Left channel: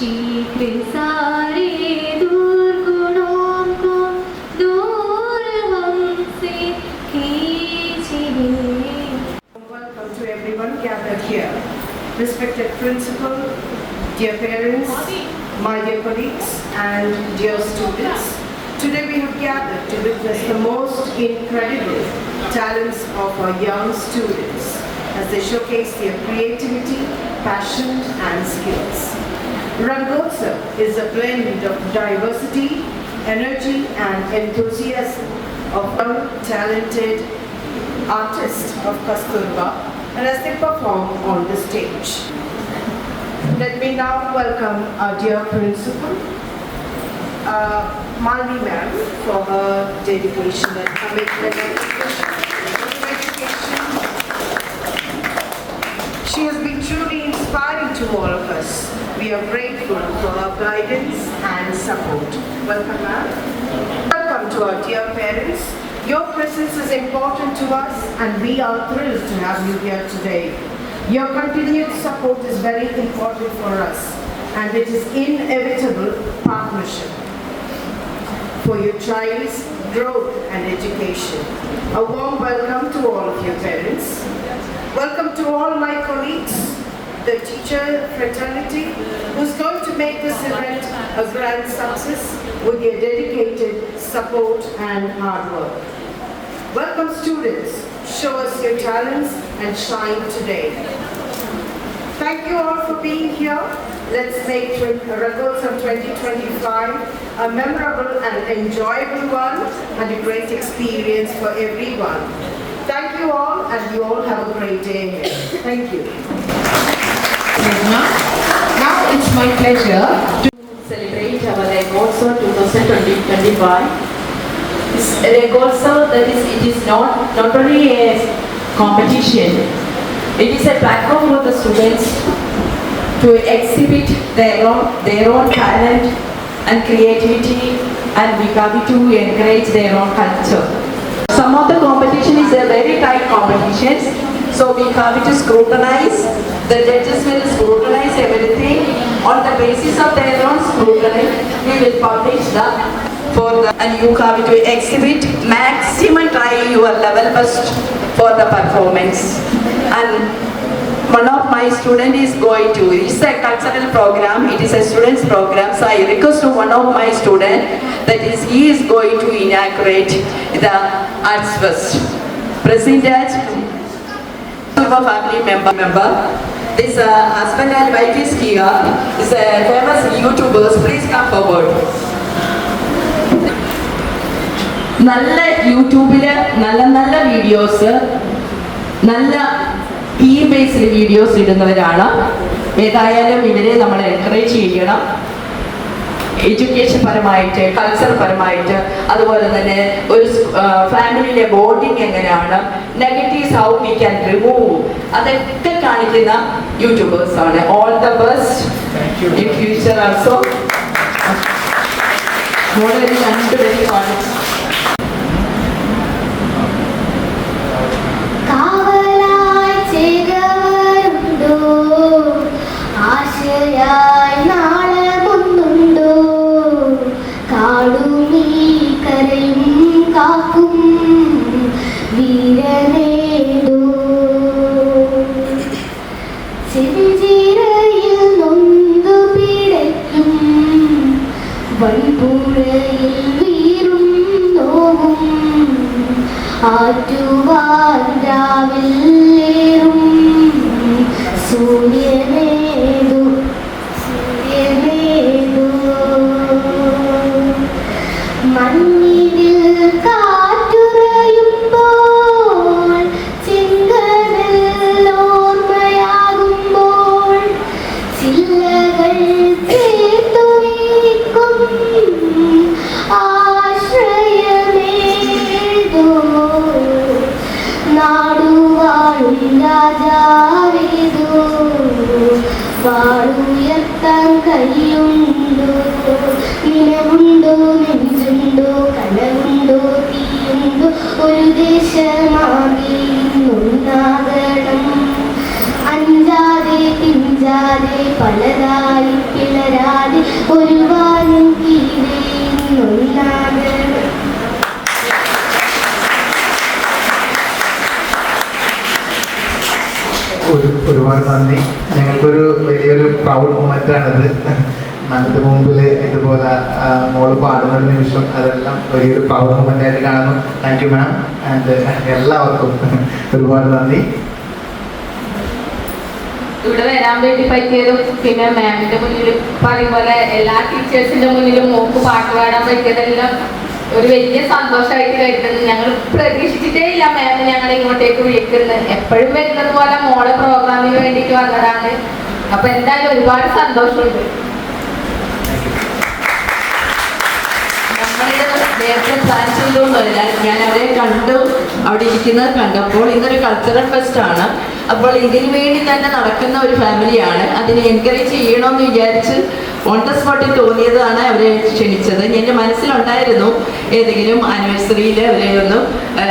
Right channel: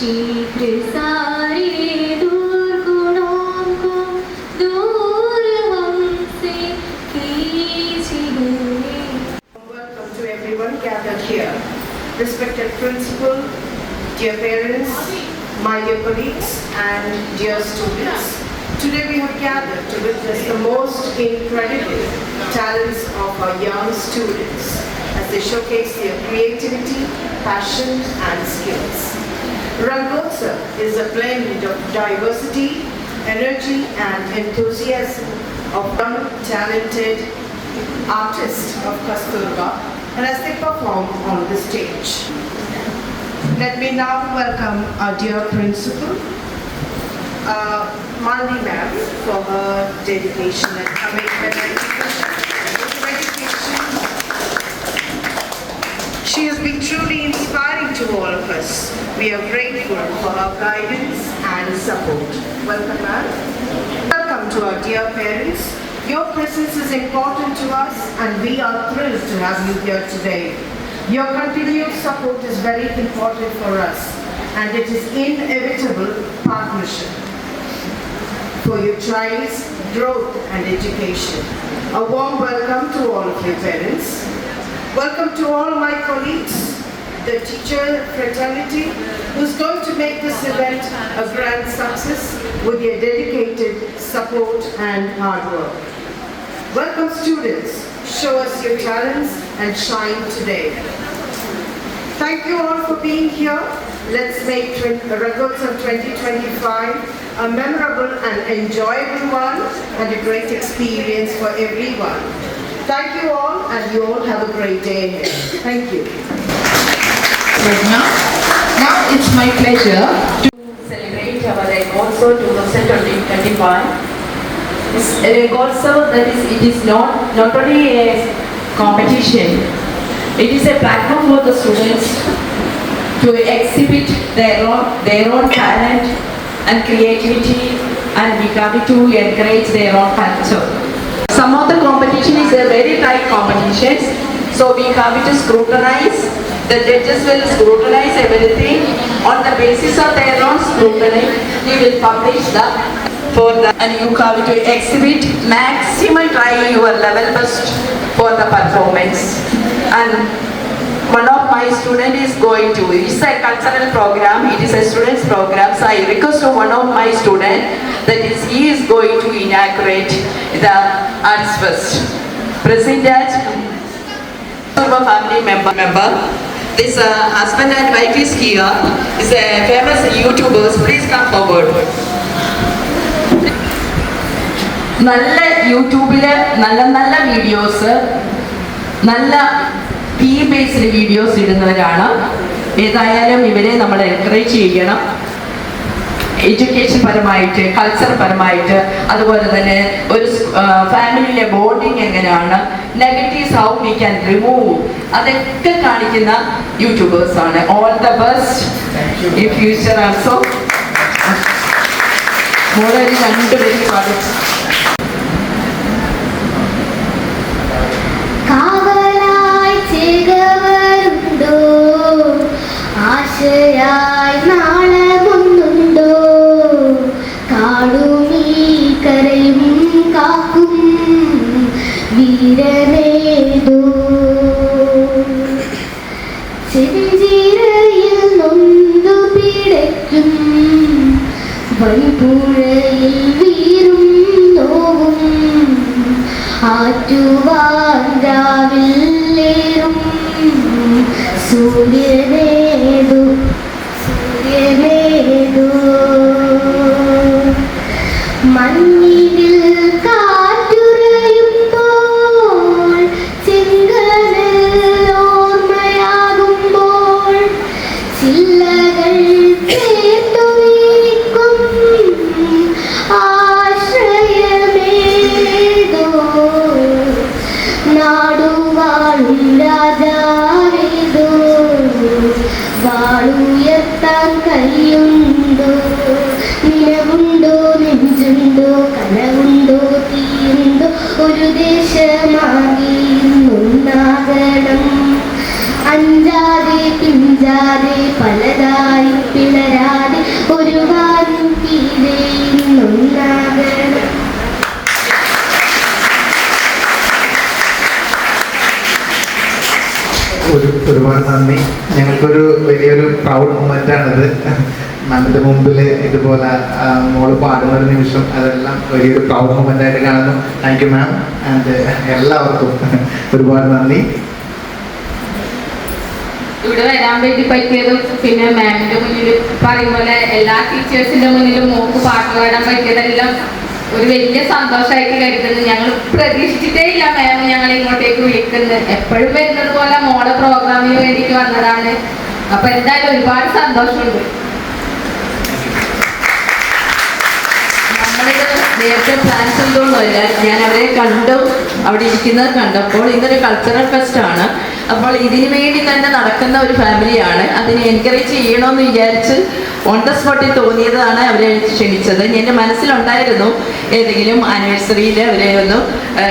शीघ्र सारे दूर गुणों को दूर हमसे कीजिए. Welcome to everyone gathered here. Respected principal, dear parents, my dear colleagues and dear students. Today we have gathered to witness the most incredible talents of our young students as they showcase their creativity, passion and skills. Rangotsav is a blend of diversity, energy and enthusiasm of young talented artists of Kasturba and as they perform on the stage. Let me now welcome our dear principal, Malvi ma'am, for her dedication and commitment and dedication. She has been truly inspiring to all of us. We are grateful for her guidance and support. Welcome ma'am. Welcome to our dear parents. Your presence is important to us and we are thrilled to have you here today. Your continued support is very important for us and it is inevitable partnership for your child's growth and education. A warm welcome to all of your parents. Welcome to all my colleagues, the teacher fraternity who's going to make this event a grand success with your dedicated support and hard work. Welcome students, show us your talents and shine today. Thank you all for being here. Let's make Rangotsav 2025 a memorable and enjoyable one and a great experience for everyone. Thank you all and you all have a great day ahead. Thank you. Now it's my pleasure to celebrate our Rangotsav 2025. This Rangotsav, that is, it is not only a competition, it is a platform for the students to exhibit their own talent and creativity, and we come to encourage their own culture. Some of the competition is a very tight competitions, so we have to scrutinize. The judges will scrutinize everything on the basis of their own scrutiny. We will publish that for the, and you have to exhibit maximum, try your level best for the performance. And one of my student is going to, it's a cultural program, it is a student's program, so I request to one of my student that is, he is going to inaugurate the Arts Fest. President, family member, this husband and wife is here, is a famous YouTubers, please come forward. നല്ല യൂട്യൂബില് നല്ല videos, നല്ല theme based videos ഇടുന്നവരാണ്. ഏതായാലും ഇവരെ നമ്മൾ encourage ചെയ്യണം. Education പരമായിട്ട്, culture പരമായിട്ട്, അതുപോലെ തന്നെ ഒരു ഫാമിലിയിലെ ബോണ്ടിങ് എങ്ങനെയാണ്, negatives how we can remove, അതൊക്കെ കാണിക്കുന്ന യൂട്യൂബേഴ്സ് ആണ്. All the best in future also. രണ്ടുപേരും പാടും. അഞ്ചാതെ പിഞ്ചാതെ പലതായി പിളരാ തന്നെയാണിത്. നമ്മുടെ മുമ്പിൽ ഇതുപോലെ മോള് പാടുന്ന ഒരു നിമിഷം അതെല്ലാം വലിയൊരു പ്രൗഡ് മൊമെന്റ് ആയിട്ട് കാണുന്നു. Thank you ma'am. ആൻഡ് എല്ലാവർക്കും ഒരുപാട് നന്ദി. ഇവിടെ വരാൻ വേണ്ടി പറ്റിയതും പിന്നെ മാമിന്റെ മുന്നിൽ പറയും പോലെ എല്ലാ ടീച്ചേഴ്സിന്റെ മുന്നിലും മോക്ക് പാട്ട് പാടാൻ പറ്റിയതെല്ലാം ഒരു വലിയ സന്തോഷമായിട്ട് കരുതുന്നു. ഞങ്ങൾ പ്രതീക്ഷിച്ചിട്ടേ ഇല്ല മാം ഞങ്ങളെ ഇങ്ങോട്ടേക്ക് വിളിക്കുന്നത്. എപ്പോഴും വരുന്നത് പോലെ മോളെ പ്രോഗ്രാമിന് വേണ്ടിയിട്ട് വന്നതാണ്. അപ്പൊ എന്തായാലും ഒരുപാട് സന്തോഷമുണ്ട്. നേരത്തെ പ്ലാൻ ചെയ്തൊന്നുമല്ല, ഞാൻ അവരെ കണ്ടു, അവിടെ ഇരിക്കുന്നത് കണ്ടപ്പോൾ ഇതൊരു കൾച്ചറൽ ഫെസ്റ്റ് ആണ്. അപ്പോൾ ഇതിനു വേണ്ടി തന്നെ നടക്കുന്ന ഒരു ഫാമിലിയാണ്. അതിനെ എൻകറേജ് ചെയ്യണമെന്ന് വിചാരിച്ച് ഓൺ ദ സ്പോട്ടിൽ തോന്നിയതാണ് അവരെ ക്ഷണിച്ചത്. എൻ്റെ മനസ്സിലുണ്ടായിരുന്നു ഏതെങ്കിലും ആനിവേഴ്സറിയിൽ അവരെ ഒന്ന്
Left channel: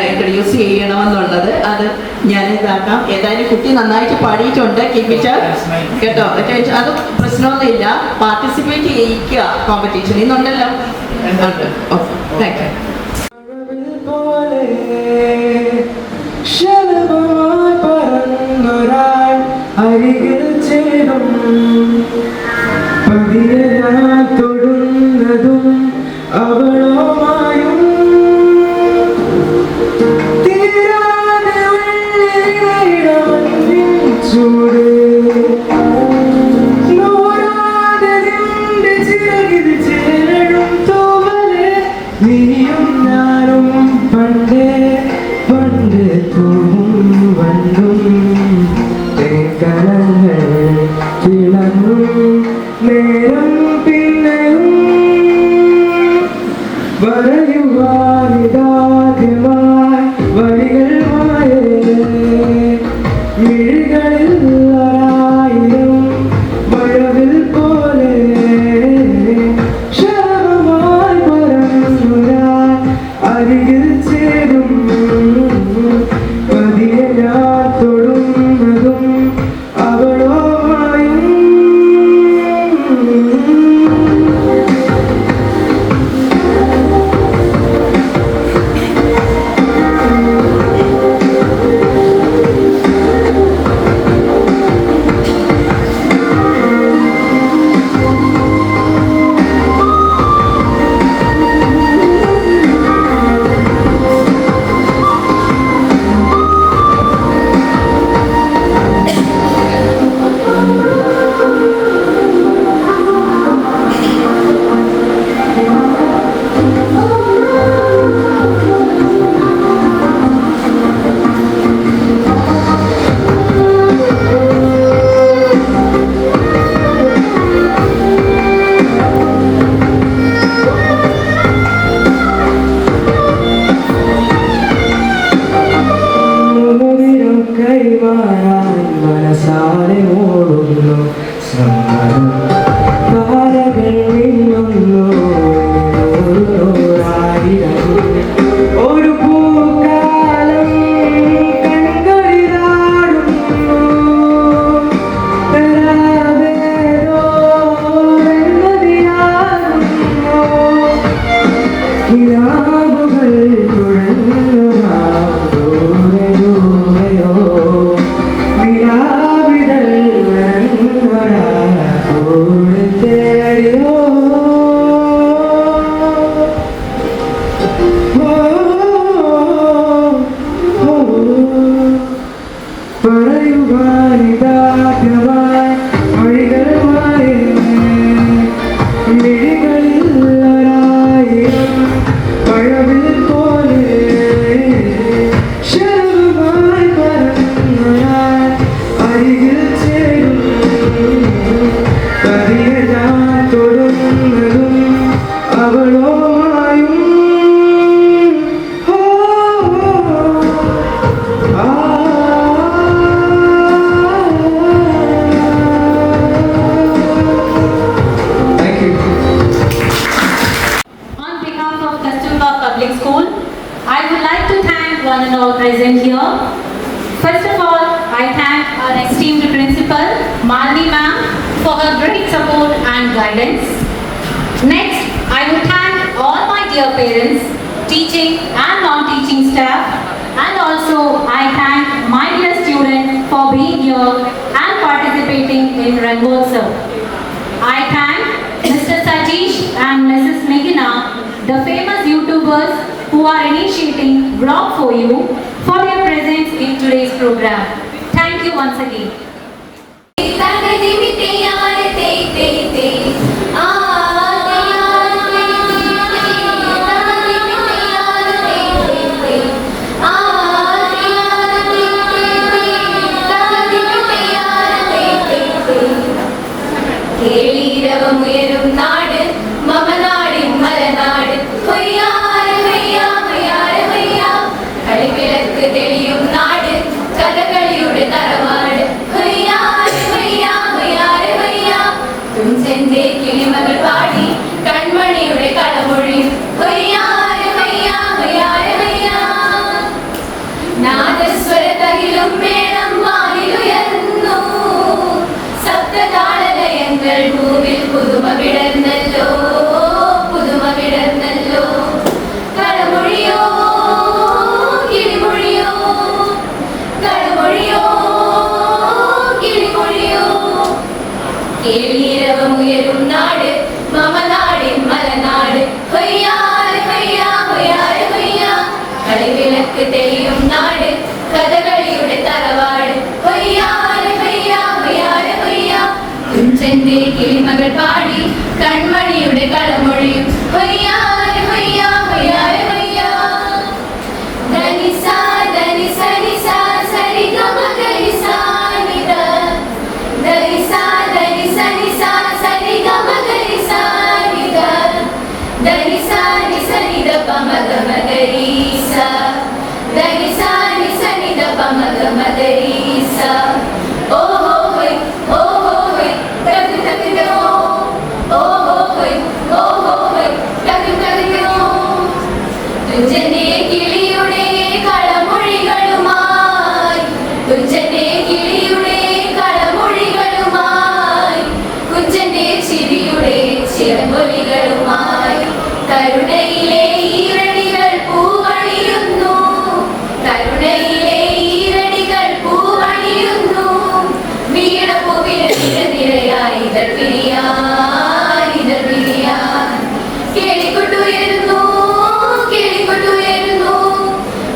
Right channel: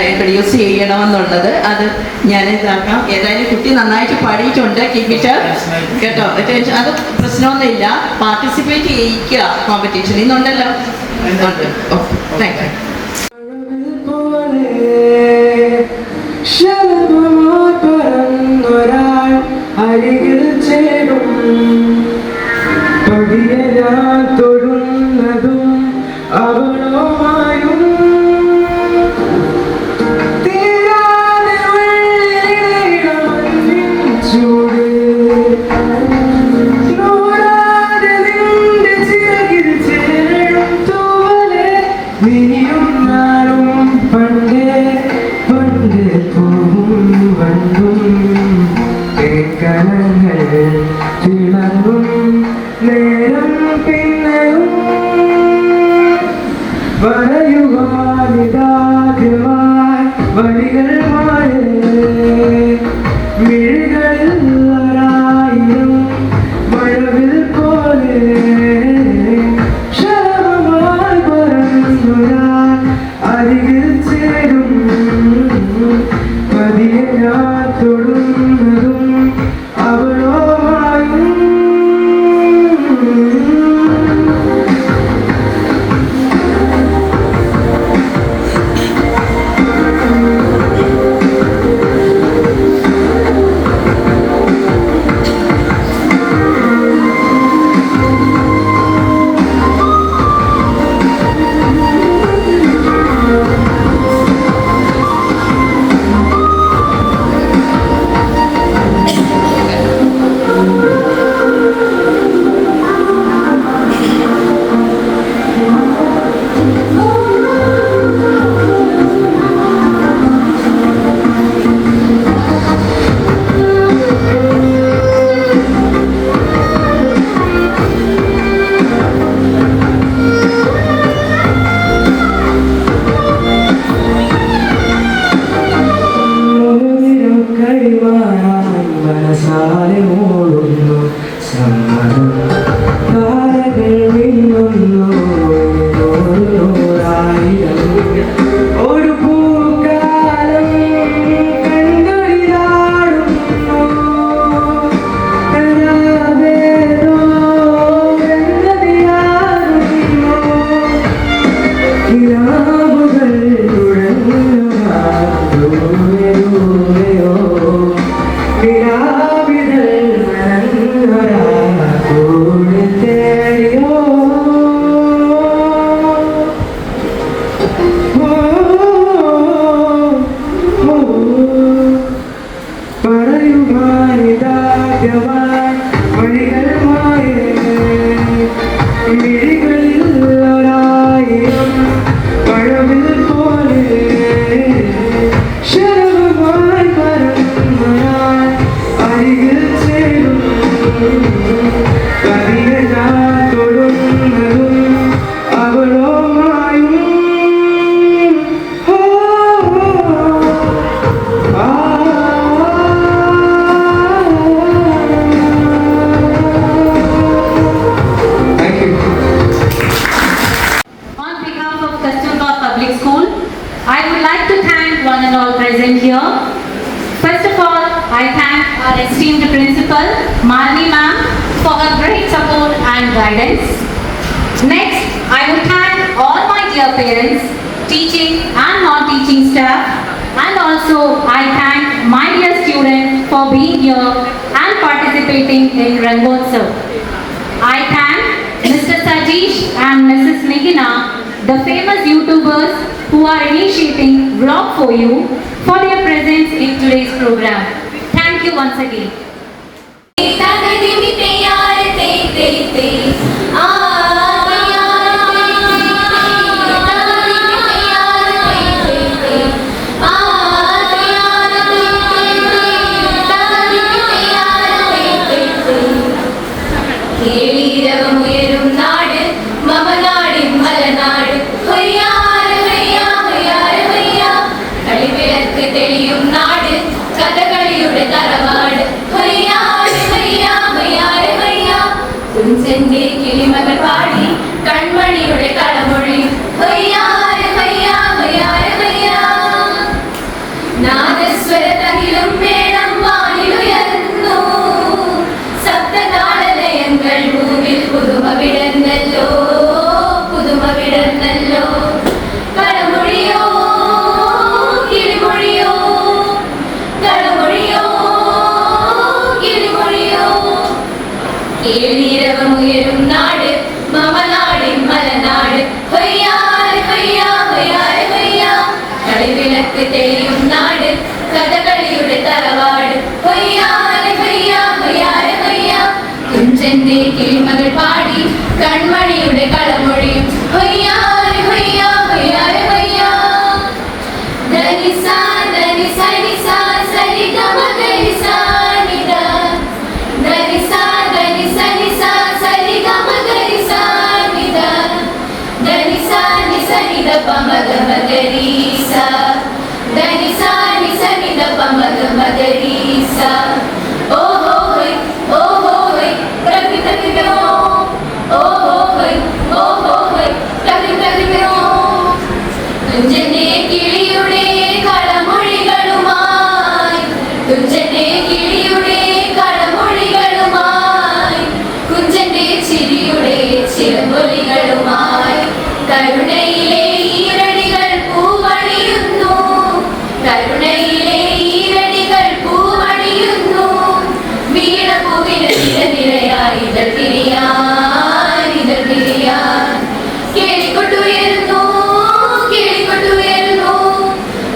ഇൻട്രൊഡ്യൂസ് ചെയ്യണമെന്നുള്ളത്. അത് ഞാൻ ഇതാക്കാം. ഏതായാലും കുട്ടി നന്നായിട്ട് പാടിയിട്ടുണ്ട്. കീപ്പിറ്റ് കേട്ടോ. അത് പ്രശ്നമൊന്നുമില്ല. പാർട്ടിസിപ്പേറ്റ് ചെയ്യിക്കുക കോമ്പറ്റീഷനിൽ നിന്നുണ്ടല്ലോ. Thank you. അരികിൽ ചേരും പതിയെ ഞാൻ തൊടുന്നതും അവളുമായും തീരാതെ ചൂട് നൂറാതെ നിന്റെ ചിറകിൽ ചേരും തോലെ നീയും ഞാനും പണ്ടേ പണ്ട് പൂവും വന്നും കലങ്ങൾ തിളങ്ങും നേരം പിന്നെയും വരയുവാനിതാദ്യമായി വഴികൾ മാറേ മിഴികളിൽ ഒരായിരം മഴവിൽ പോലെ ക്ഷണമായി പറഞ്ഞൊരാൾ അരികിൽ ചേരും പതിയെ ഞാൻ തൊടുന്നതും അവളോമായും മനസാലെ മൂടുന്നു സമ്മതം താരകൾ വീഴുന്നു ഓരോരായിരം ഒരു പൂക്കാലം കൺകളിലാടുന്നു തരാവേദോ എന്നതിലാടുന്നു കിനാവുകൾ തുഴഞ്ഞൊരാ ദൂരെ ദൂരെയോ വിരാവിതൾ വരഞ്ഞൊരാ കൂടെ തേടിയോ പറയുവാനിതാദ്യമായി വഴികൾ മായേ മിഴികളിൽ ഒരായിരം പഴവിൽ പോലെ ശരമായി പറഞ്ഞൊരാൾ അരികിൽ ചേരും പതിയെ ഞാൻ തൊടുന്നതും അവളോമായും Thank you. On behalf of Kasturba Public School, I would like to thank one and all present here. First of all, I thank our esteemed principal, Malini ma'am, for her great support and guidance. Next, I would thank all my dear parents, teaching and non-teaching staff, and also I thank my dear students for being here and participating in Rangotsav. I block for you for their presence in today's program. Thank you once again. കേളീരവമുയരും നാട് മമനാടിൻ മലനാട് ഹൊയ്യാര ഹൊയ്യാ ഹൊയ്യാര ഹൊയ്യാ കളിവിളക്ക് തെളിയും നാട് കഥകളിയുടെ തറവാട് ഹൊയ്യാര ഹൊയ്യാ ഹൊയ്യാര ഹൊയ്യാ കുഞ്ചന്റെ കിളിമകൾ പാടി കൺമണിയുടെ കളമൊഴിയും ഹൊയ്യാര ഹൊയ്യാ ഹൊയ്യാര ഹൊയ്യാ നാദസ്വര തകിലും മേളം വാനിലുയർന്നു സപ്തതാളലയങ്ങൾ ഭൂവിൽ പുതുമ വിടർന്നല്ലോ പുതുമ വിടർന്നല്ലോ കളമൊഴിയോ കിളിമൊഴിയോ കളമൊഴിയോ കിളിമൊഴിയോ കേളീരവമുയരും നാട് മമനാടിൻ മലനാട് ഹൊയ്യാര ഹൊയ്യാ ഹൊയ്യാര ഹൊയ്യാ കളിവിളക്ക് തെളിയും നാട് കഥകളിയുടെ തറവാട് ഹൊയ്യാര ഹൊയ്യാ ഹൊയ്യാര ഹൊയ്യാ കുഞ്ചന്റെ കിളിമകൾ പാടി കൺമണിയുടെ കളമൊഴിയും ഹൊയ്യാര ഹൊയ്യാ ഹൊയ്യാര ഹൊയ്യാ ധനിസ ധനിസ നിസ സരി ഗമ ഗരിസ നിധ ധനിസ ധനിസ നിസ സരി ഗമ ഗരിസ നിധ ധനിസ നിസ നിധ പമ ഗമ ഗരിസ ധനിസ നിസ നിധ പമ ഗമ ഗരിസ ഓഹോ ഹോയ് ഓഹോ ഹോയ് തകി തകിനോ ഓഹോ ഹോയ് ഓഹോ ഹോയ് തകി തകിനോ കുഞ്ചന്റെ കിളിയുടെ കളമൊഴികളുമായി കുഞ്ചന്റെ കിളിയുടെ കളമൊഴികളുമായി കുഞ്ചന്റെ ചിരിയുടെ ചിറകൊലികളുമായി കരുണയിലെ ഈരടികൾ പൂവണിയുന്നു കരുണയിലെ ഈരടികൾ പൂവണിയുന്നു വീണപ്പൂവിന് നിരനിരയായി ഇതൾ പിരിയാൻ ഇതൾ പിരിയാൻ കേളിക്കൊട്ടുയരുന്നു കേളിക്കൊട്ടുയരുന്നു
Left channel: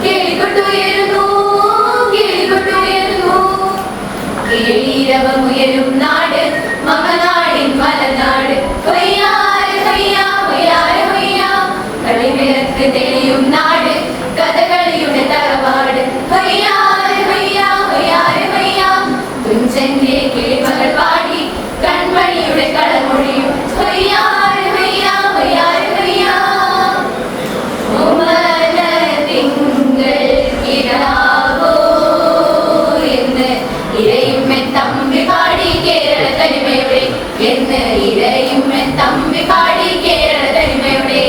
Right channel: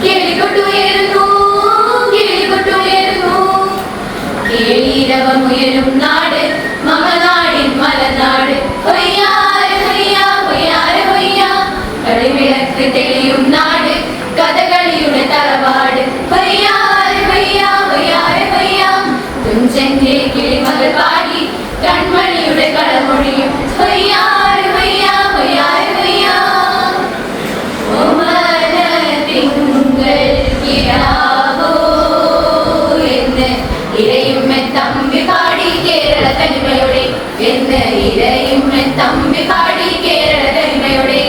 കേളിക്കൊട്ടുയരുന്നു കേളിക്കൊട്ടുയരുന്നു കേളീരവമുയരും നാട് മമനാടിൻ മലനാട് ഹൊയ്യാര ഹൊയ്യാ ഹൊയ്യാര ഹൊയ്യാ കളിവിളക്ക് തെളിയും നാട് കഥകളിയുടെ തറവാട് ഹൊയ്യാര ഹൊയ്യാ ഹൊയ്യാര ഹൊയ്യാ കുഞ്ചന്റെ കിളിമകൾ പാടി കൺമണിയുടെ കളമൊഴിയും ഹൊയ്യാര ഹൊയ്യാ ഹൊയ്യാര ഹൊയ്യാ ഓമന തിങ്കൾ കിടാവോ എന്ന് ഇരയുമ്മ തമ്പി പാടി കേരള തനിമയുടെ എന്ന് ഇരയുമ്മ തമ്പി പാടി കേരള തനിമയുടെ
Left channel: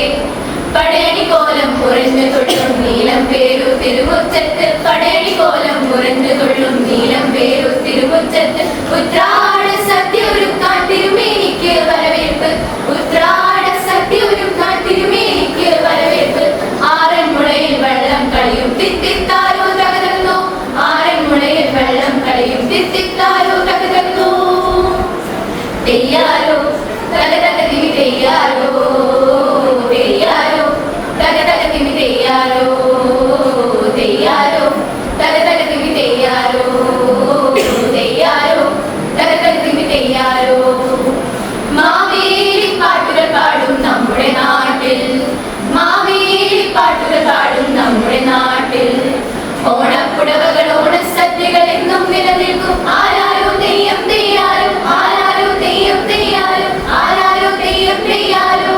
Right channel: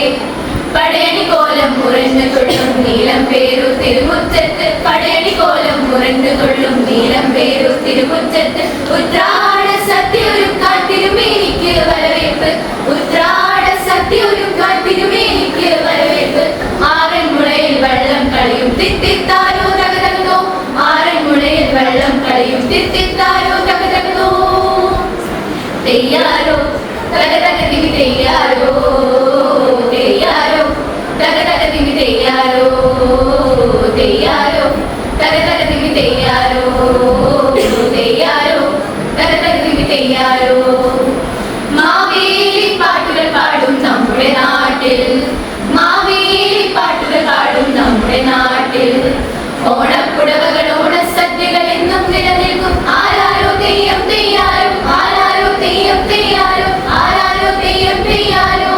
പടയണി കോലം പുറഞ്ഞു കൊള്ളും നീലം പേരു തിരുമുറ്റത്ത് പടയണി കോലം പുറഞ്ഞു കൊള്ളും നീലം പേരു തിരുമുറ്റത്ത് ഉത്രാട സത്യൊരുക്കാൻ തിരുമേനിക്ക് വരവേൽപ്പ് ഉത്രാട സത്യൊരുക്കാൻ തിരുമേനിക്ക് വരവേൽപ്പ് ആറന്മുളയിൽ വെള്ളം കളിയും തിത്തിത്താരോ തകതകതോ ആറന്മുളയിൽ വെള്ളം കളിയും തിത്തിത്താരോ തകതകതോ തെയ്യാരോ തകതകതിവി തെയ്യാരോ തെയ്യാരോ തകതകതിവി തെയ്യാരോ തെയ്യാരോ തകതകതിവി തെയ്യാരോ തെയ്യാരോ തകതകതിവി തെയ്യാരോ മാവേലി പാട്ടുകൾ പാടും നമ്മുടെ നാട്ടിൽ മാവേലി പാട്ടുകൾ പാടും നമ്മുടെ നാട്ടിൽ ഓണപ്പുടവകൾ ഓണസദ്യകൾ എന്നും നിലനിൽക്കും ആരാരോ തെയ്യം തെയ്യാരോ ആരാരോ തെയ്യം തെയ്യാരോ ആരാരോ തെയ്യം തെയ്യാരോ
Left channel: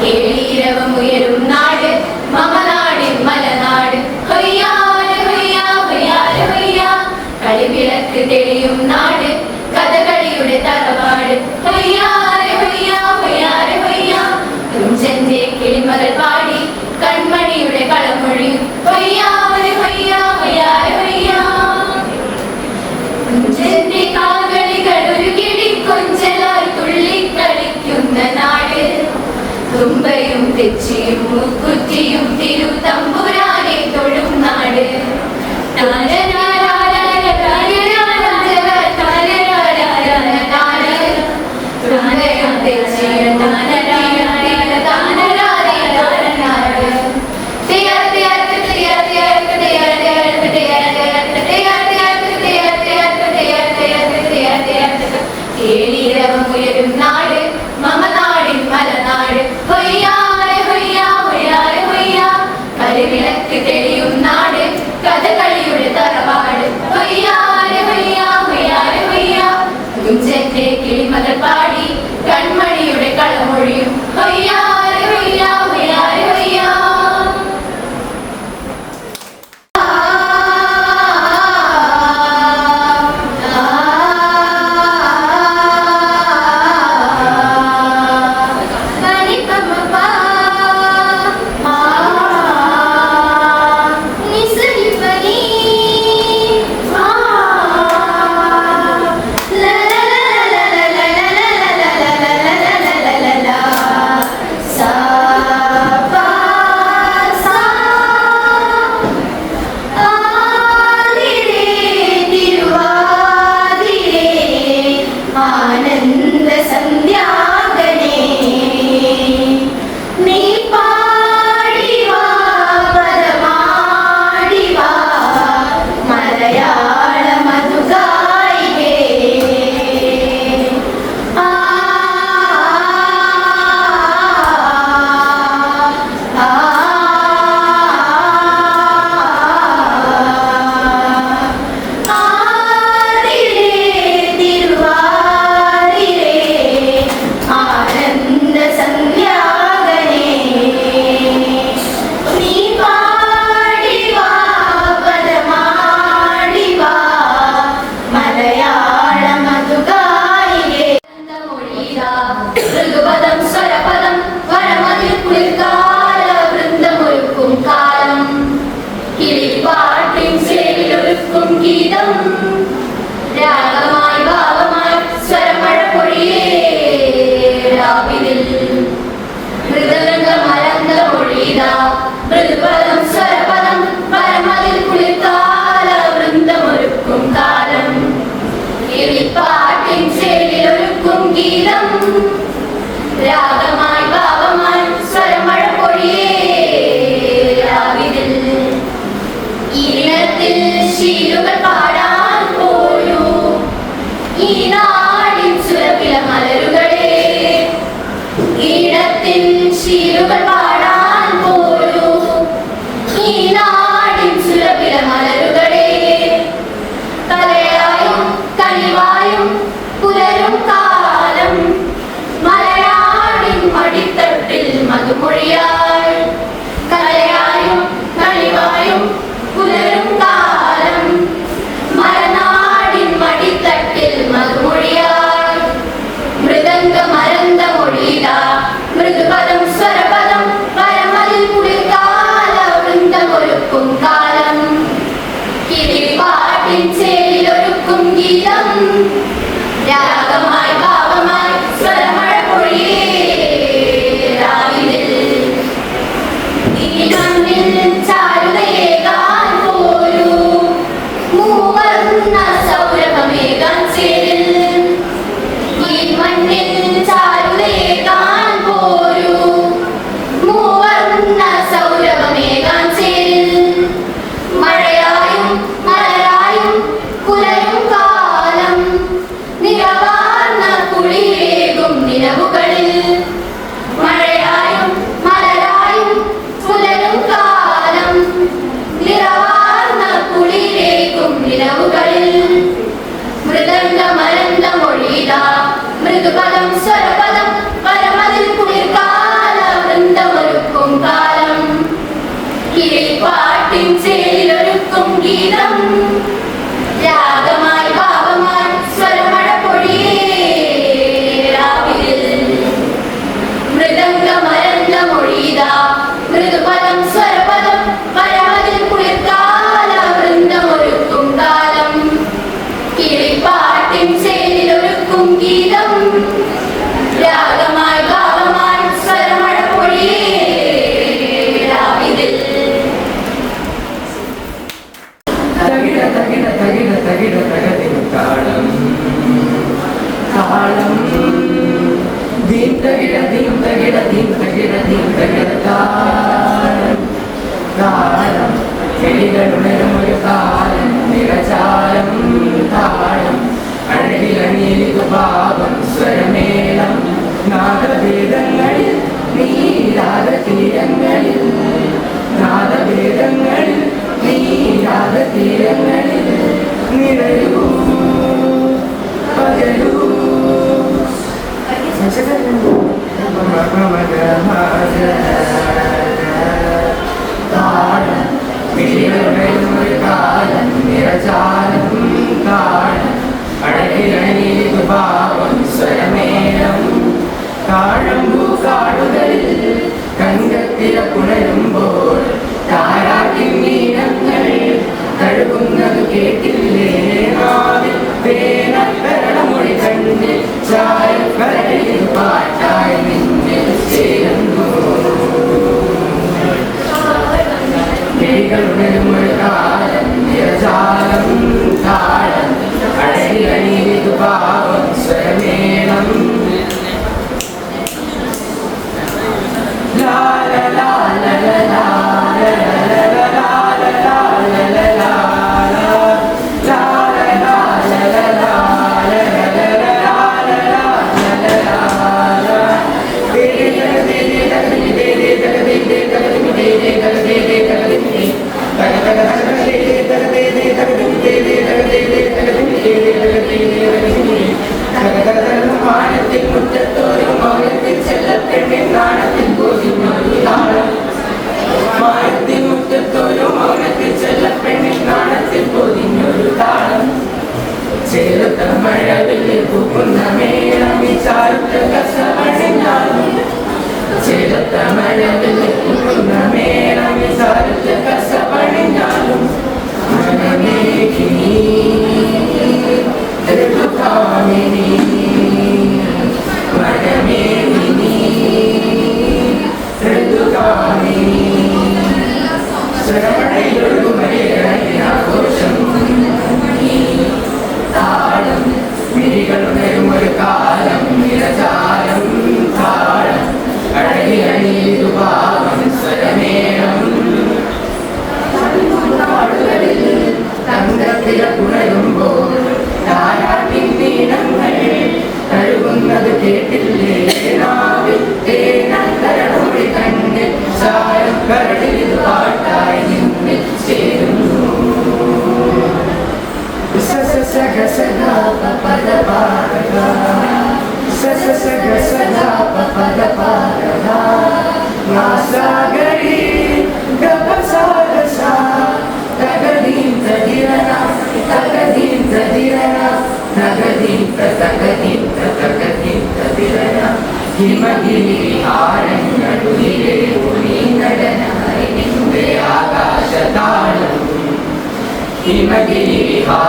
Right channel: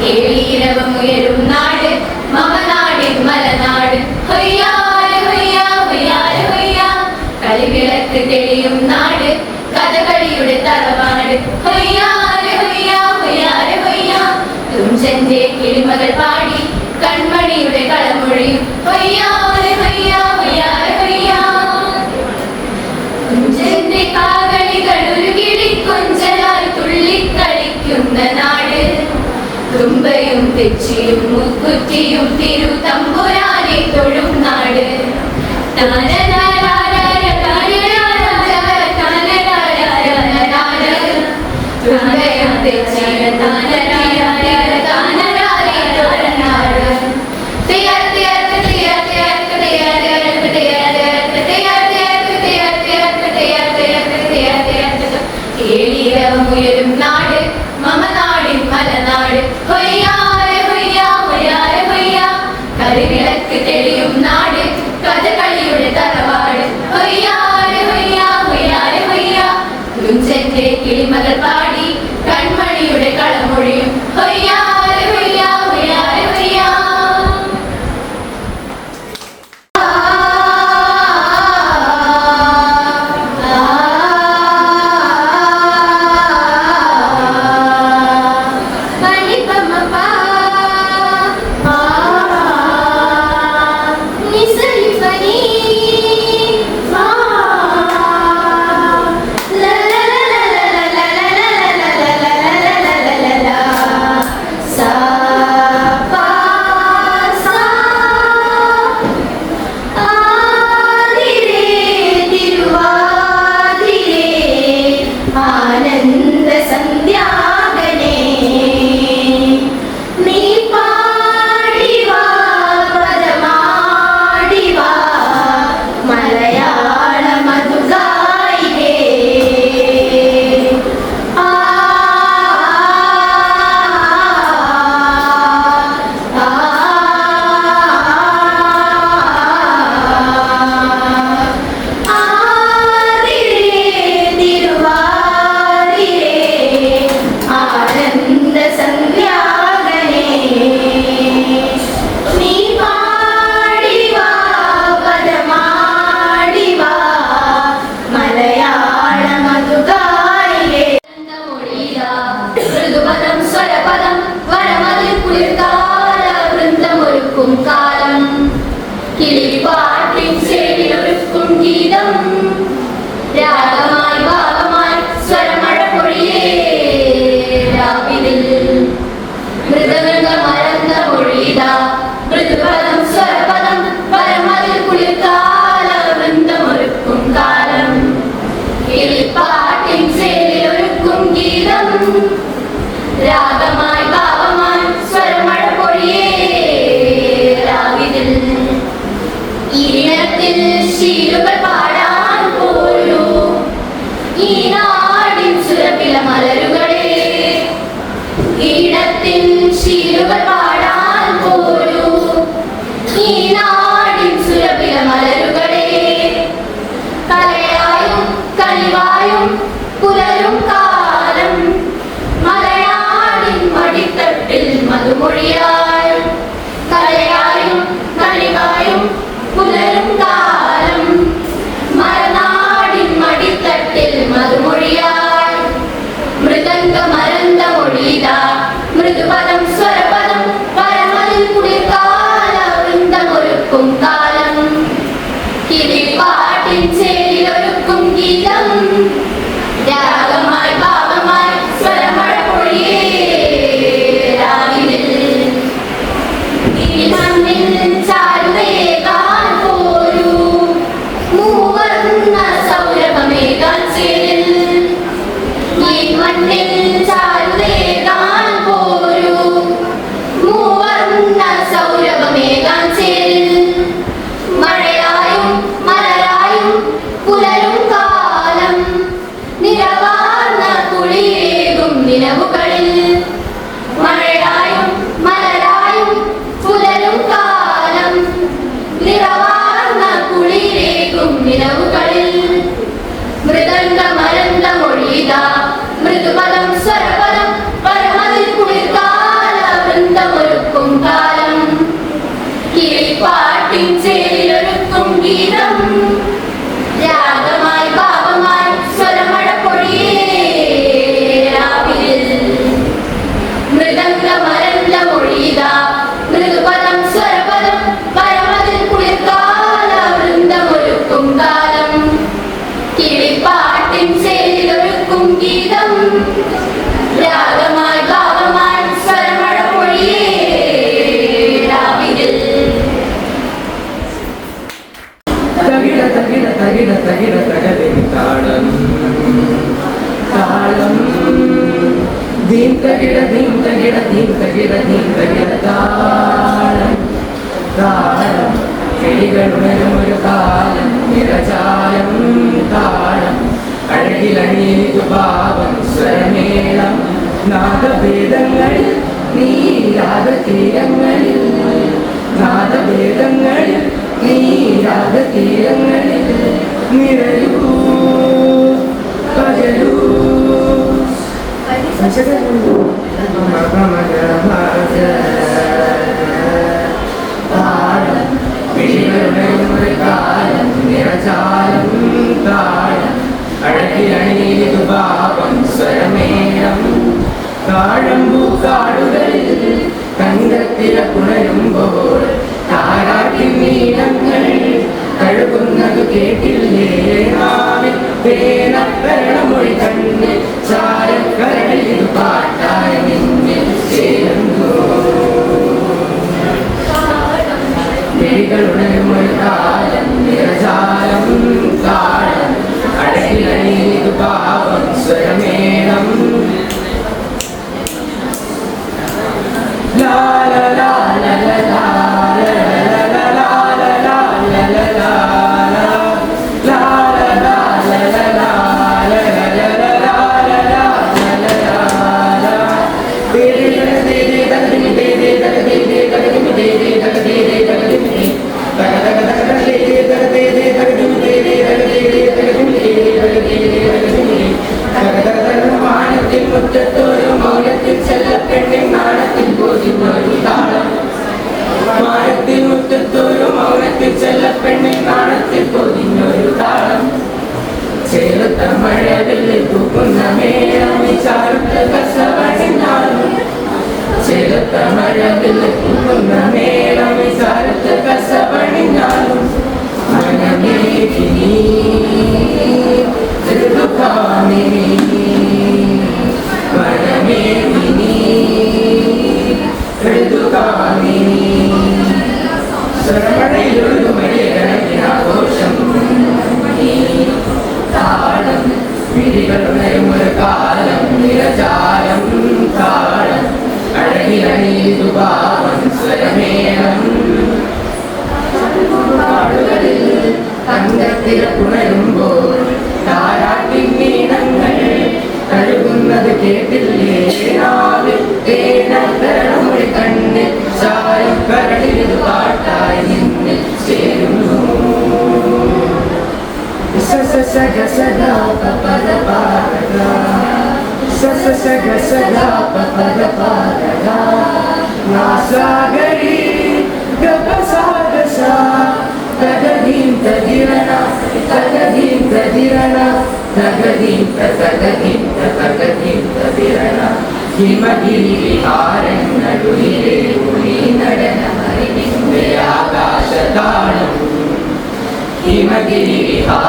കേളീരവമുയരും നാട് മമനാടിൻ മലനാട് ഹൊയ്യാര ഹൊയ്യാ ഹൊയ്യാര ഹൊയ്യാ കളിവിളക്ക് തെളിയും നാട് കഥകളിയുടെ തറവാട് ഹൊയ്യാര ഹൊയ്യാ ഹൊയ്യാര ഹൊയ്യാ കുഞ്ചന്റെ കിളിമകൾ പാടി കൺമണിയുടെ കളമൊഴിയും ഹൊയ്യാര ഹൊയ്യാ ഹൊയ്യാര ഹൊയ്യാ കുഞ്ചന്റെ കാകളികൾ ഒരു കിളിക്കൊഞ്ചലായി തുള്ളിക്കളിക്കുന്ന നാട് തുമ്പയും തെച്ചിയും മുക്കുറ്റിയും തിരുതമ്പുരാനെ തൊഴും നാട് തുമ്പയും തെച്ചിയും രാവിലിൽ മൃദംഗമരംഗ മൊഴിത മൃദുപദം സ്വരപദം പരമതിൽ കുളിർക്കാല വൃന്ദമൊരുക്കും കാലം കിളിപ്പാട്ടിൻ ചേരിലൊരുക്കും ഗീതം രാഗമായി ഭാവമായി സ്വരമഴ പൊഴിയേ രാവിലിൽ ഈണത്തിൽ ശീലുകൾ പാടാൻ പോരൂ ഈ നാടിൻ സുരഭില മലരുകളെ ഈണത്തിൻ ശീലുകൾ പാടാൻ പോരൂ ഈ നാടിൻ സുരഭില മലരുകളെ തലയായും കളിവായും പുലരും കാലം മലയാളിൻ മടിത്തട്ടിൽ മധുമൊഴിയായി കലയായും കളിവായും പുലരും കാലം മലനാടിൻ മടിത്തട്ടിൽ മധുമൊഴിയായി മൃദംഗമരന്ത മൊഴിത മൃദുപദം സ്വരപദം പരമതിൽ കുളിർക്കാല വൃന്ദമൊരുക്കും കാലം കിളിപ്പാട്ടിൻ ചേരിലൊരുക്കും ഗീതം രാഗമായി ഭാവമായി സ്വരമഴ പൊഴിയേ രാവിലിൽ ഈ മണ്ണിൽ ചാരുതയേകാൻ പോരൂ മൂവർണ്ണ സൗരഭമേകാൻ ചേരിൽ ഈ മണ്ണിൽ ചാരുതയേകാൻ പോരൂ മൂവർണ്ണ സൗരഭമേകാൻ ചേരിൽ മഴയായും മലരായും പുലരും കാലം നിറവാർന്ന കുളിരേകും നിലവുകളിൽ മഴയായും മലരായും പുലരും കാലം നിറവാർന്ന കുളിരേകും നിലവുകളിൽ മൃദംഗമരന്ത മൊഴിത മൃദുപദം സ്വരപദം പരമതിൽ കുളിർക്കാല വൃന്ദമൊരുക്കും കാലം കിളിപ്പാട്ടിൻ ചേരിലൊരുക്കും ഗീതം രാഗമായി ഭാവമായി സ്വരമഴ പൊഴിയേ രാവിലിൽ മൃദംഗമരന്ത മൊഴിത മൃദുപദം സ്വരപദം പരമതിൽ കുളിർക്കാല വൃന്ദമൊരുക്കും കാലം കിളിപ്പാട്ടിൻ ചേരിലൊരുക്കും ഗീതം രാഗമായി ഭാവമായി സ്വരമഴ പൊഴിയേ രാവിലിൽ തകിട തകിട തകിട തകിട തകതിൻ താളം താളം ദീം തകിട ദീം തകിട ദീം തകിട ദീം തകിട താളം താളം കിളികളുണരും ഒരു കാലം നിറചാരം താളം അഴകിലണിയേതു ഭാവം സ്വരമേളം നാദഭേദങ്ങളിൽ നീരാഗതീരങ്ങളിൽ നാദഭേദങ്ങളിൽ നീരാഗതീരങ്ങളിൽ നിറയൂ പകലൂ താളം വിഴികളുണരും ഒരു കാലം നിറചാരം താളം അഴകിലണിയേതു ഭാവം സ്വരമേളം താഴമ്പൂ കാടുകളിൽ കണ്ടെത്തിയ പുണരുമ്പോൾ താരാട്ടിൻ നീരങ്ങൾ കഴുകുന്നത് കേട്ടില്ലേ നാവിൽ തേനത്തരണമൊഴി കണ്ണിൽ ചായക്കരയിൽ പാട്ടായി നിന്നിൽ ചേരുന്നു കിളികളുണരും ഒരു കാലം നിറചാരം താളം അഴകിലണിയേതു ഭാവം സ്വരമേളം la la la la la la la Gaza ഗ പദ പദ നാസഗരി ഗപസ ഗസ തഗദീം തദിരന തഗദീം തദിരന തഗദീം തഗദീം തഗദീം തദിരന ഹിമഗിരിഹാരങ്ങളുയിലേ ഉളി നടനമറിവിന്റെ ആകാശതാളം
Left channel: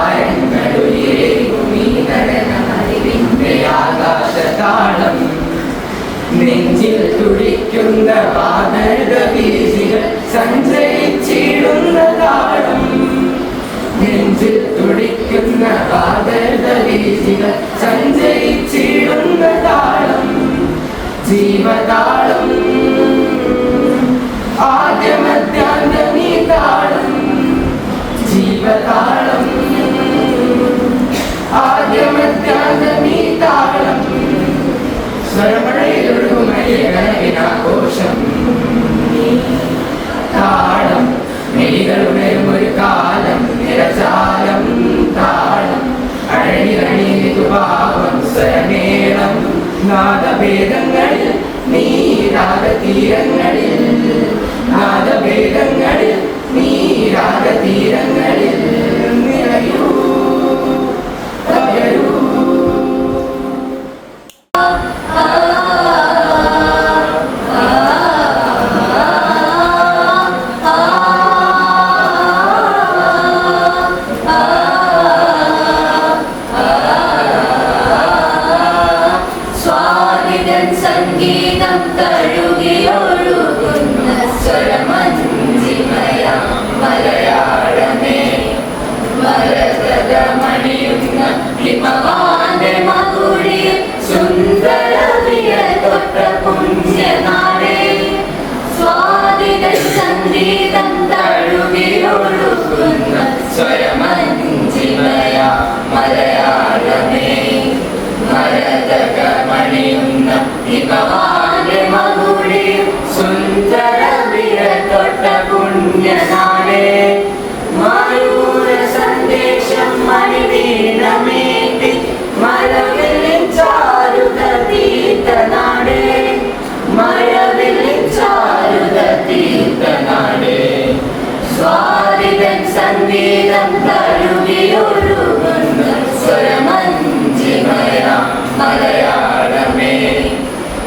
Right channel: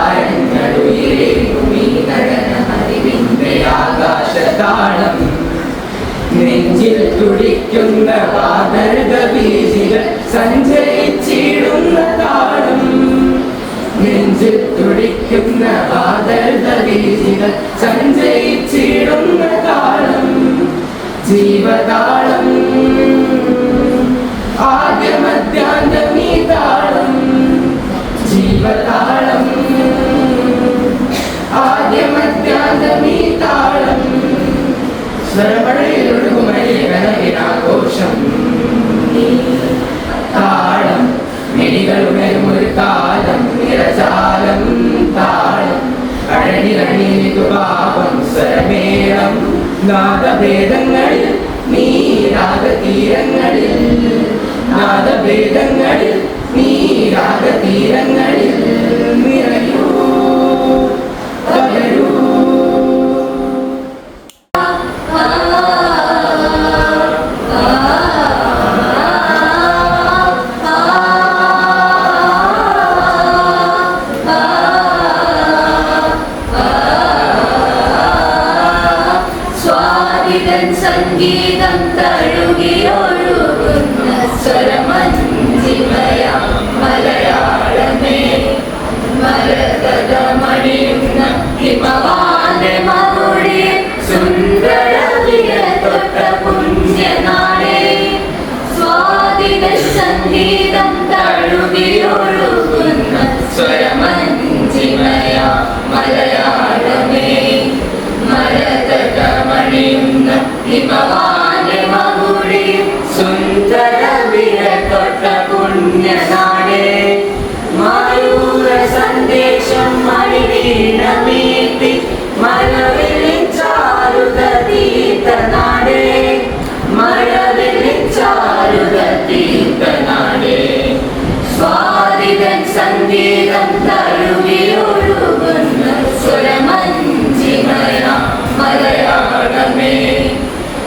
ഹിമഗിരിഹാരങ്ങളുയിലേ ഉളി നടനമറിവിന്റെ ആകാശതാളം നെഞ്ചിൽ തുടിക്കുന്ന വാനര വീജികൾ സഞ്ചരിച്ചിടുന്ന താളം നെഞ്ചിൽ തുടിക്കുന്ന വാനര വീജികൾ സഞ്ചരിച്ചിടുന്ന താളം ജീവതാളം ആദ്യമധ്യാന്തമീ താളം ജീവതാളം ആദ്യമധ്യാന്തമീ താളം സ്വരമഴയൊഴുകുമയ്യകനവിനാഘോഷം താളം മെലികളുണരുമൊരു കാലം നിരജാലം താളം അഴകിലണിതുഭാവം സ്വരമേളം നാദഭേദങ്ങളിൽ നീ രാഗതീരങ്ങളിൽ നാദഭേദങ്ങളിൽ നീ രാഗതീരങ്ങളിൽ നിറയൂ പകരൂ സംഗീതം തഴുകിയൊഴുകുന്ന സ്വരമഞ്ജിമയ മലയാളമേ മരതമണിയുന്ന ഹിമവാന്റെ മകുടി സുന്ദര തൊട്ട പുണ്യനാടേ സ്വാതിര സംഗീതം തഴുകിയൊഴുകുന്ന സ്വരമഞ്ജിമയ മലയാളമേ മരതമണിയുന്ന ഹിമവാന്റെ മകുടി സുന്ദര തൊട്ട പുണ്യനാടേ മയൂര സന്ദേശം മണിവീണമേറ്റി മഴവില്ലിൻ ചാരുത തീർത്ഥനാടേ മഴവില്ലിൻ ചാരുത തീർത്ഥനാടേ സ്വാതിരൻ സംഗീതം തഴുകിയൊഴുകുന്ന സ്വരമഞ്ജിമയ മലയാളമേ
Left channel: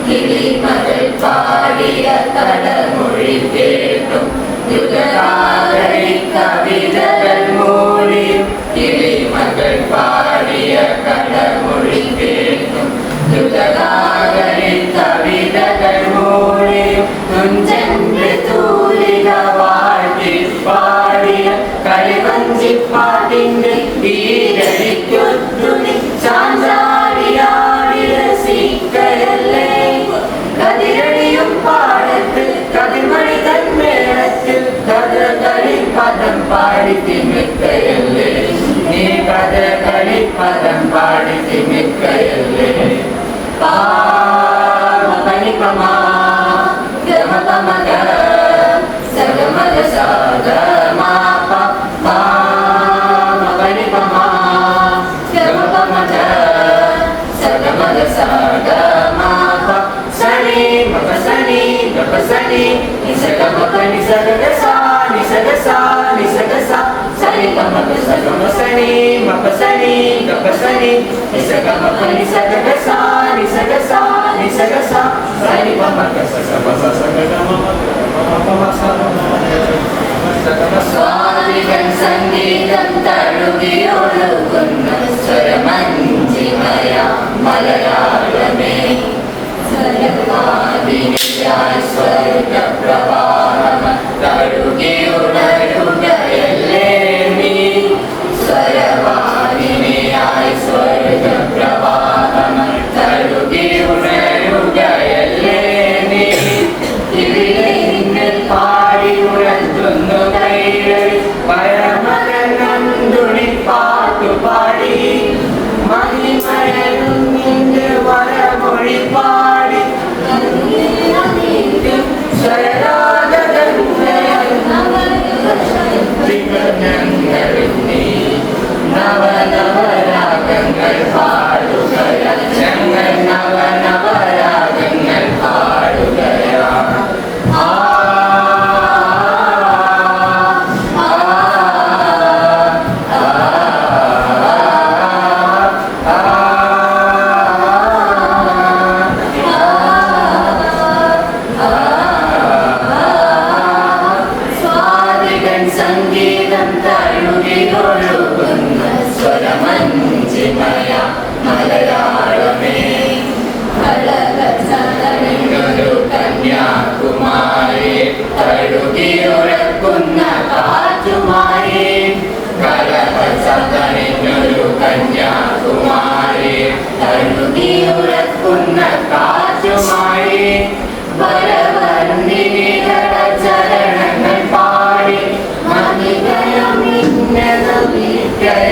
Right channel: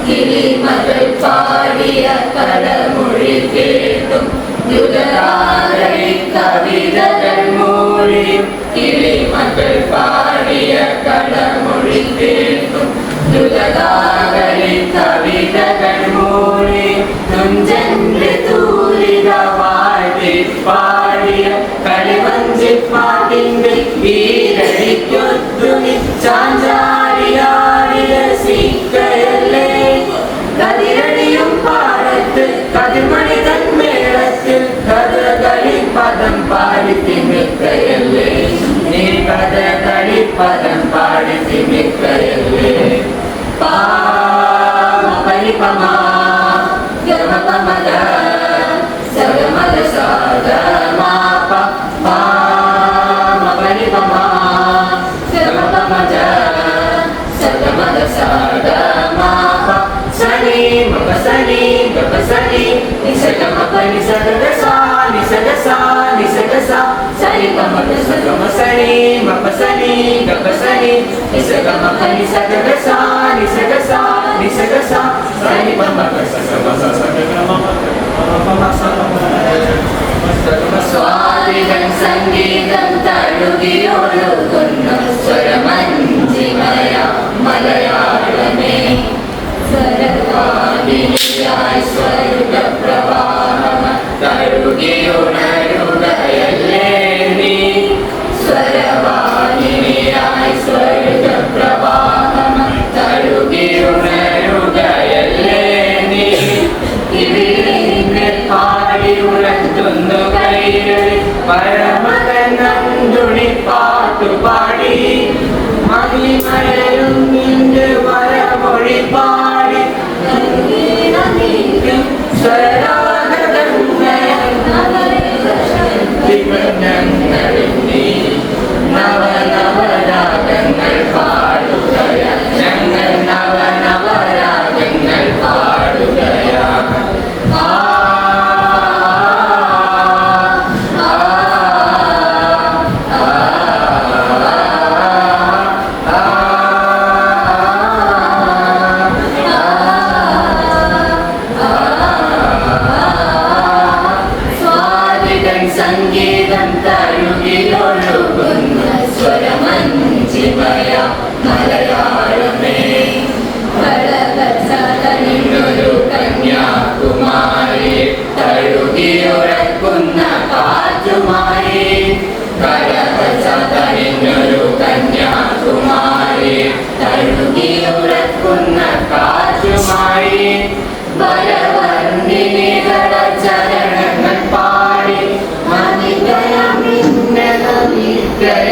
കിളിമകൾ പാടിയ കടമൊഴി കേട്ടും യുഗരാഗരി കവിതകൾ മൂളിയും കിളിമകൾ പാടിയ കടമൊഴി കേട്ടും യുഗരാഗരി കവിതകൾ മൂളിയും തുഞ്ചന്റെ തൂലിക വാഴ്ത്തി പാടിയ കളിവഞ്ചിപ്പാട്ടിന്റെ ഈരടിക്കൊത്തുനി ചാഞ്ചാടിയാടിയ സീക്കയല്ലേ കതിരടിയും പാടത്ത് കതിർമണി തന്മേളത്തിൽ കഥകളി പദം പാടി തിമിക്കയല്ലേ നീ കഥകളി പദം പാടി തിമിക്കയല്ലേ പാമപനിപമാ ഗമപമഗ സഗമഗ സാഗമാപ പാമപനിപമാ ഗമപമഗ സഗമഗ സാഗമാപ സനി മപസനി గపసని నిసగమపని సగసా నిసగసా నిసగసా సని గమప సగమసని మపసని గపసని నిసగమపని సగసా నిసగసా నిసగసా సని పమప సగమస సగమ స్వాదిగం సంగీతం తడుగియొഴുകുന്ന സ്വരമഞ്ജിമയ മലയാളമേ സർവാദിനിയായി സ്വർഗപ്രവാഹം തഴുകിയുണരുകയല്ലേ നീ സ്വരവാദിനിയായി സ്വർഗപ്രവാഹം തഴുകിയുണരുകയല്ലേ നീ മായി വരവർണ്ണിനികള ചരണങ്ങൾ പാടി മഹിമയം ഇന്നതുമിക്കയല്ലേ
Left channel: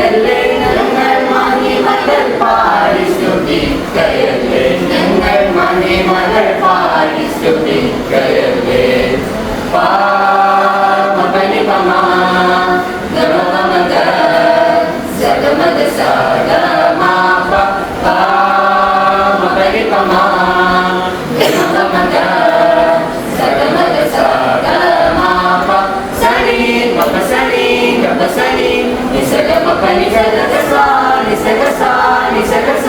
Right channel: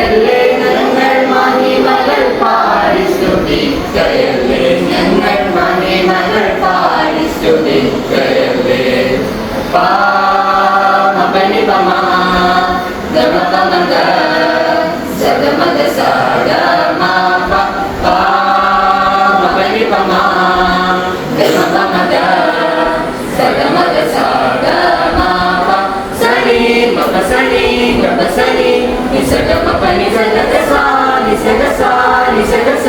ഞങ്ങൾ മഹിമകൾ പാടി സ്തുതിക്കയല്ലേ ഞങ്ങൾ മഹിമകൾ പാടി സ്തുതിക്കയല്ലേ പാമപനി പമ ഗമപമഗ സഗമഗ സഗമ പാമപനി പമ ഗമപമഗ സഗമഗ സഗമ സനി മപസനി ഗമസനി നിസഗമപനി സഗസ നിസഗസ നിസഗസ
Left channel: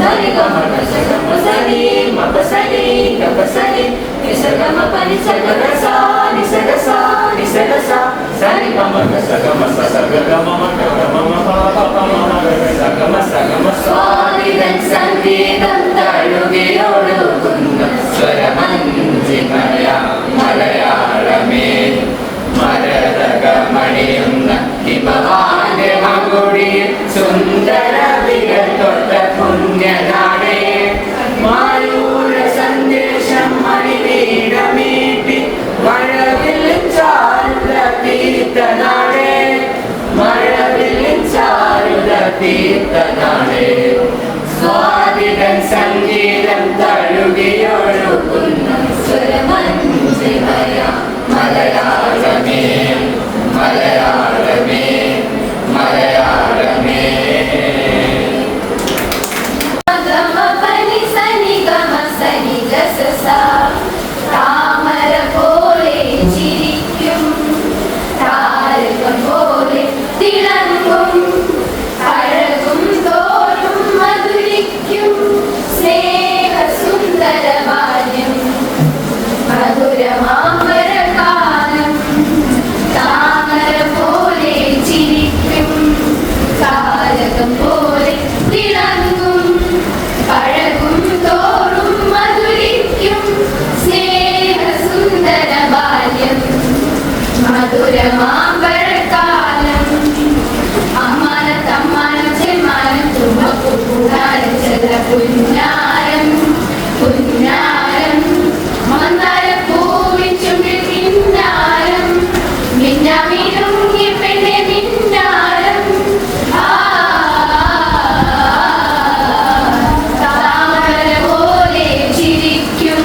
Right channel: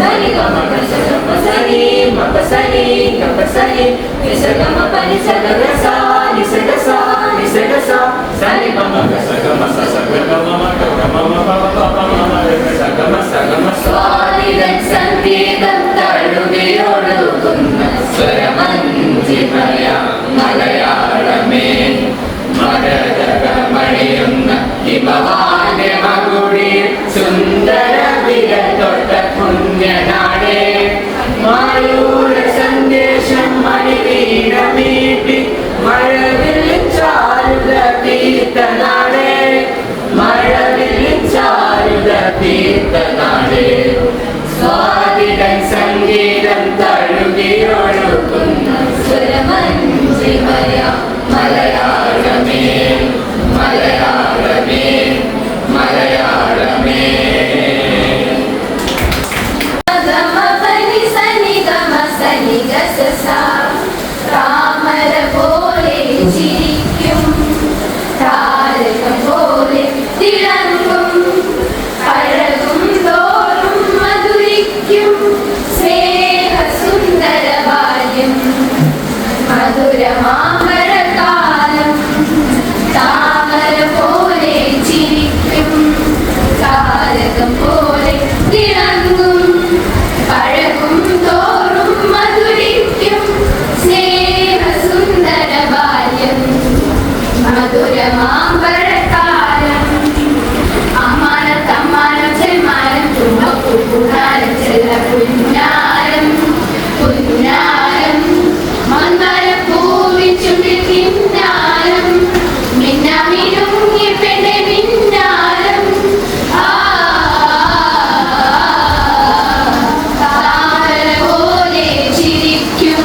സനി ഗമപസനി മപസനി ഗമസനി നിസഗമപനി സഗസ നിസഗസ നിസഗസ സനി ഗമപ സഗമ സഗമ സഗമ സഗമ സ്വാതിരൻ സംഗീതം തഴുകിയൊഴുകുന്ന സ്വരമഞ്ജിമയ മലയാളമേ മരതകമണിയുന്ന ഹിമവാന്യമകുടിയിൽ സുന്ദര വിരൽ തൊട്ട പുണ്യനാടേ മായൂര സന്ദേശം മണിവീണമീട്ടി മഴവിൽ ചാരുത തീർത്തനാടേ മഴവിൽ ചാരുത തീർത്തനാടേ സ്വാതിരൻ സംഗീതം തഴുകിയൊഴുകുന്ന സ്വരമഞ്ജിമയ മലയാളമേ മലയാളമേ മലയാളമേ താമര പോലെ ചിരിക്കും താരകം പോലെ തിളങ്ങും അഴകും തോറും മധുരിക്കും സ്നേഹ സുന്ദര ബാല്യം മധുരമാമരകാലം താമര പോലെ ചിരിക്കും താരകം പോലെ തിളങ്ങും അഴകും തോറും മധുരിക്കും സ്നേഹ സുന്ദര ബാല്യം മധുരമാമ്പഴക്കാലം അമ്മാനം തമ്മാനം ചെമ്മാനം തുമ്പപ്പൂനാരം ചെല്ല പുന്നാരം പുന്നാരം മന്ദര പൂവിൻ ചുണ്ടിൽ കിന്നാരം മിന്നാമിനുങ്ങി പെണ്ണെ മിന്നാരം താമര പോലെ ചിരിക്കും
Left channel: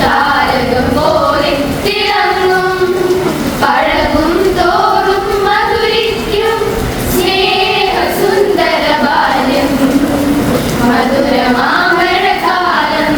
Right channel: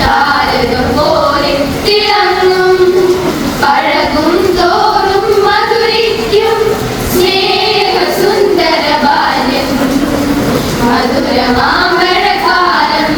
താരകം പോലെ തിളങ്ങും പഴകും തോറും മധുരിക്കും സ്നേഹ സുന്ദര ബാല്യം മധുരമാമ്പഴകാലം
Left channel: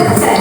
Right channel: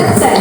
Thank you.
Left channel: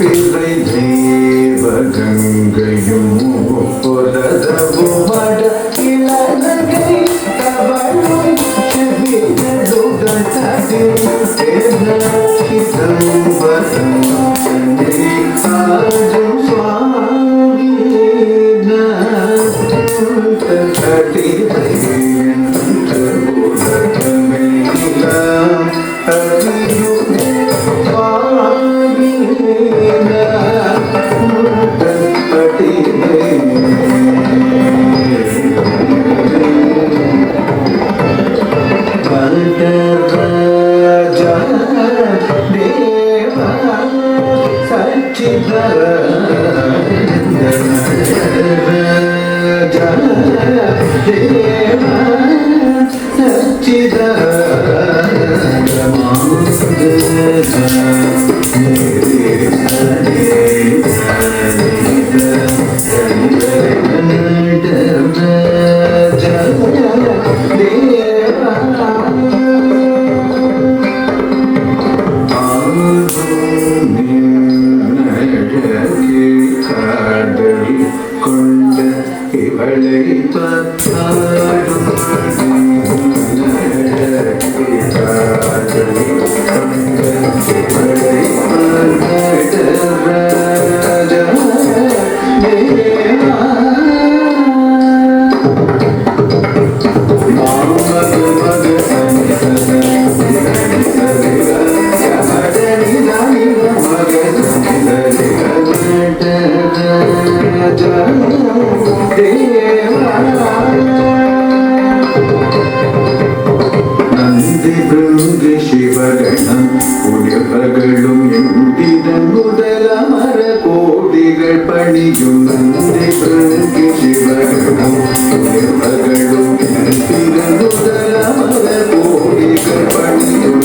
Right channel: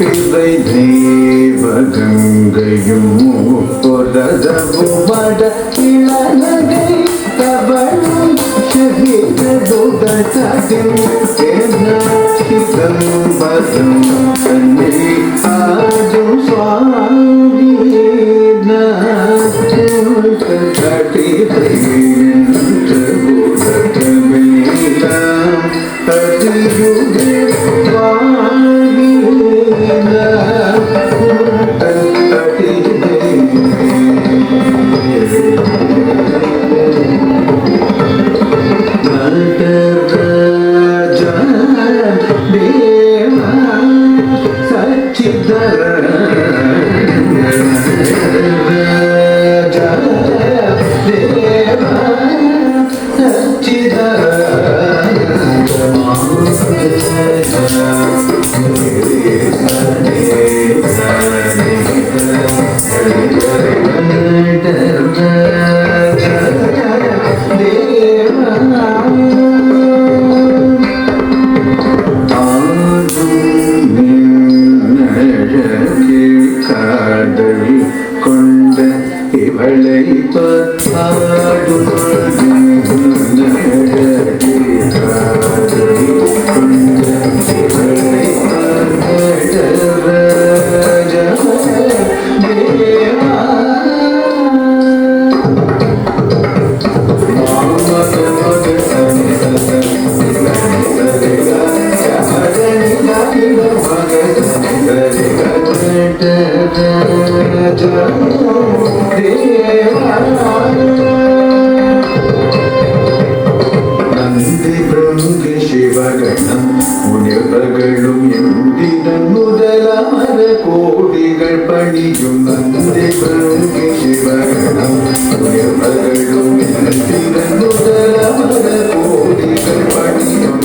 பிறை தெய்வகங்கையும் பொரதவும் வட இளநகை கவளம் சிவிததுகததில் தேனகிதம் வதம் கண்ணே ஆடும் சுவாமி நந்தி பிருங்கு சிவகணம் உயர்களும் எந்திரன் முதலமர கோடிகள் பணியும் நந்தி பிருங்கு சிவகணம் உயர்களும் எந்திரன் முதலமர கோடிகள் பணியும்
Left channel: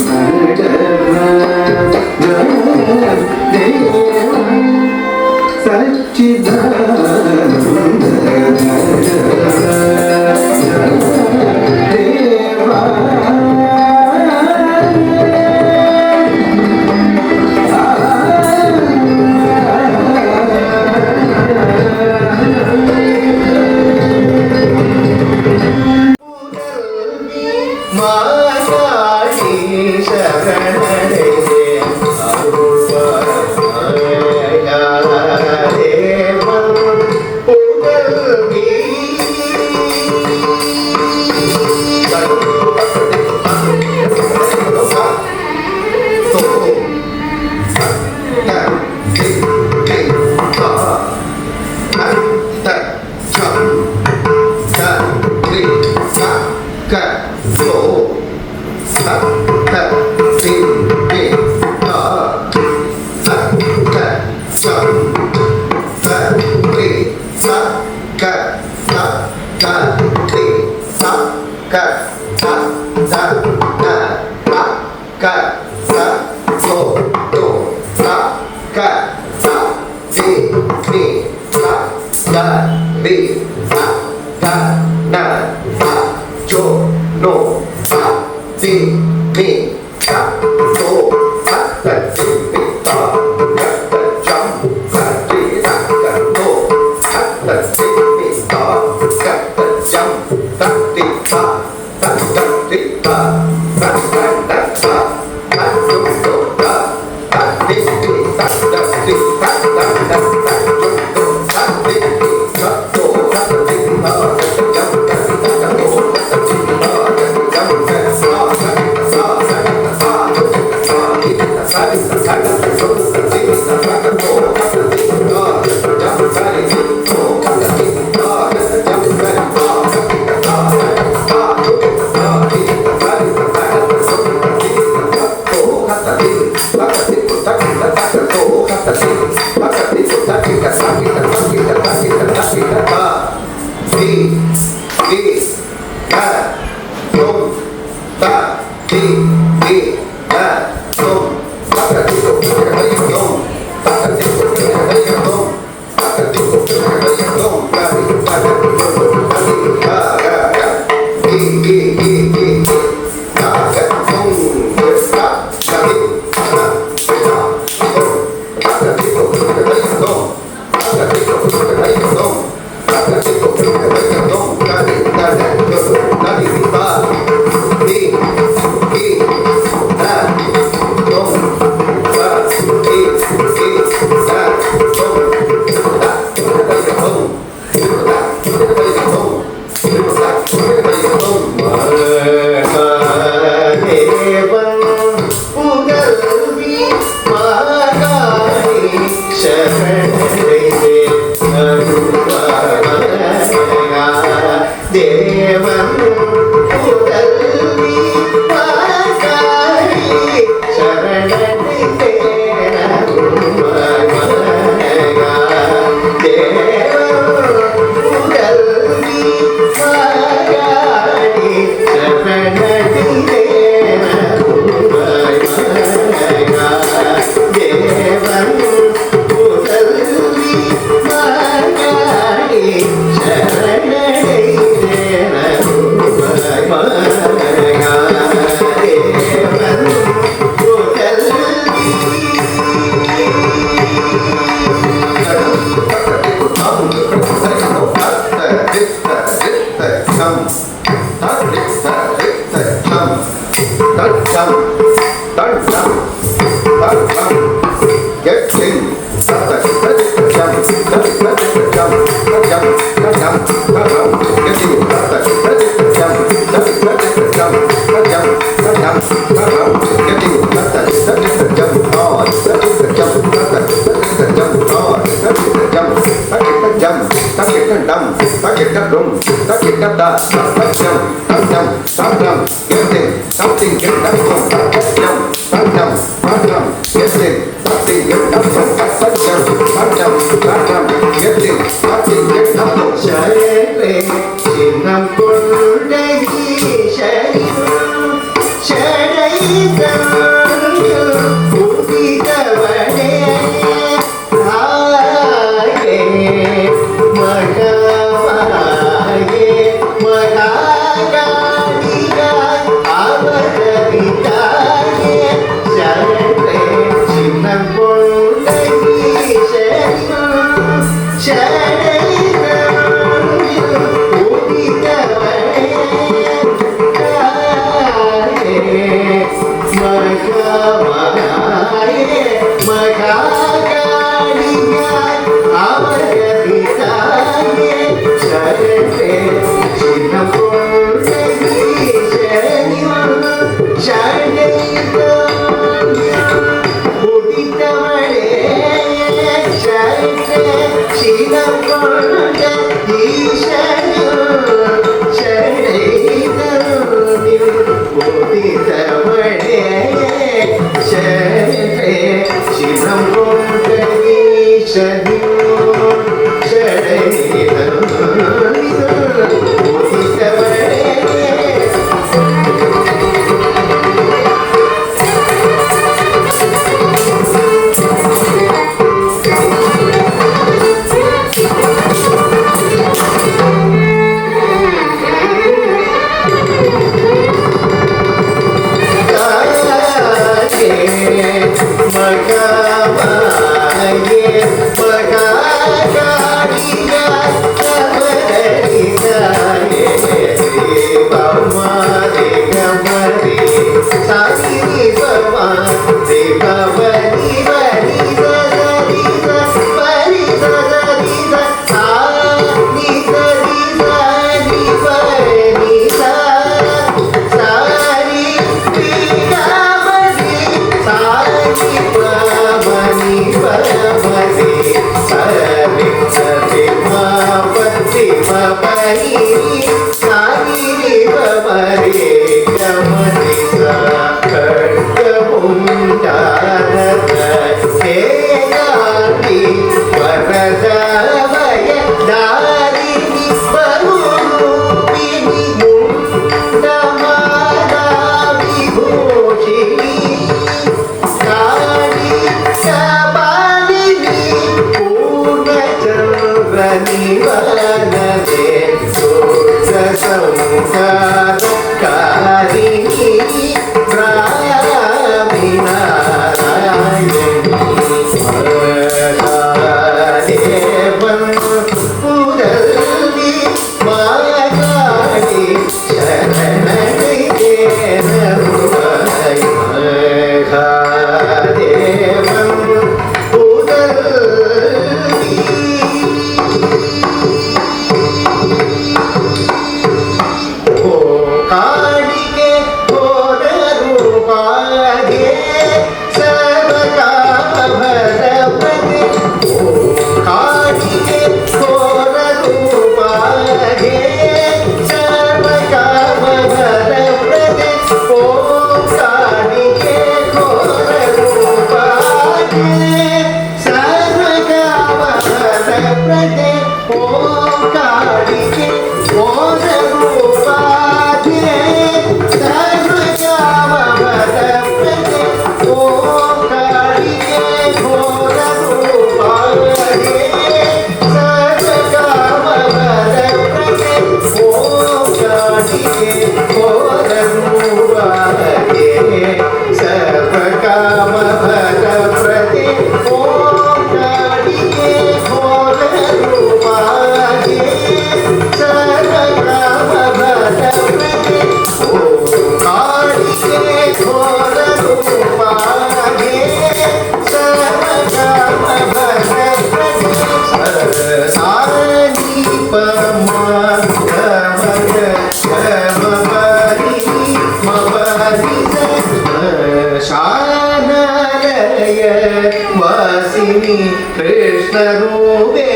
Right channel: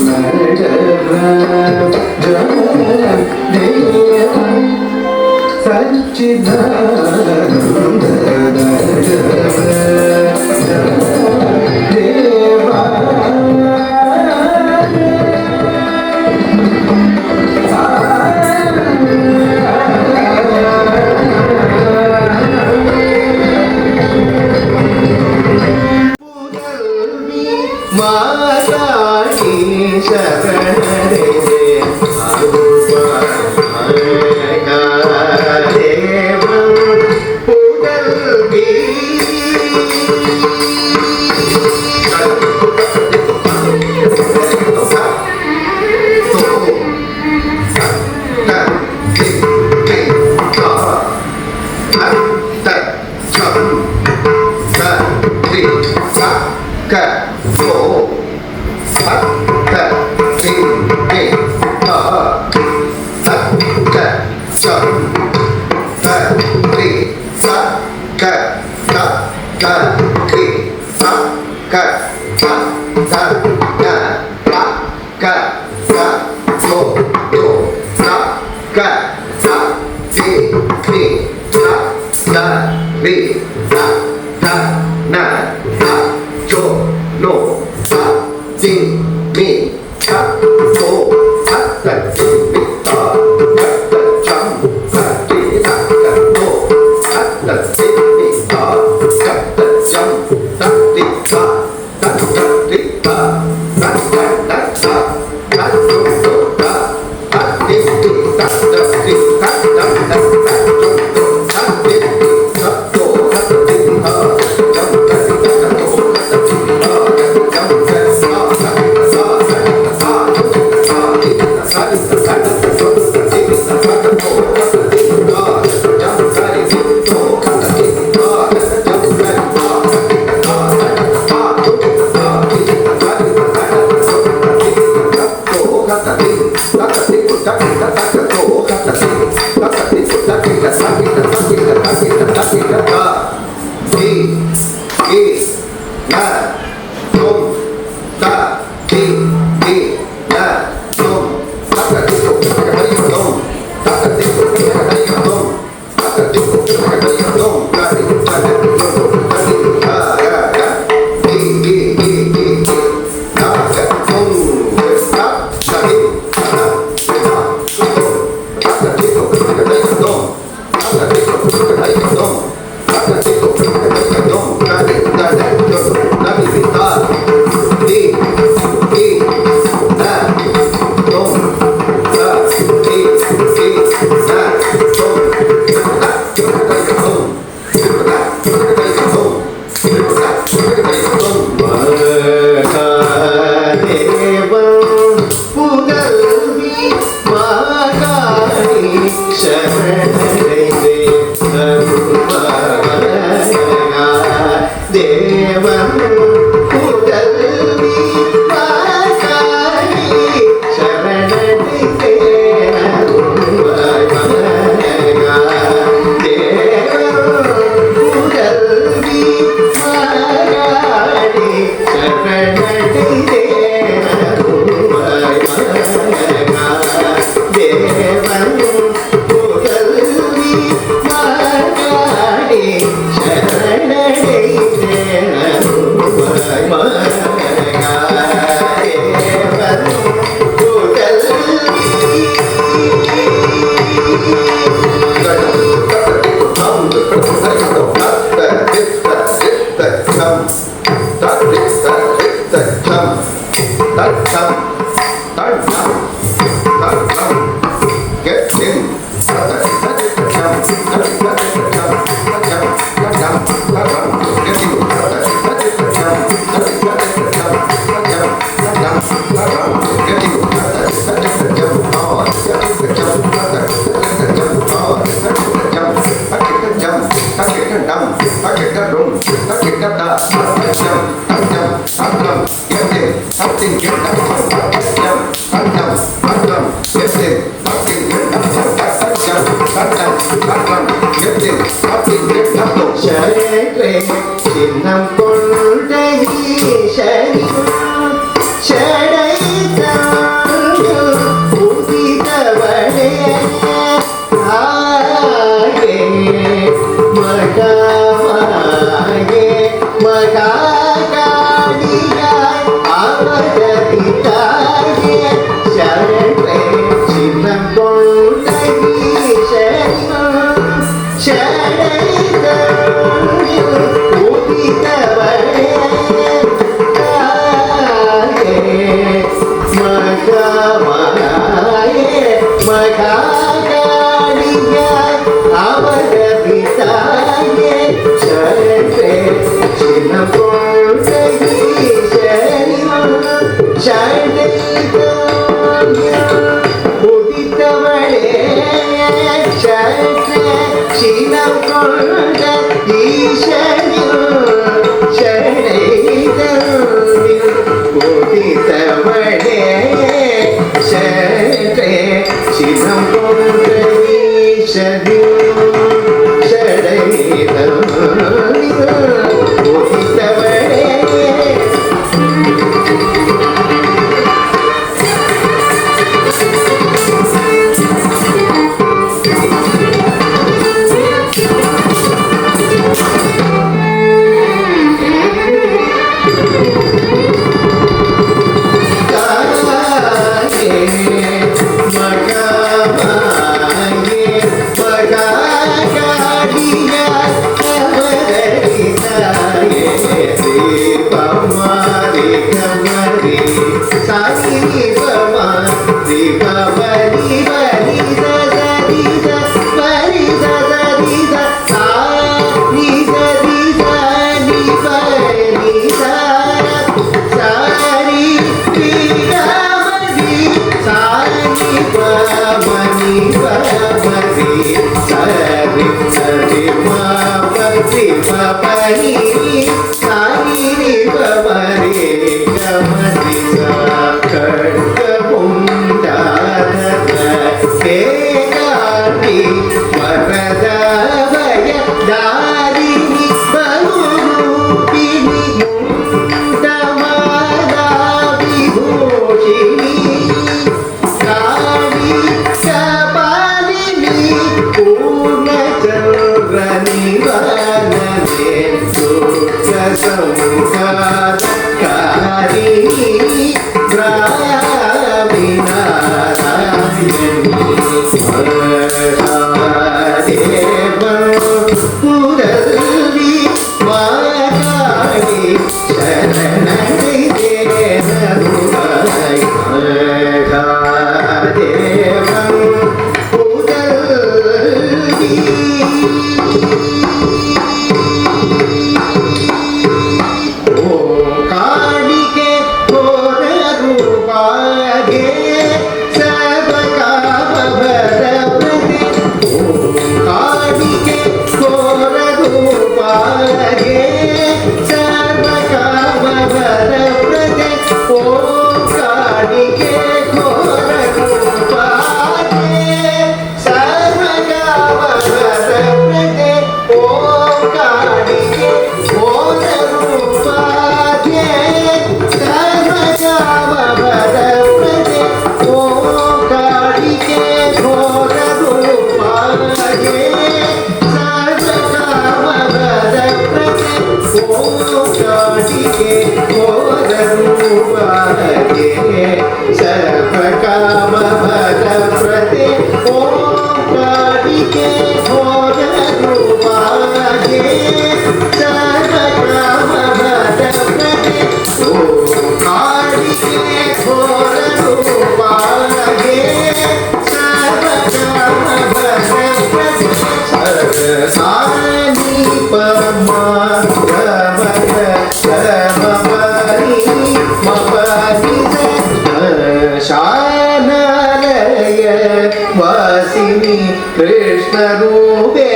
കൃഷ്ണരൂപേ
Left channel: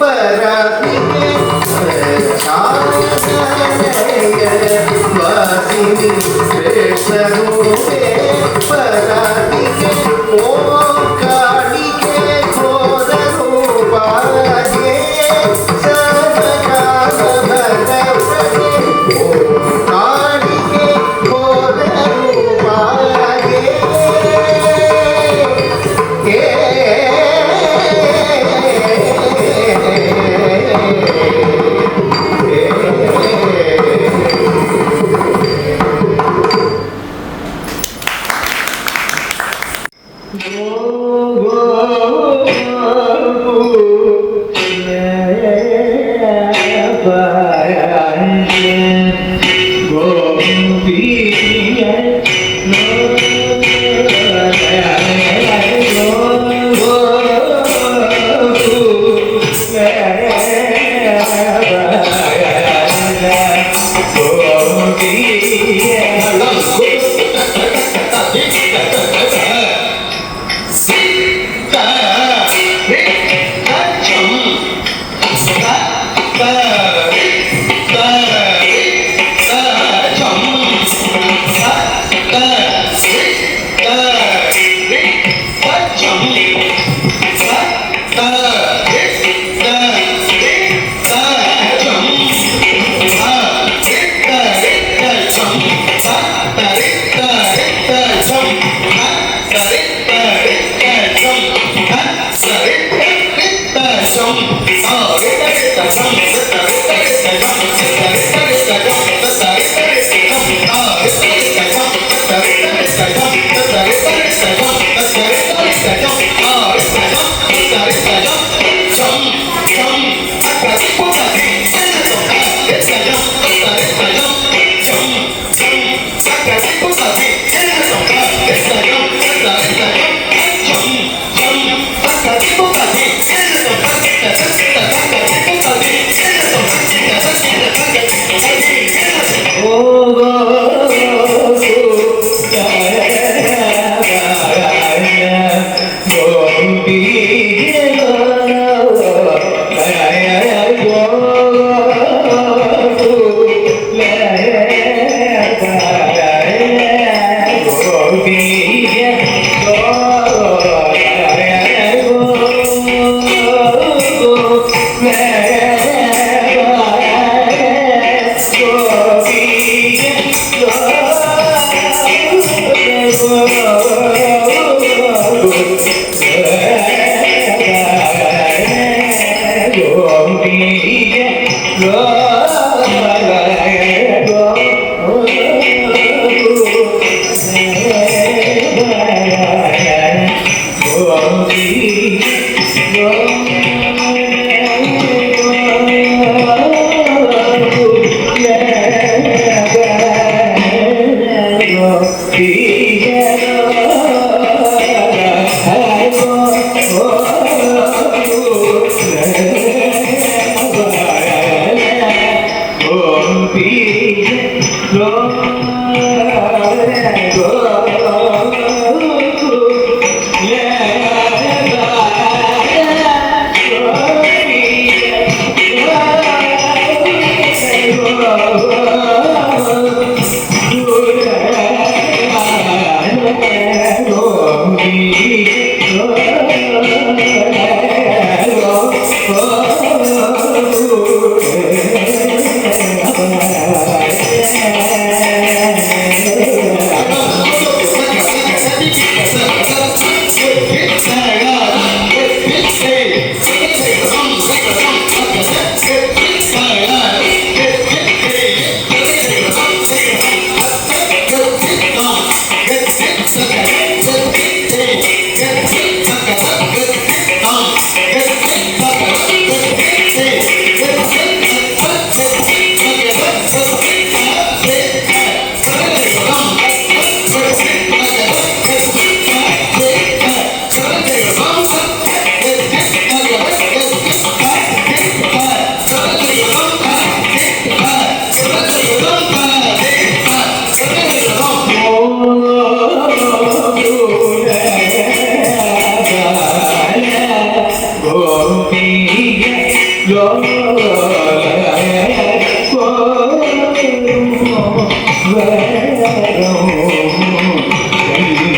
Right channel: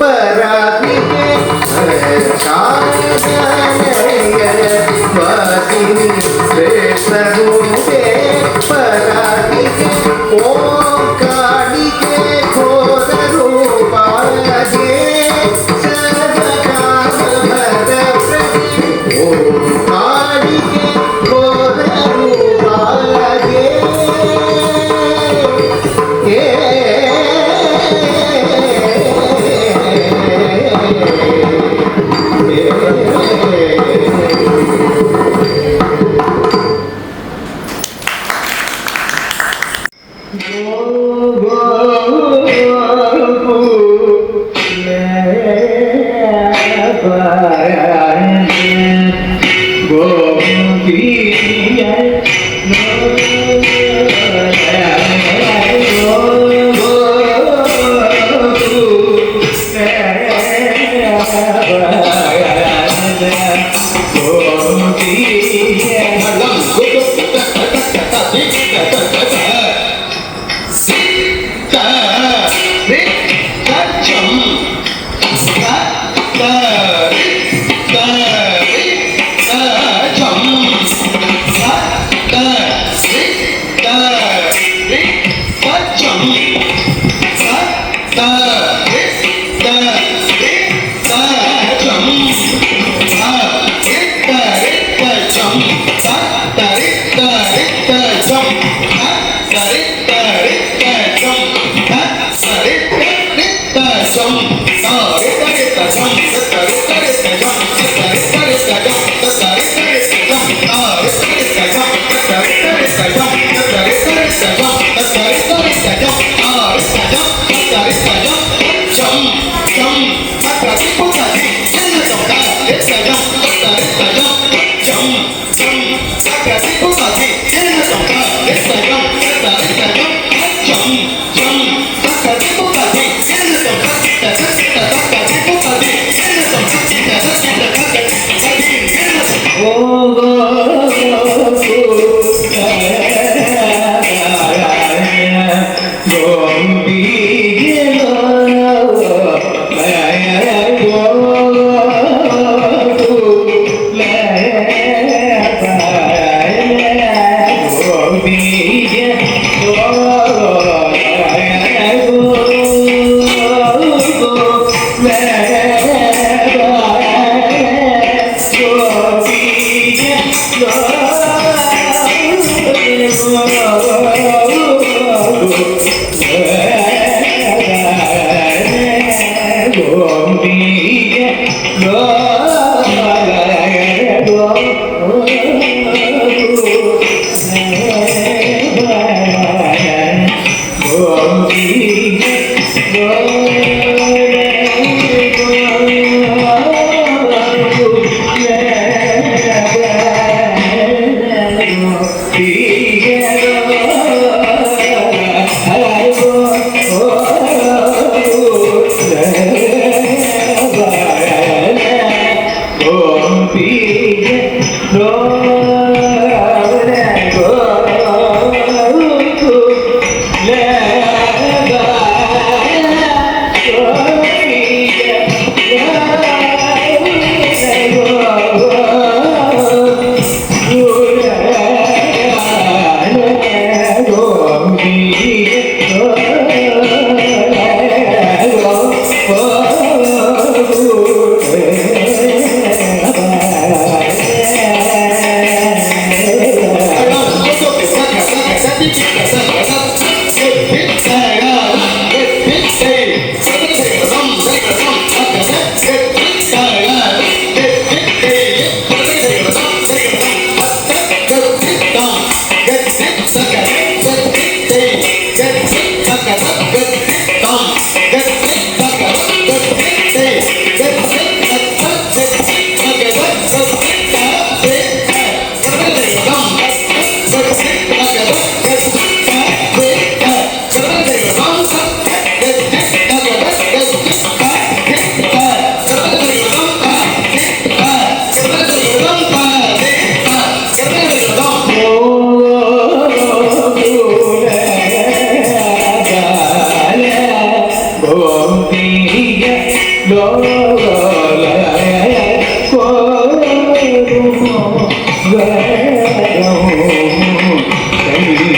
പരാത്മികേ വാസിനി കൃഷ്ണരൂപേ പരാത്മികേ ഓം കാളികേ ഘോരരൂപാലകേ സർവകാമഭരണേ ഓം കാളികേ ഘോരരൂപാലകേ Jump,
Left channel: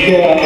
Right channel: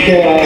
Oh,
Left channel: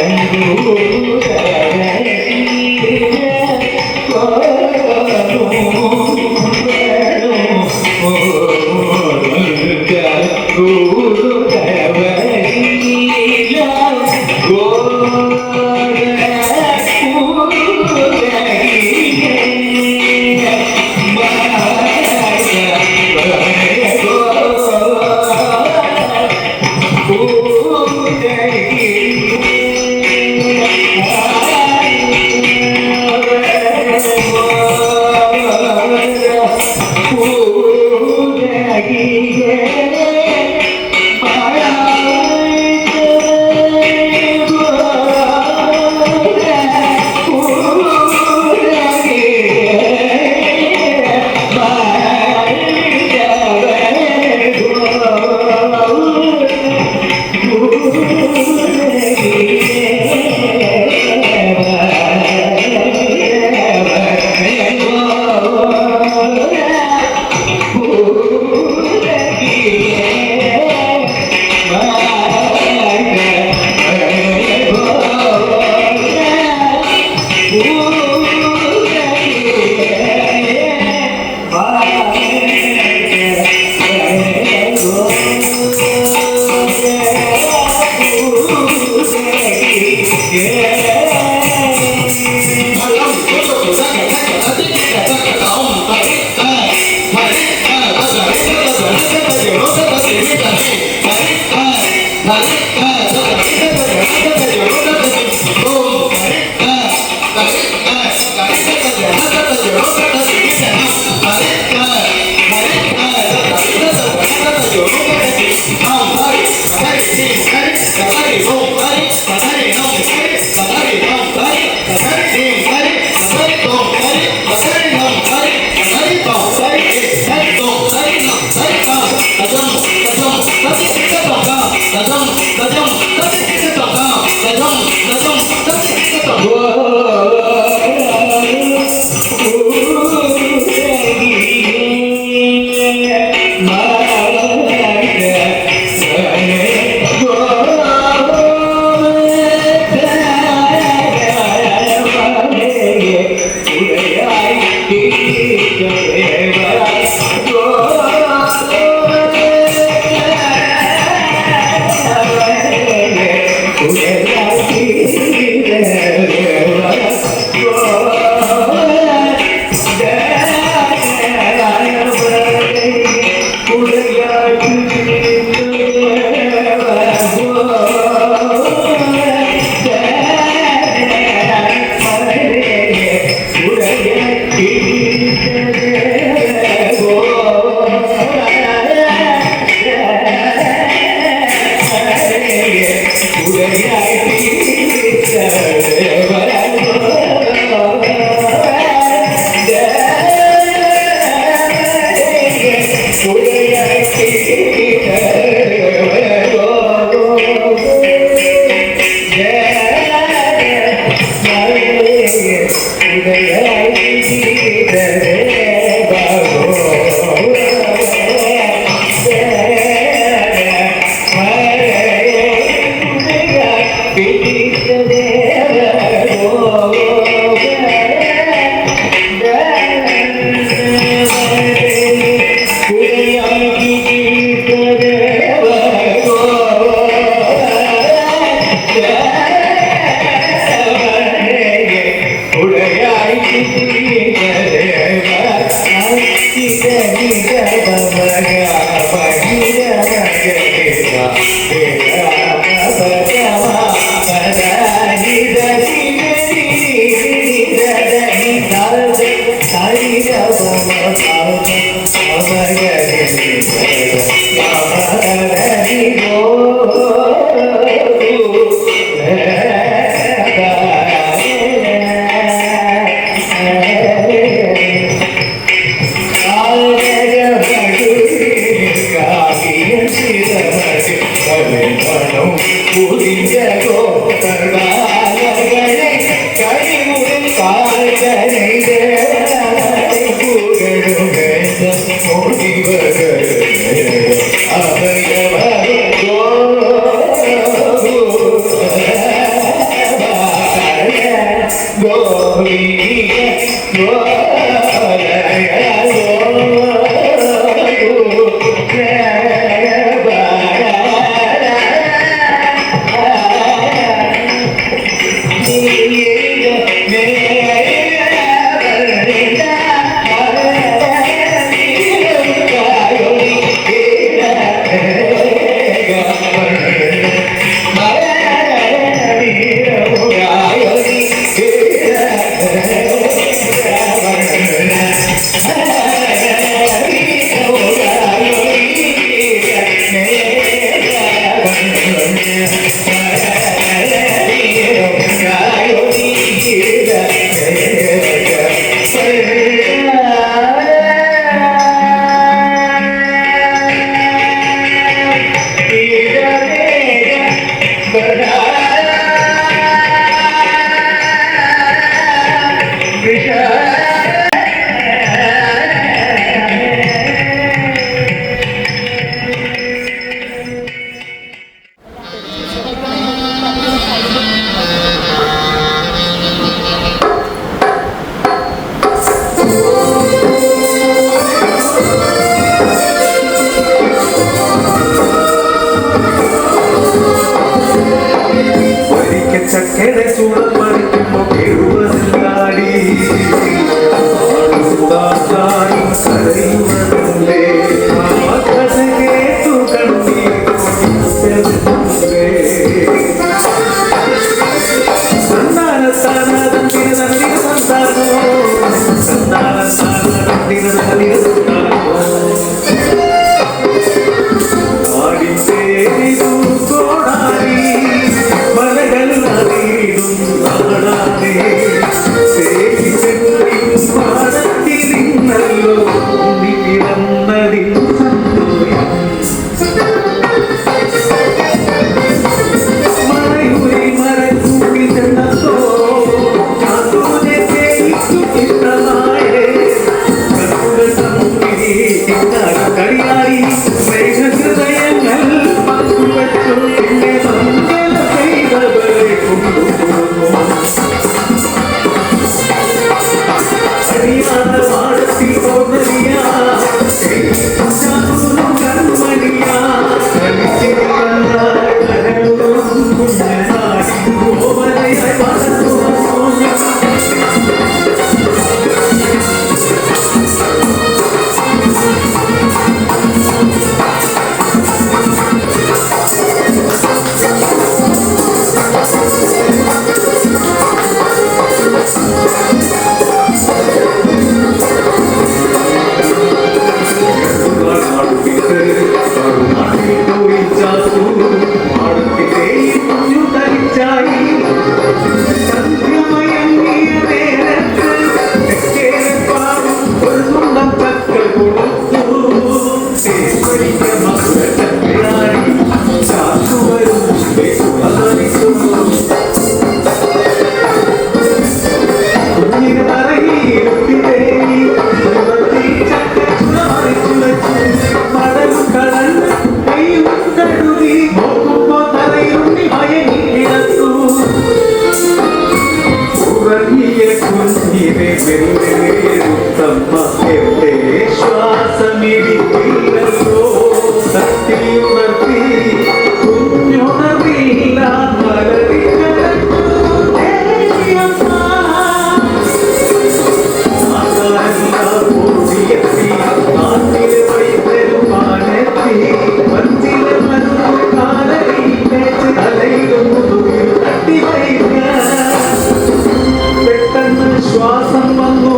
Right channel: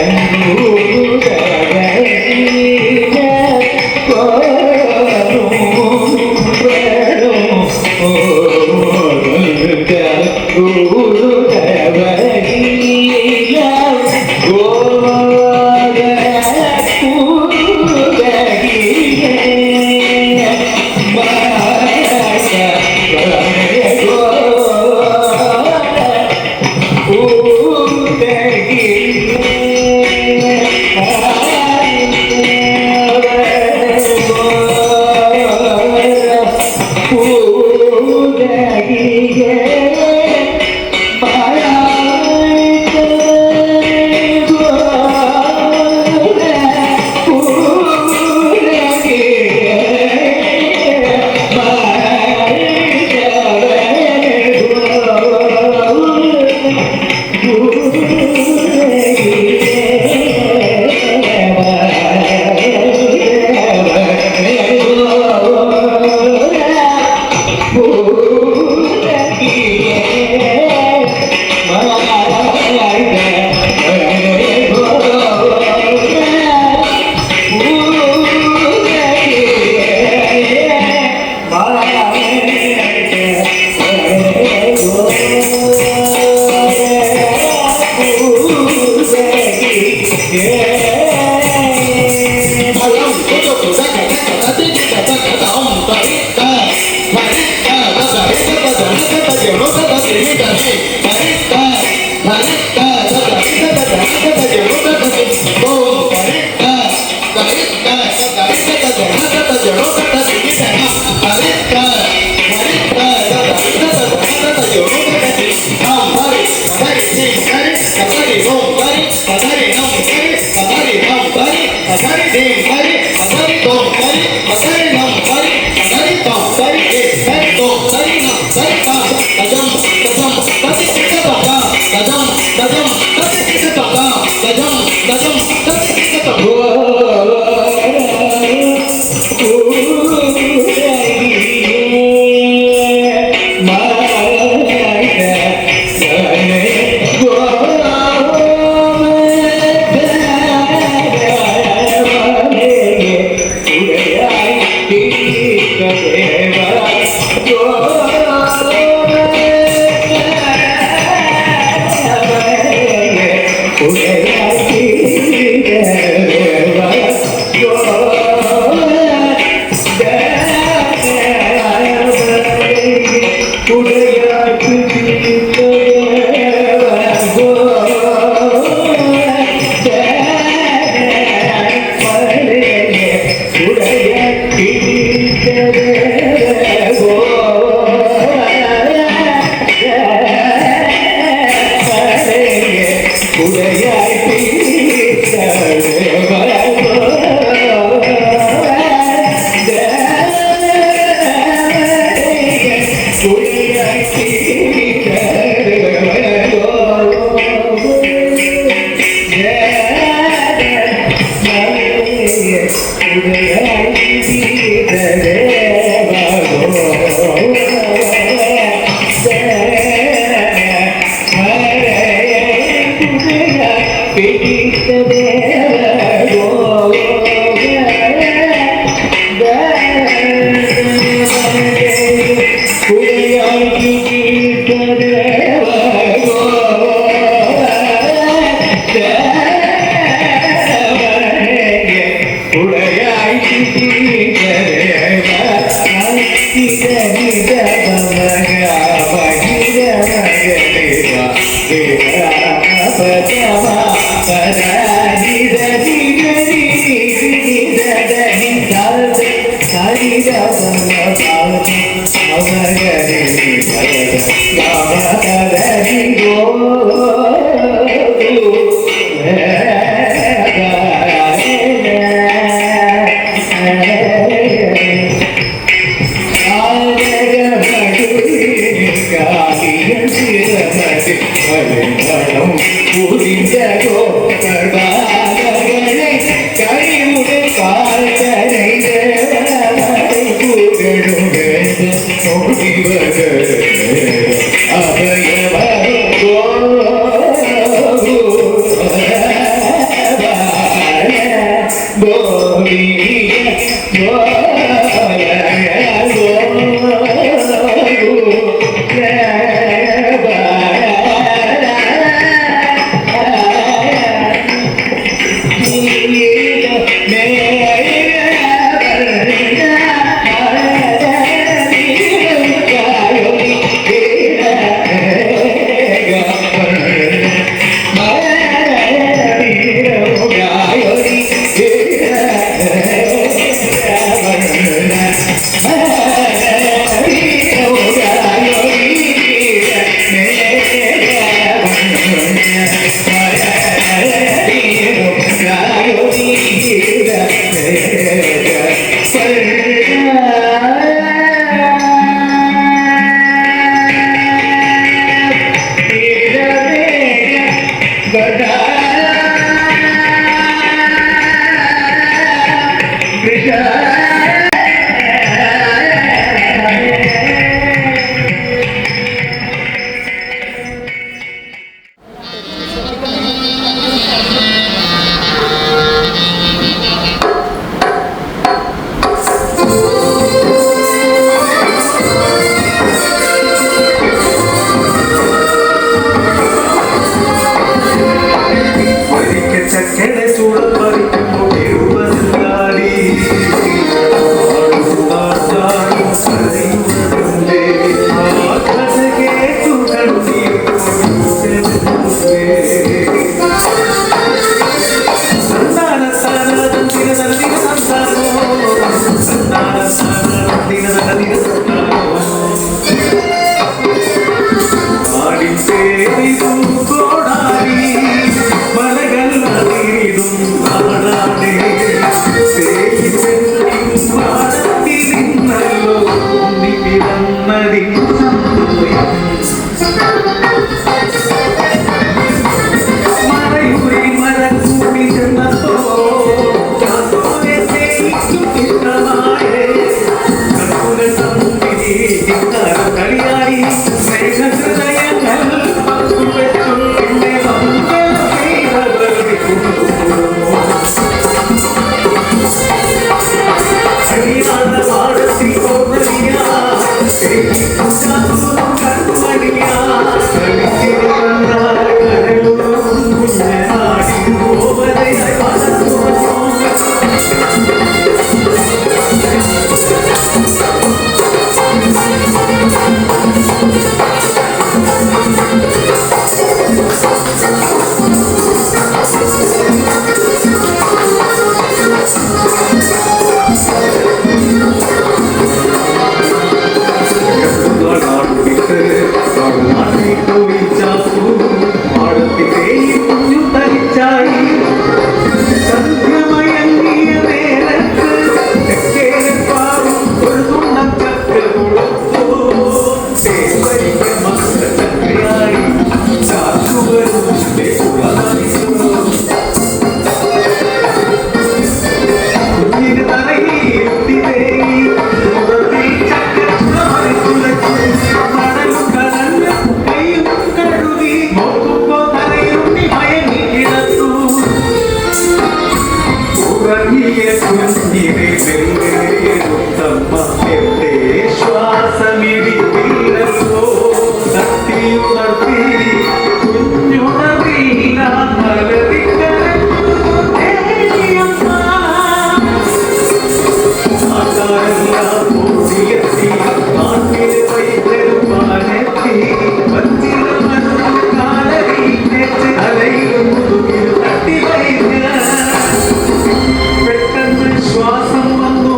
പെട്ടെന്ന് ശ്വാസം വന്നു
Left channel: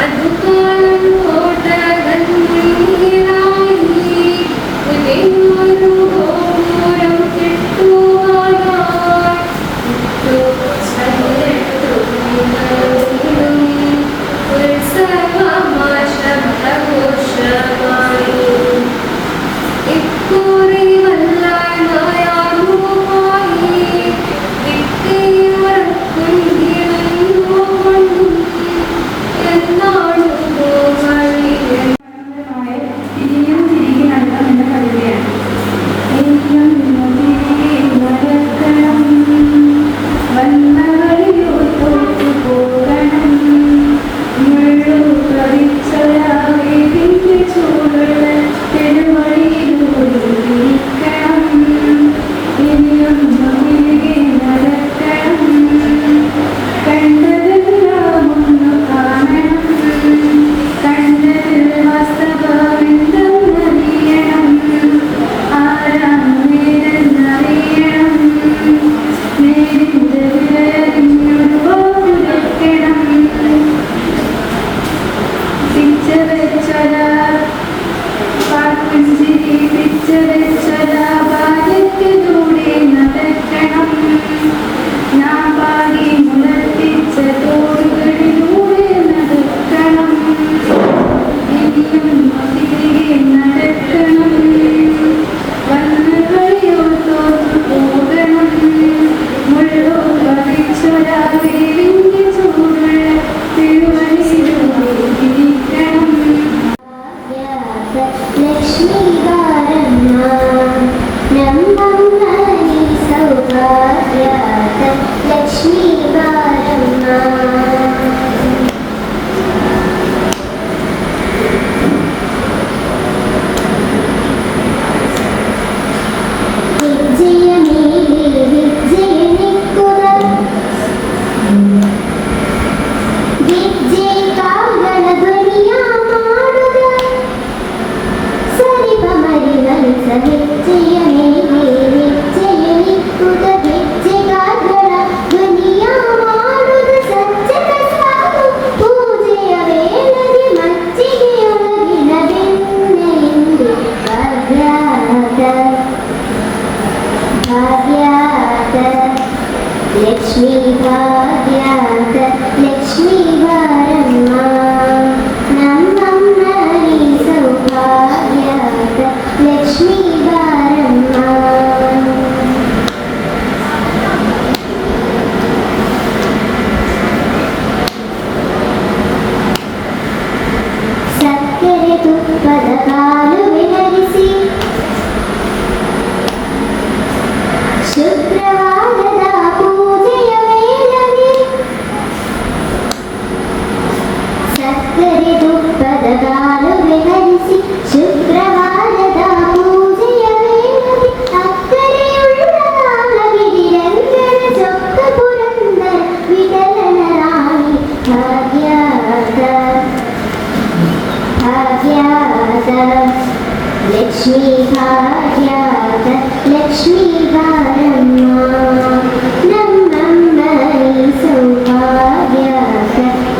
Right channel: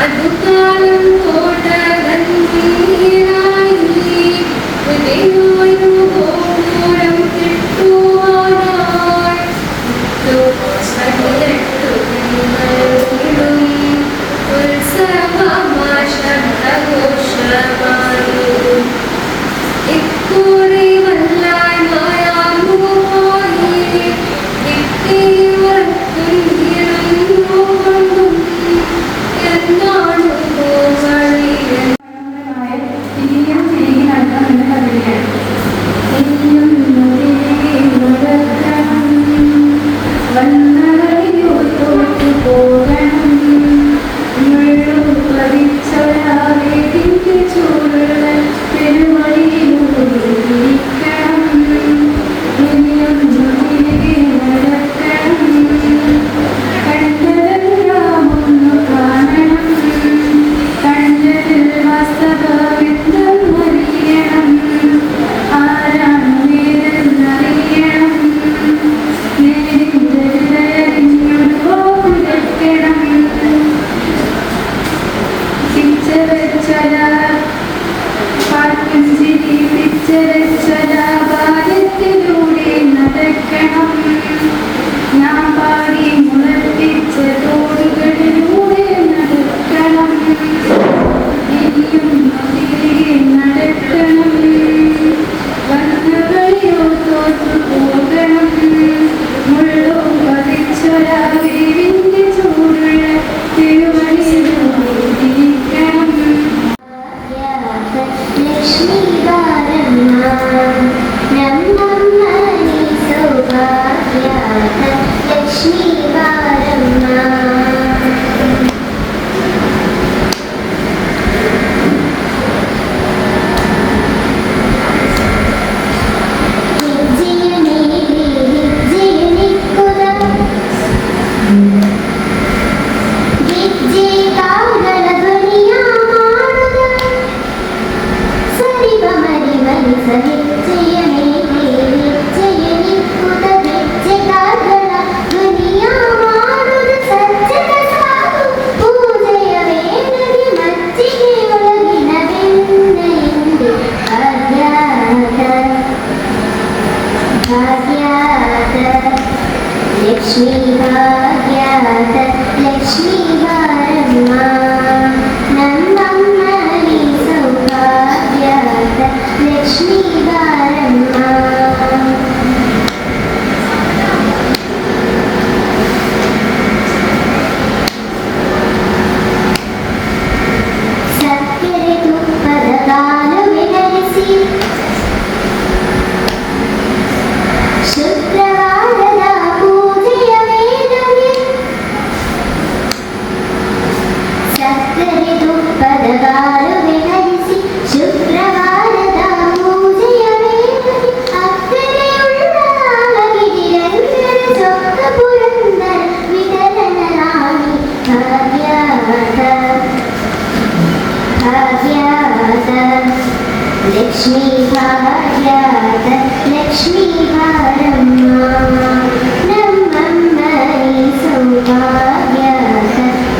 അതുകാലം കോട്ട ഭാഗ്യാത ലക്ഷ്മി ഭാഗ്യാത ലക്ഷ്മി ഭാരമ്മ നമ്മമ്മ സൗഭാഗ്യാത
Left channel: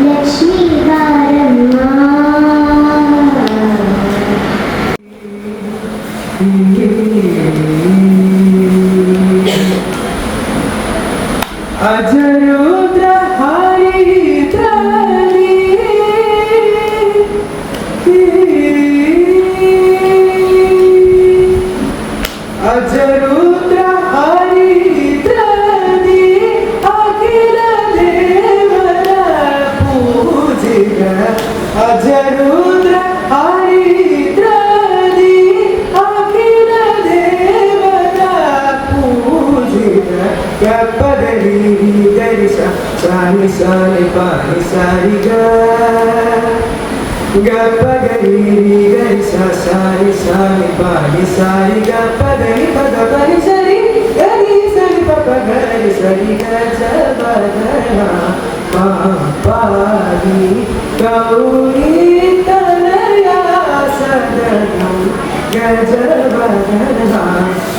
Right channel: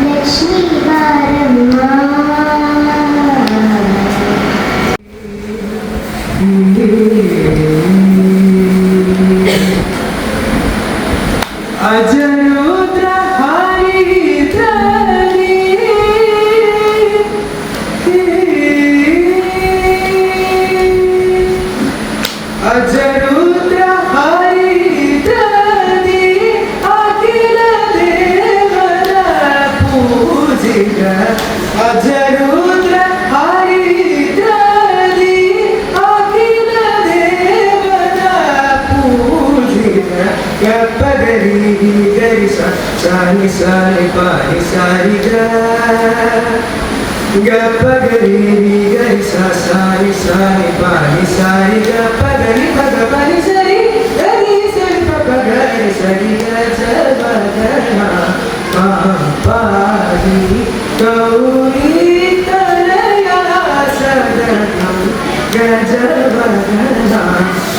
ലക്ഷ്മി ഭാരമ്മ അജരുദ്ര ഹരിദ്രവി അജരുദ്ര ഹരിദ്രവി അഖില ദേവന പൂജിത അജരുദ്ര ഹരിദ്രവി അഖില ദേവന പൂജിത ഗപ്പഗരി ഗരി സാനി സാനി പാനി സാരി ഗപ്പഗരി ഗരി സാനി സാനി പാനി സാരി ഗപ്പഗരി പഗപനി സരി ഗരി സരി പഗരി സരി ഗജബഗന പാപാരി ഗൗരി തനയ സദനം ഗജബഗന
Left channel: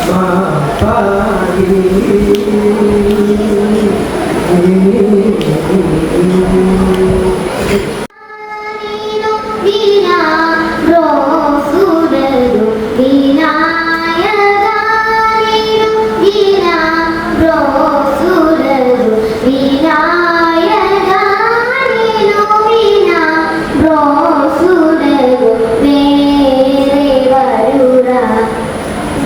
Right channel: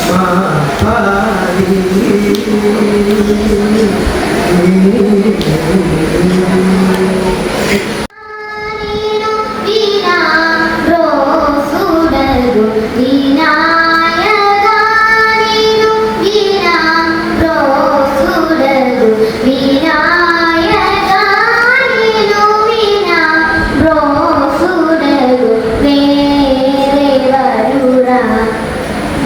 പാപാരി വീണാ ബ്രോസുടരു വിനായകാനീനു വീണാ ബ്രോസുടരു വിനായകാനീനു വീണാ ബ്രോസുടരു വേറെ വരുടാ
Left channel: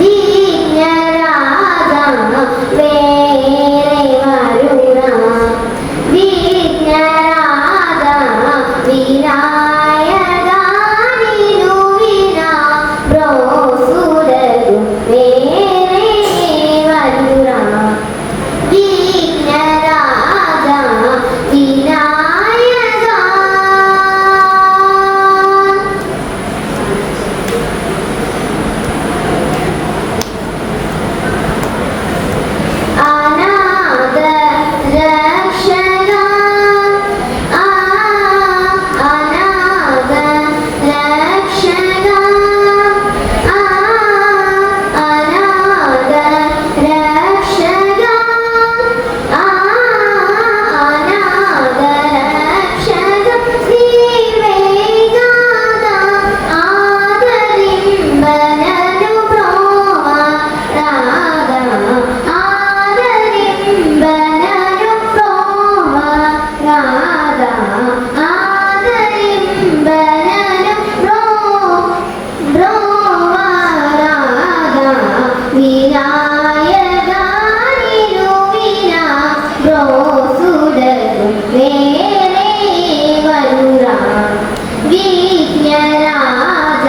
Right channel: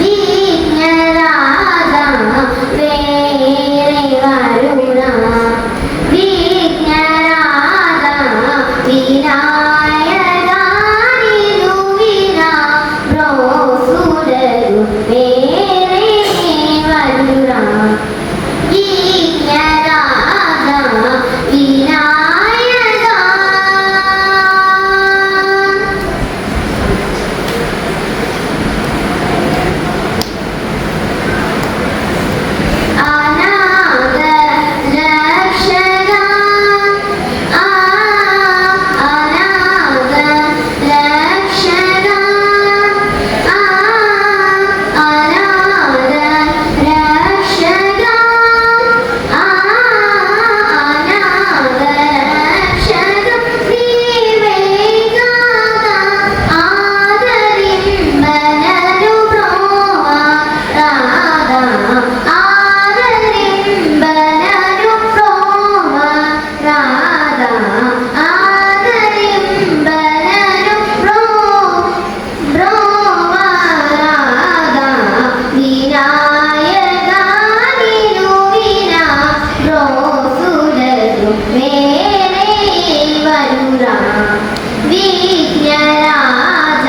വിജ്ഞരാഗ വേറെ വരുടാ വിജ്ഞരാഗ വിനായകാനീനു വീണാ ബ്രോസുടരു വേറെ വരുടാ വിജ്ഞരാഗ വിനായക അനാഗ രക്ഷക അനാഗ രക്ഷക അനാഗ രക്ഷക അനാഗ രക്ഷക വിവേകാദ ആദരിമ്പനു ബ്രോവ രാധ ആദരിമ്പനു ബ്രോവ രാധ ആദരിമ്പനു ബ്രോവ രാധ വിനായകാനീനു വീണാ ബ്രോസുടരു വേറെ വരുടാ വിഘ്നരാജ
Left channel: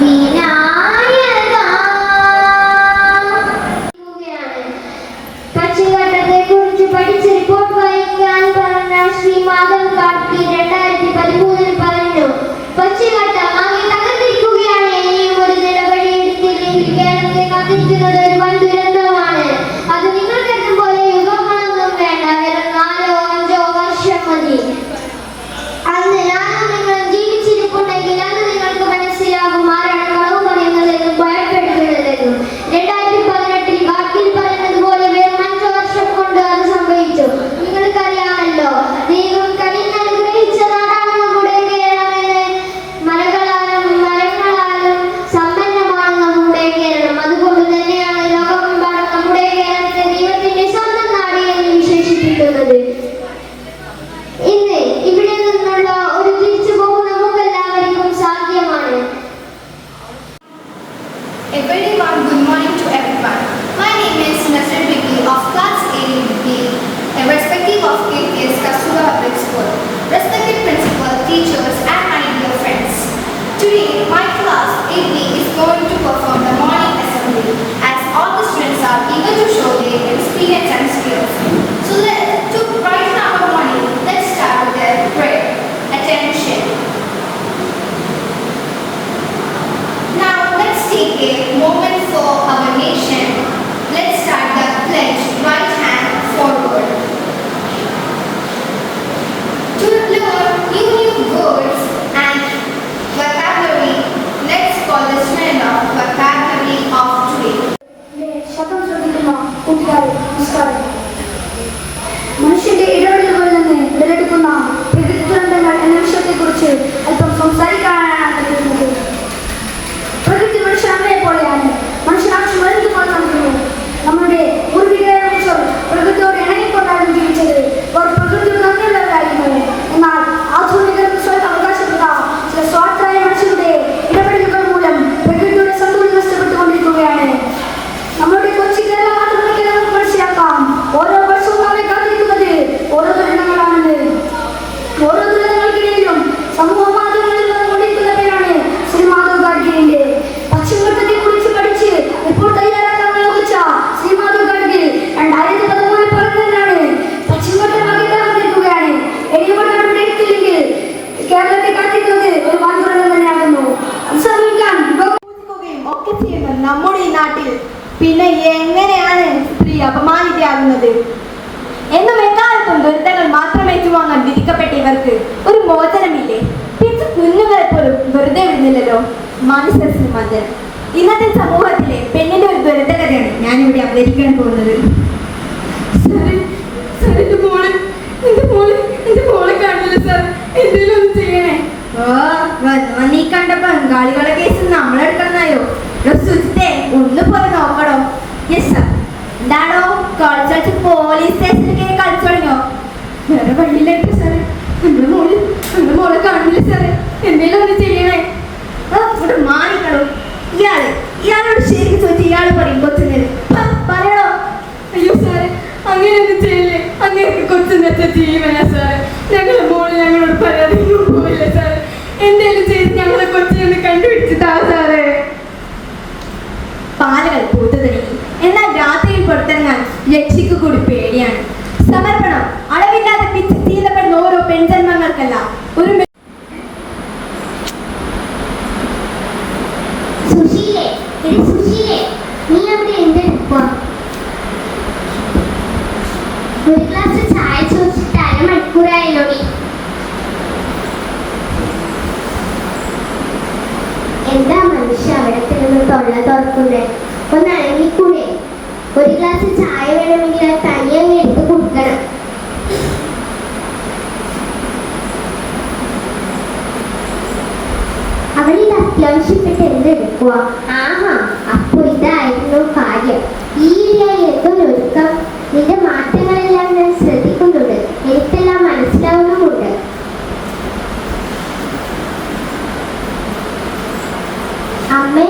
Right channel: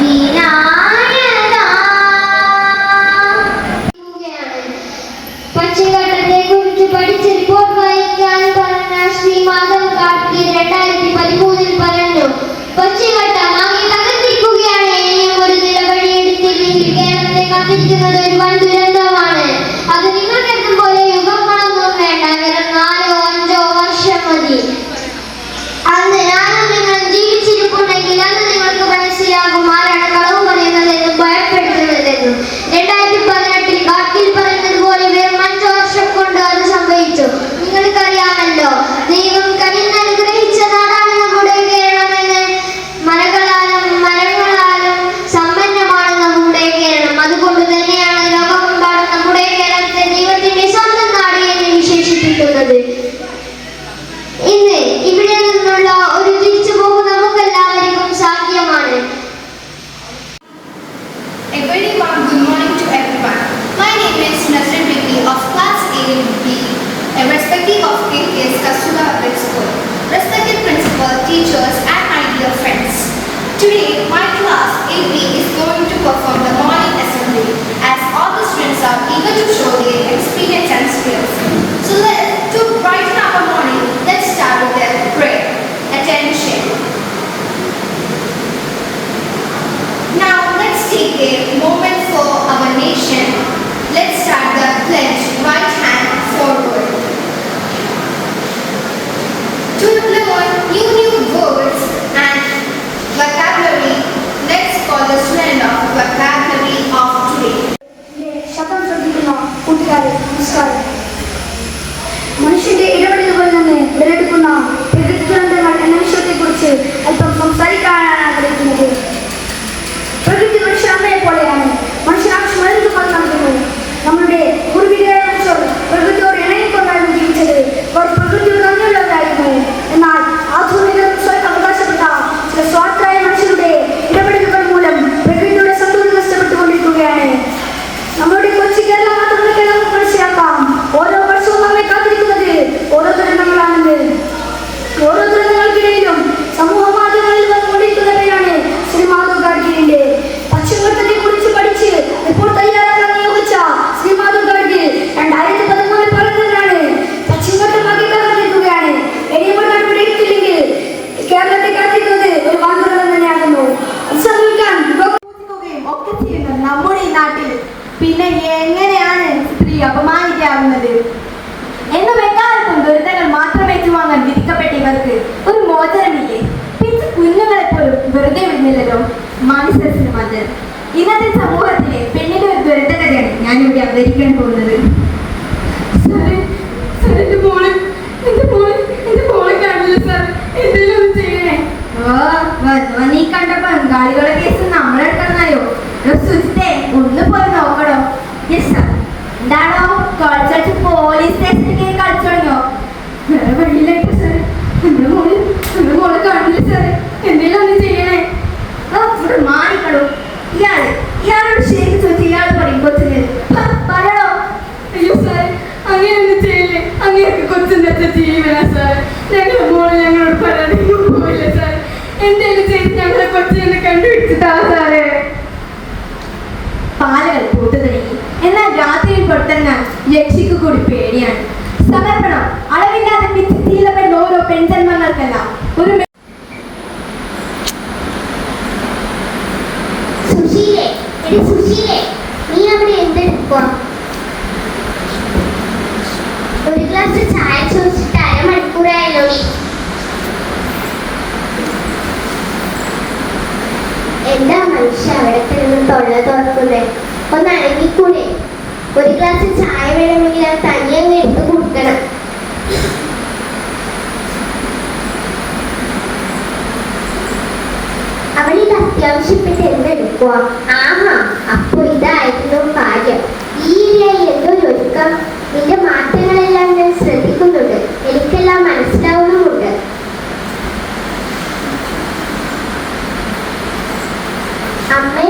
വിനായക പക്ഷിഘട്ടത്തെ കുറിച്ച് പഠിച്ച് റിപ്പോർട്ട് വായിക്കാൻ പറഞ്ഞ ശ്രീ മാധവ് കാർത്തി 2013 പറഞ്ഞു. പക്ഷിഘട്ടം ആകെ തകർന്നിരിക്കുകയാണ്. ഇനിയും ഒരു നിലപടി എടുത്തില്ലെങ്കിൽ കേരളത്തെ കാത്തിരിക്കുന്നത് ഒരു വൻ ദുരന്തമാണ്. അത് നിങ്ങൾക്കെത്തും പോലെ യുഗങ്ങളൊന്നും വേണ്ട, വെറും 4 or 5 വർഷം മതി. അന്ന് ഞാനും നിങ്ങളും ജീവിച്ചിരിപ്പുണ്ടെങ്കിൽ അന്ന് നിങ്ങൾക്ക് മനസ്സിലാകും ആരാണ് കളവ് പറയുന്നതെന്നും ഭയപ്പെടുത്തുന്നതെന്നും. 2018 കാട്ടിൽ പറയുന്നത് പോലെ വെറും 5 വർഷം കൊണ്ട് അത് സംഭവിച്ചു. നിങ്ങൾക്കറിയാമല്ലോ, ദൈവം കനിഞ്ഞനുഗ്രഹിച്ച നാടാണ് നമ്മുടെ കേരളമെന്ന്. മരങ്ങളാലും സമ്പന്നമാണ് നമ്മുടെ കേരളം. അതുകൊണ്ട് തന്നെയാണ് ലോകമെമ്പാടും നമ്മുടെ കേരളത്തെ ദൈവത്തിന്റെ സ്വന്തം നാട് എന്ന് വിശേഷിപ്പിക്കുന്നത്. ഇന്ന് ഇവിടെ നിന്നുള്ള ഒരു തിരിച്ചുപോക്ക് നമുക്കെല്ലാവർക്കും സാധ്യമാണ്. A very warm good morning to everyone. My name is Nazrin Vicky of class 8B, irrespective of KPS Kasturba Public School. Respected principal, teachers and my dear friends. Today my class 8B is going to perform the morning assembly as all the students are eager to show their experience and skills. So to brighten our morning, let's start with their prayer. Attention. Now let's take a moment for our nation. Let's start the pledge. Right hand forward. To learn new words and vocabulary. മനസ്സസിന് മന്ദിരം. ഇന്നത്തെ സമൂഹത്തിലെ പെണ്ണിന്റെ ഒരു ദുരന്ത കഥയാണ് ഞാനിവിടെ അവതരിക്കാൻ പോകുന്നത്. നീ കണ്ട ബംഗാളികളെ കേസ് നമ്മളെടുക്കണോ? സുജിത്തെ ഒന്ന് പോയി നോക്കണോ? Yes sir. എന്താണോ കളിച്ചു പോലീസ് സ്റ്റേഷനിലേക്ക് കളിച്ചു തുടങ്ങിയോ? വേറെ വഴിയിലേക്ക് സാർ. നമ്മുടെ മോളെ കാണില്ല സാർ. എന്തെങ്കിലും ഒന്ന് ചെയ്യണേ. ഇവിടെ മാറിക്കണോ? ഇയാളോട് ശരിക്കും ചോദിച്ചു ഇയാൾ പറയും കൊച്ചുങ്ങൾ പറയണോ? അയ്യോ സാർ, അങ്ങനെയൊന്നും ചെയ്യല്ലേ. അങ്ങനെയൊക്കെ കൊച്ചിന്റെ ജീവന സാർ. ഞങ്ങളുടെ മോള് ഞങ്ങളോട് പറയാതെ പോയില്ല സാർ. എന്തെങ്കിലും ചെയ്ത് ഞങ്ങളെ കൊച്ചിനെ കണ്ടുപിടിച്ചിട്ടാ സാറേ. പാലകൾ പൂത്തുതടങ്ങി. എന്നാൽ രാത്രിയിൽ പുറത്തിറങ്ങാൻ യക്ഷിക്ക് കൂടി പേടിയാണ്. സമർപ്പണം അളവില്ലാതെ പിച്ചിത്തീലപ്പെടുന്ന ഓരോ പെൺജന്മങ്ങൾക്കല്ല ഒരു സുശീലേ. സുശീലേ, നീ അവിടെ എന്തെടുക്കുക? ഒരു ഗ്ലാസ് ചായ ചോദിച്ചിട്ട് അരമണിക്കൂറായല്ലോ. എന്താ മനുഷ്യ അവിടെ തന്നെ തൊള്ള തുറക്കുന്നത്? ഒന്ന് അടങ്ങിക്കൂടെ? ഒരു ഗ്ലാസ് ചായ വേണമെങ്കിൽ അത് തനിയെ അങ്ങ് എടുത്ത് കൊടുക്കണം. അവളിത് അത്യാവശ്യപ്പെട്ട് എന്തെടുക്കുക? ആഹാ, അപ്പൊ ഇതായിരുന്നു കാര്യം. ഈ എന്തൊരൊരുക്കം. നിന്റെ മാറ്റങ്ങളെല്ലാം ഞാൻ ശ്രദ്ധിക്കുന്നുണ്ട്. എനിക്കെല്ലാം മനസ്സിലാവുന്നുമുണ്ട്. അമ്മേ,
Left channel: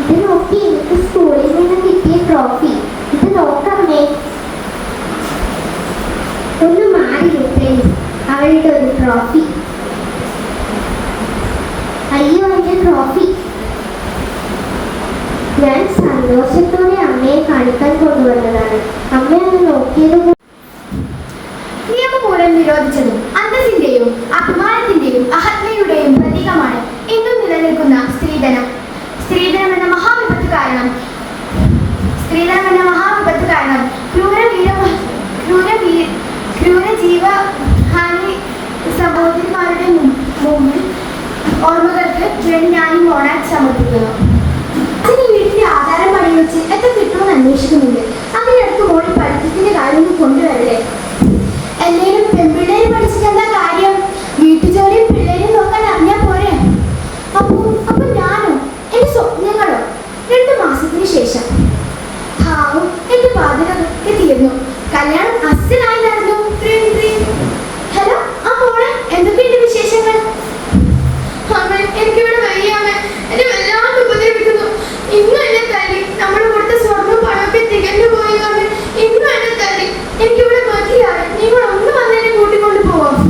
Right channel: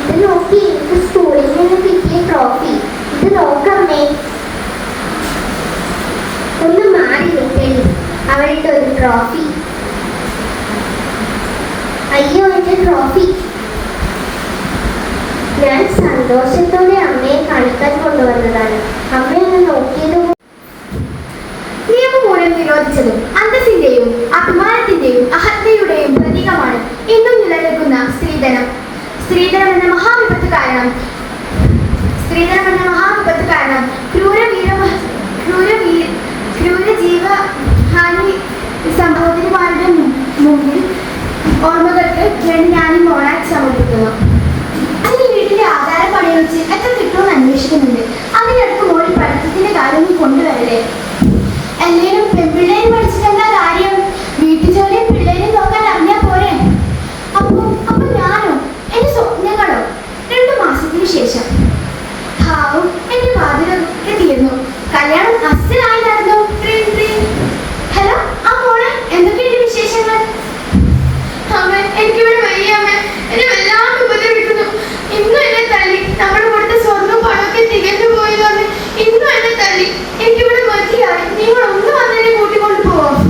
ഇത് നോക്കി. എനിക്ക് സ്കൂളിൽ നിന്ന് കിട്ടിയ ട്രോഫി. ഇത് നോക്കമ്മേ. ഒന്ന് മാറി കിട്ടേ. അവളുടെ ഒരു ട്രോഫി. അയ്യോ, എന്റെ ട്രോഫി. ഞാൻ സന്തോഷത്തോടെ അമ്മയെ കാണിക്കാൻ കൊണ്ടുവന്നതാണ്. അമ്മയൊന്ന് നോക്കിയത്. നിയമമൂലം നിരോധിച്ചതും അന്തസ്സിന്റെയും അഭിമാനത്തിന്റെയും അഹത്മയുടെയും പ്രതീകമാണ് ഇന്നും നിലനിൽക്കുന്ന സ്ത്രീധനം. സ്ത്രീധനം എന്ന മഹാവിപത്ത് കാരണം ക്രൂരജീവഹാനി സംഭവത്തിന്മാരുടെ മുമ്പിൽ ഓർമ്മകൾക്ക് വേണ്ടി ഞാൻ ഈ മോണാക്ട് സമർപ്പിക്കുന്നു. അതിന് വീട്ടിന്റെ ആധാരം പണി വെച്ച് എത്ര കിട്ടുമെന്ന് അന്വേഷിക്കുന്നുണ്ട്. അതിനടുത്ത് മോളിൽ പഠിത്തത്തിന്റെ കാര്യം കൊണ്ടുവരല്ലേ. എല്ലാവരും പെൺപിള്ളേരും പഠിച്ചിട്ടെന്താ കാര്യം? വീട്ടുജോലിയും പിള്ളേരും നോക്കാൻ അറിഞ്ഞാൽ പോരെ. അപ്പൊ ഞാനോ? എന്റെ സ്വപ്നങ്ങളോ? 2 മാസത്തിന് ശേഷം ഹാവും എന്റെ പാതിരൊക്കെ തീർന്നു. കല്യാണം അസലായി നടന്നു. ഹലോ, ആ മോളെ, എന്തൊക്കെയുണ്ട് വിശേഷങ്ങൾ? എനിക്കിവിടെ വയ്യ അമ്മ. എന്നെ വല്ലാണ്ട് ഉപദ്രവിക്കുന്നു. ഇന്നും എന്നെ തല്ലി. നമ്മുടെ കൊടുത്ത സ്വർണ്ണം പണമൊക്കെ തികഞ്ഞു പോയി പറഞ്ഞ് ഇന്നും എന്നെ തല്ലി. എനിക്കിവിടെ മതിയായി. നിങ്ങൾ ഒന്ന് വന്നെന്നെ കൂട്ടിക്കൊണ്ട് പോവാം.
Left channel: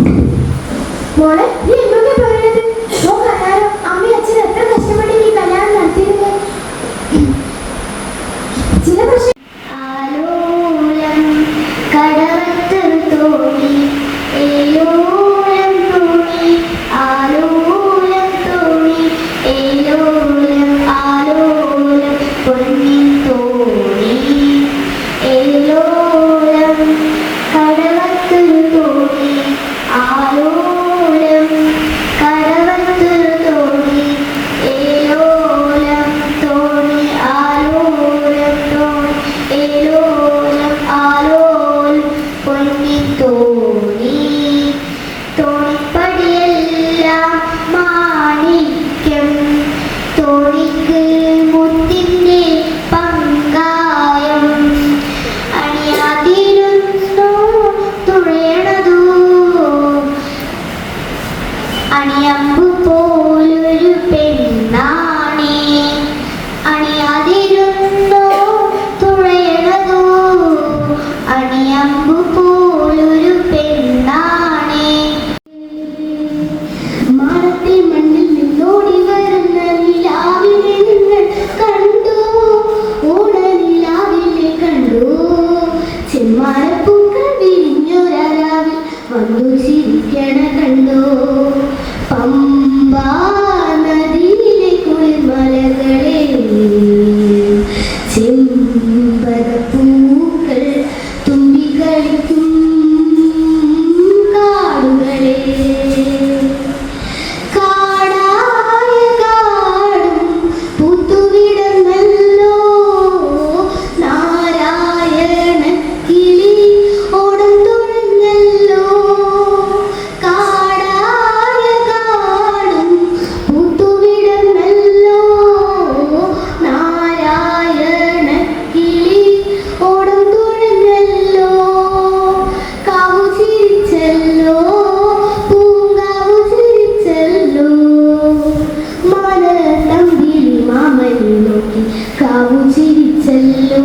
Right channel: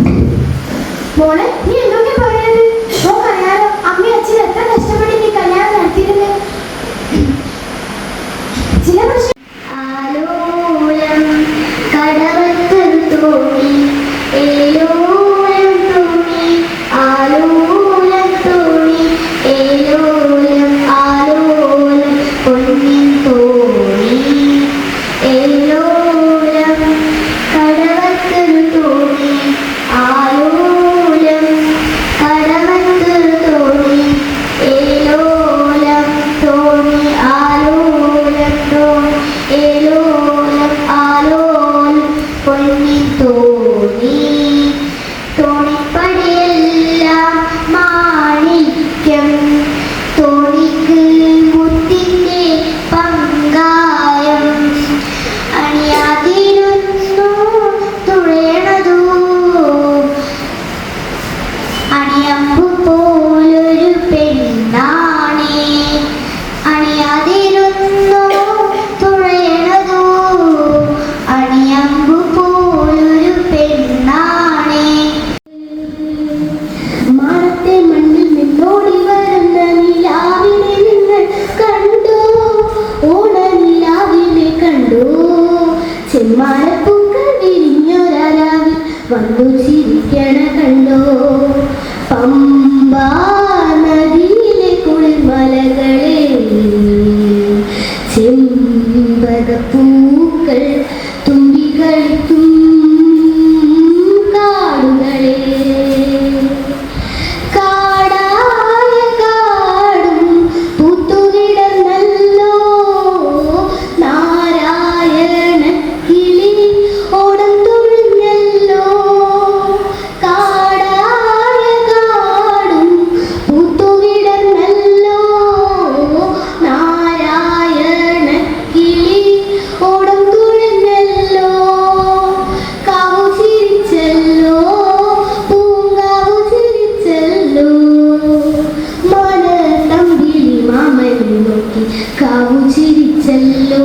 നോക്കി കാവു ചിരിച്ചല്ലോ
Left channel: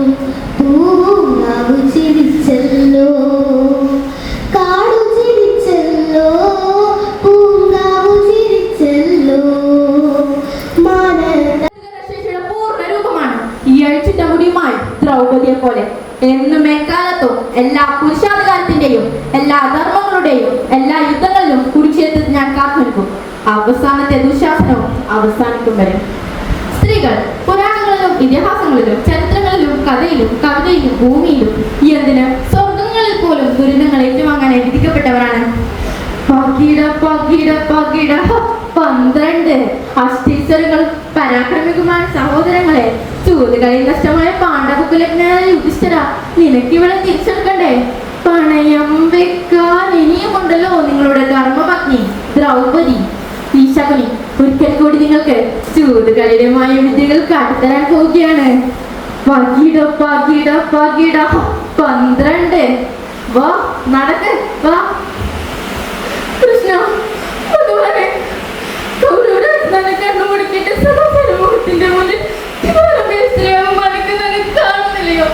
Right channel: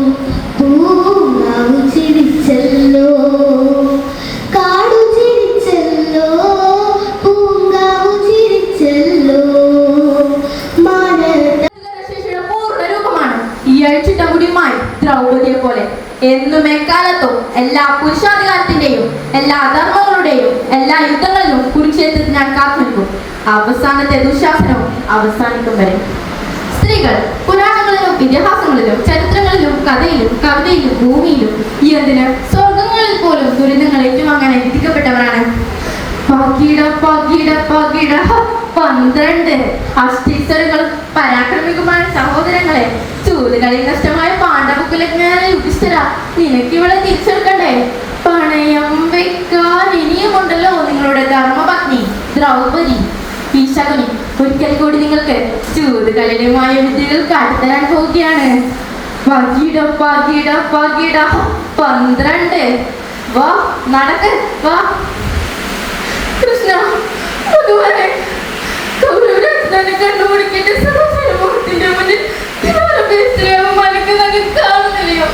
പൂവാവു ചിരിച്ചല്ലോ കാടു ചിരിച്ചല്ലോ പൂങ്കാവു ചിരിച്ചല്ലോ ശേഷിയുടെ പൂർണ്ണ രൂപമാണ് ഈ അഴിച്ചിട്ട മുടിയുമായി ദ്രൗപതിയെ പോലെ എന്നും എക്കാലത്തും എല്ലാ പുരുഷാധികാരത്തിന്റെയും എല്ലാ ധർമ്മങ്ങളുടെയും എല്ലാ യുദ്ധങ്ങളിലും കുരുക്ഷേത്രത്തിൽ ഞാൻ കാത്തു നിൽക്കും. അവസാനത്തെ ദുശാസനവും അവസാനിക്കും വരെ. സ്ത്രീകൾ പുരാണങ്ങളിലും ഇതിഹാസങ്ങളിലും ചരിത്രങ്ങളിലും കഥയിലും കവിതയിലും ഭൂമിയിലും എന്തിന് സ്വർഗങ്ങളിൽ പോലും ദുരിതങ്ങൾ ഏറ്റുവാങ്ങാൻ വിധിക്കപ്പെട്ടവരാണ്. പകിട പകിട പകിട 12 അഷ്ടീശ്വരങ്ങൾ പരാക്രമിക്കുമായ സഹോദരങ്ങളെ, ചൂതുകളിൽ നഷ്ടമായ പാണ്ഡവകുലജ്ഞാന യുധിഷ്ഠിര, നിനക്ക് ഇവളെ തിരിച്ചെടുക്കണ്ടേ? പണയം വെക്കാൻ ഇനിയുമുണ്ടല്ലോ നിങ്ങളുടെ ധർമ്മപത്നി ദ്രൗപദി. ഈ ശകുനി ഒരിക്കൽ കൂടി നിങ്ങൾക്ക് ചൂതുകളിലുമായ വിദ്യകൾ കാട്ടിത്തരാൻ പോവുകയാണ്. പകിട പകിട പകിട 12. വാ നടക്ക് വാ. കൃഷ്ണ അതുവരെ കണ്ടുപിടിക്കേണ്ട സമൂഹത്തിന്റെ മുന്നിൽ കാണുന്നില്ലയോ?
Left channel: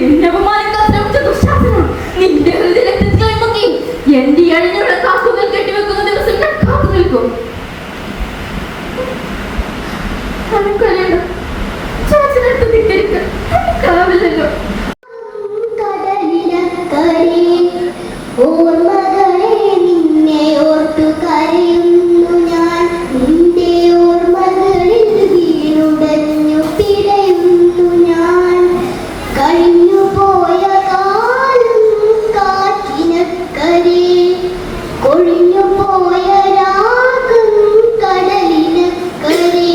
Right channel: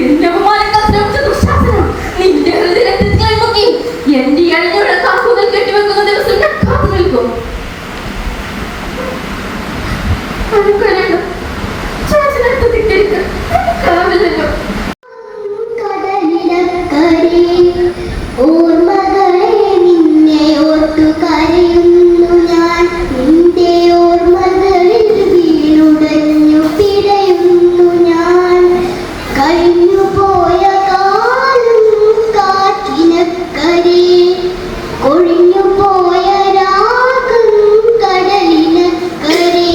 എന്നെ അപമാനിക്കാൻ ശ്രമിച്ച ദുശാസനം നിന്റെ ഹൃദയത്തിൽ കൈമുക്കി എന്റെ അഴിഞ്ഞയുടെ കാക്കുകൾ കെട്ടിവെക്കുന്ന ദിവസം ഞാൻ കാത്തു നിൽക്കും. കരയണം, ചേച്ചനടുത്ത് തിട്ടിരിക്കാൻ കാവില്ലല്ലോ. ഓർമ്മകളെ നിന്നെ ഓർത്തു കരയുന്നു ഞാൻ, നിന്റെ ഓർമ്മകളിൽ വീണുടഞ്ഞു പിടയുന്നു ഞാൻ. കഴിഞ്ഞുപോയ കാലം കാറ്റിനക്കരെ, കൊഴിഞ്ഞുപോയ രാഗം കടലിനക്കരെ.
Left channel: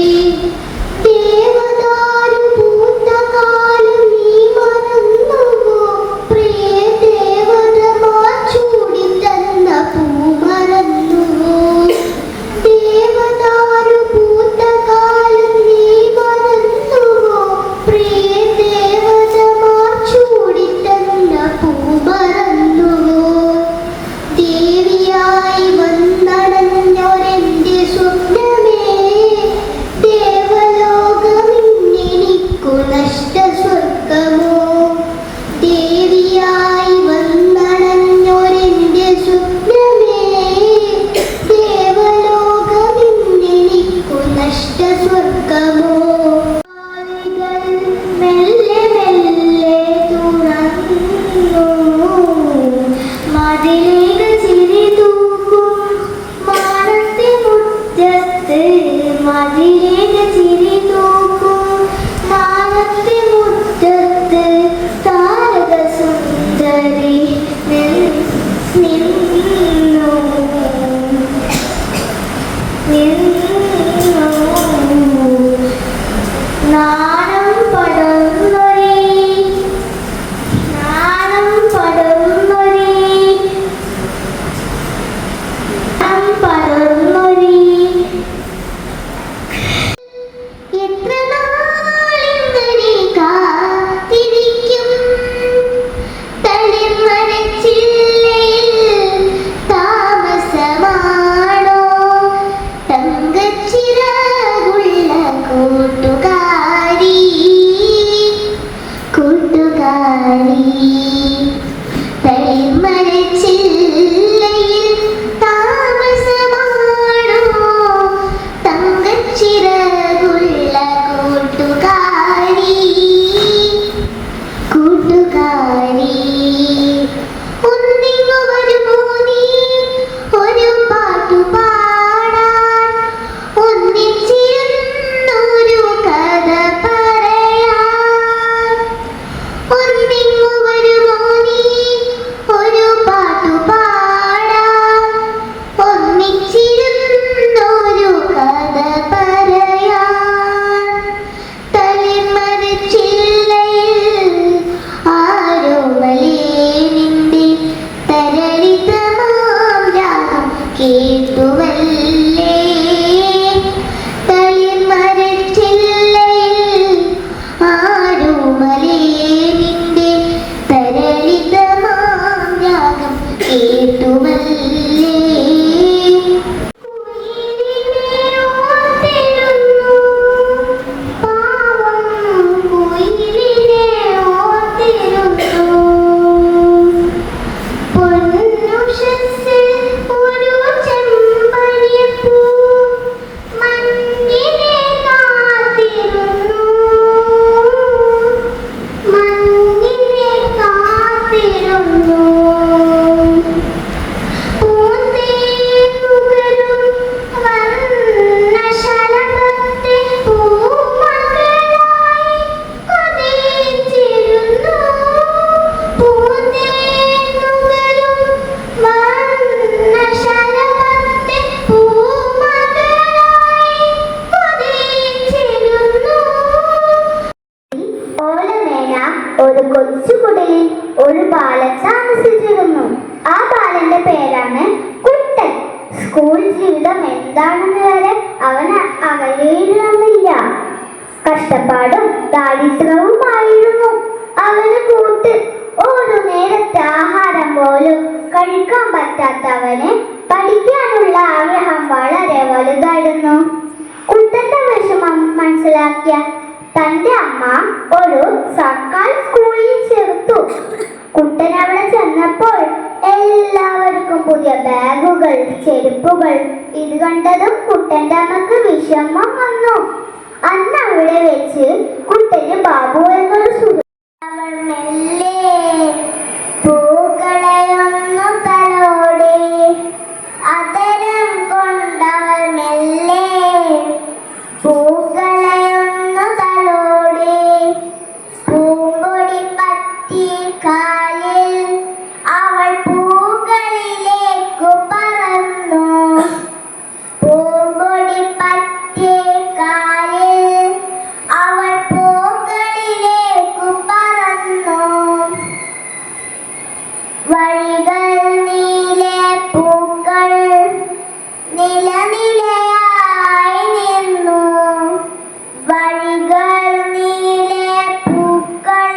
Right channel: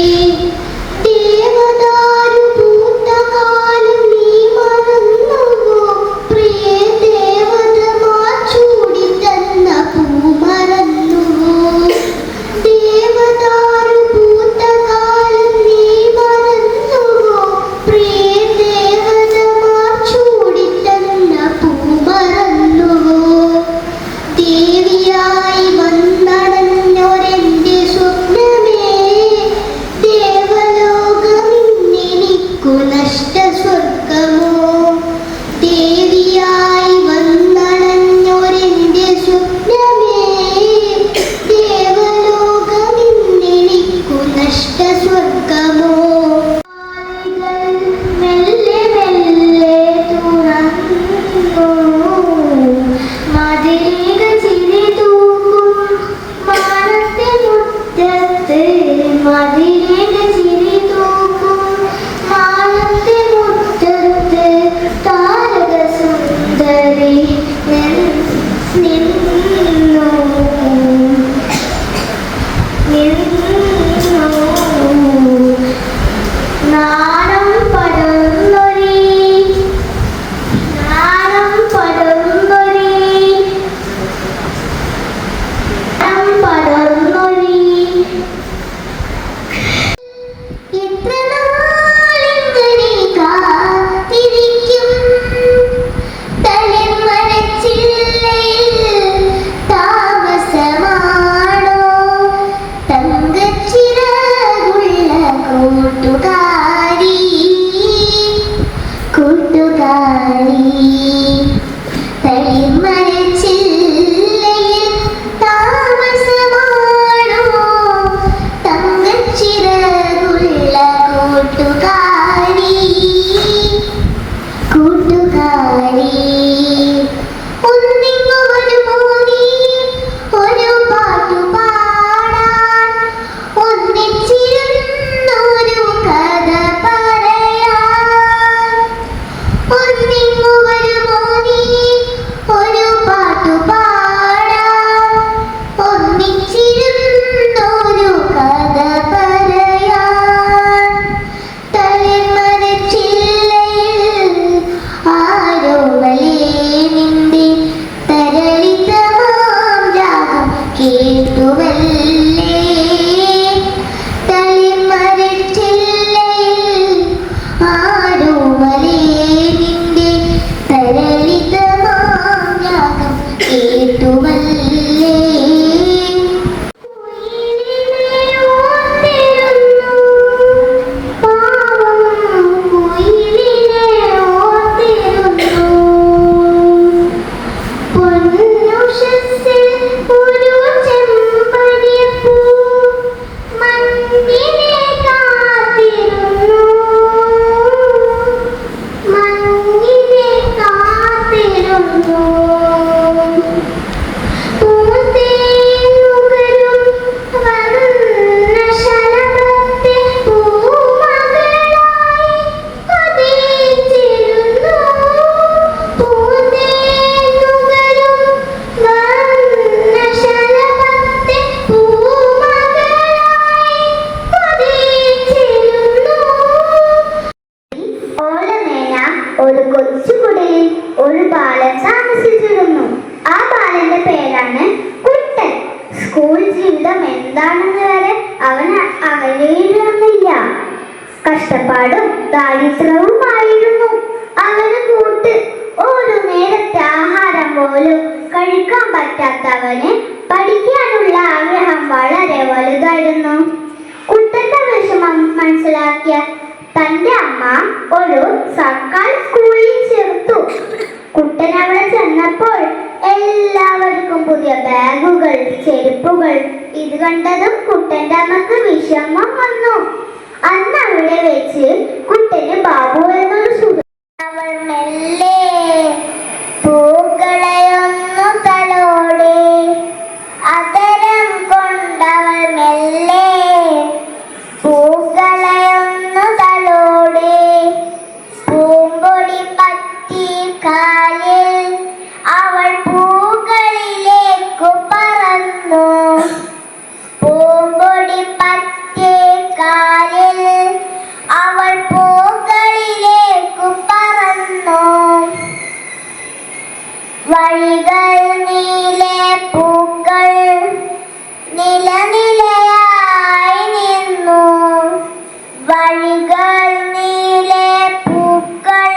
കഷ്ടപ്പാടും ദാരിദ്ര്യവുമായിരുന്നു അവന് കൂട്ട്. ഒരു നേരത്തെ ആഹാരം പോലും കഴിക്കാൻ പറ്റാത്തവന് പഠിക്കാനുള്ള ആഗ്രഹം വളരെ വലുതായിരുന്നു. കുട്ടന്റെ വിഷമം മനസ്സിലാക്കിയ തന്റെ അമ്മ ഒരു സർക്കാർ സ്കൂളിൽ ചേർത്തു. കുട്ടൻ അവിടെ ചെന്നപ്പോൾ എല്ലാവർക്കും പുതിയ ബാഗുകൾ, ചെരുപ്പുകൾ. ഇത് കണ്ടതും കുട്ടന്റെ അമ്മക്ക് വിഷമം വന്നു. അന്ന് അവിടെ വെച്ച് കുട്ടന് ബാബു എന്നൊരു സുഹൃത്ത്. അവൾ മെല്ലെ പൂക്കളെയൊന്നു തലോടി, അതരം കൊണ്ടവൾ മെല്ലെ പൂക്കളെയൊന്നു തലോടി. പൂങ്കൊടി പറ്റി കാലിൽ അവൾ പൂക്കളിലേക്കു പറന്നു. പൂങ്കൊടി പറ്റി കാലിൽ അവൾ പൂക്കളിലേക്കു പറന്നു. വഴികൾ നീലെ പൂക്കൾ നിലനിലയായി നിന്നു. വഴികൾ നീലെ പൂക്കൾ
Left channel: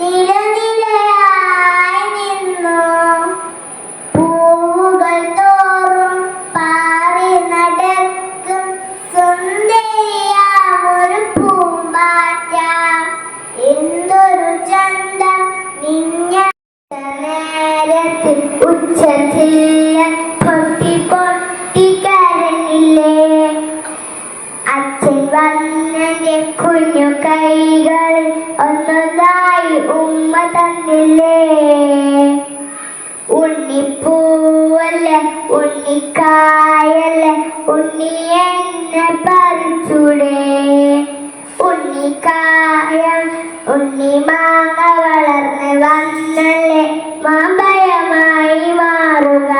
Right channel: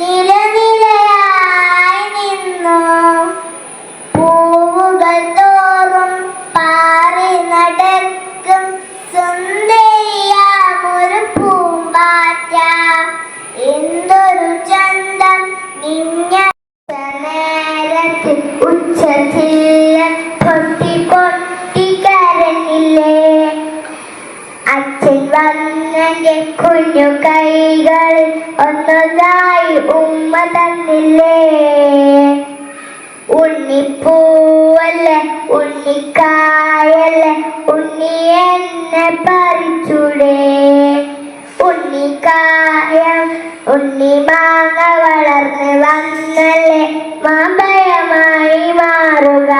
നിലനിലയായി നിന്നു. പൂവുകൾ തോറും പാറി നടക്കും സുന്ദരിയാമൊരു പൂമ്പാറ്റ. എന്തൊരു ചന്തം നിഞ്ഞ നേരത്തിൽ ഉച്ചത്തിൽ പൊട്ടി പൊട്ടി കരഞ്ഞില്ലേ. അച്ഛൻ വന്നെന്റെ കുഞ്ഞു കൈകൾ ഒന്നൊന്നായി ഉമ്മ തന്നില്ലേ. ഉണ്ണിപ്പൂവല്ലേ ഉണ്ണിക്കായല്ലേ ഉണ്ണി എന്നെ പറിച്ചൂടെ. ഉണ്ണിക്കായം ഉണ്ണി മാങ്ങ വളർന്ന് വന്നല്ലേ മാമ്പഴമായി മാറുക.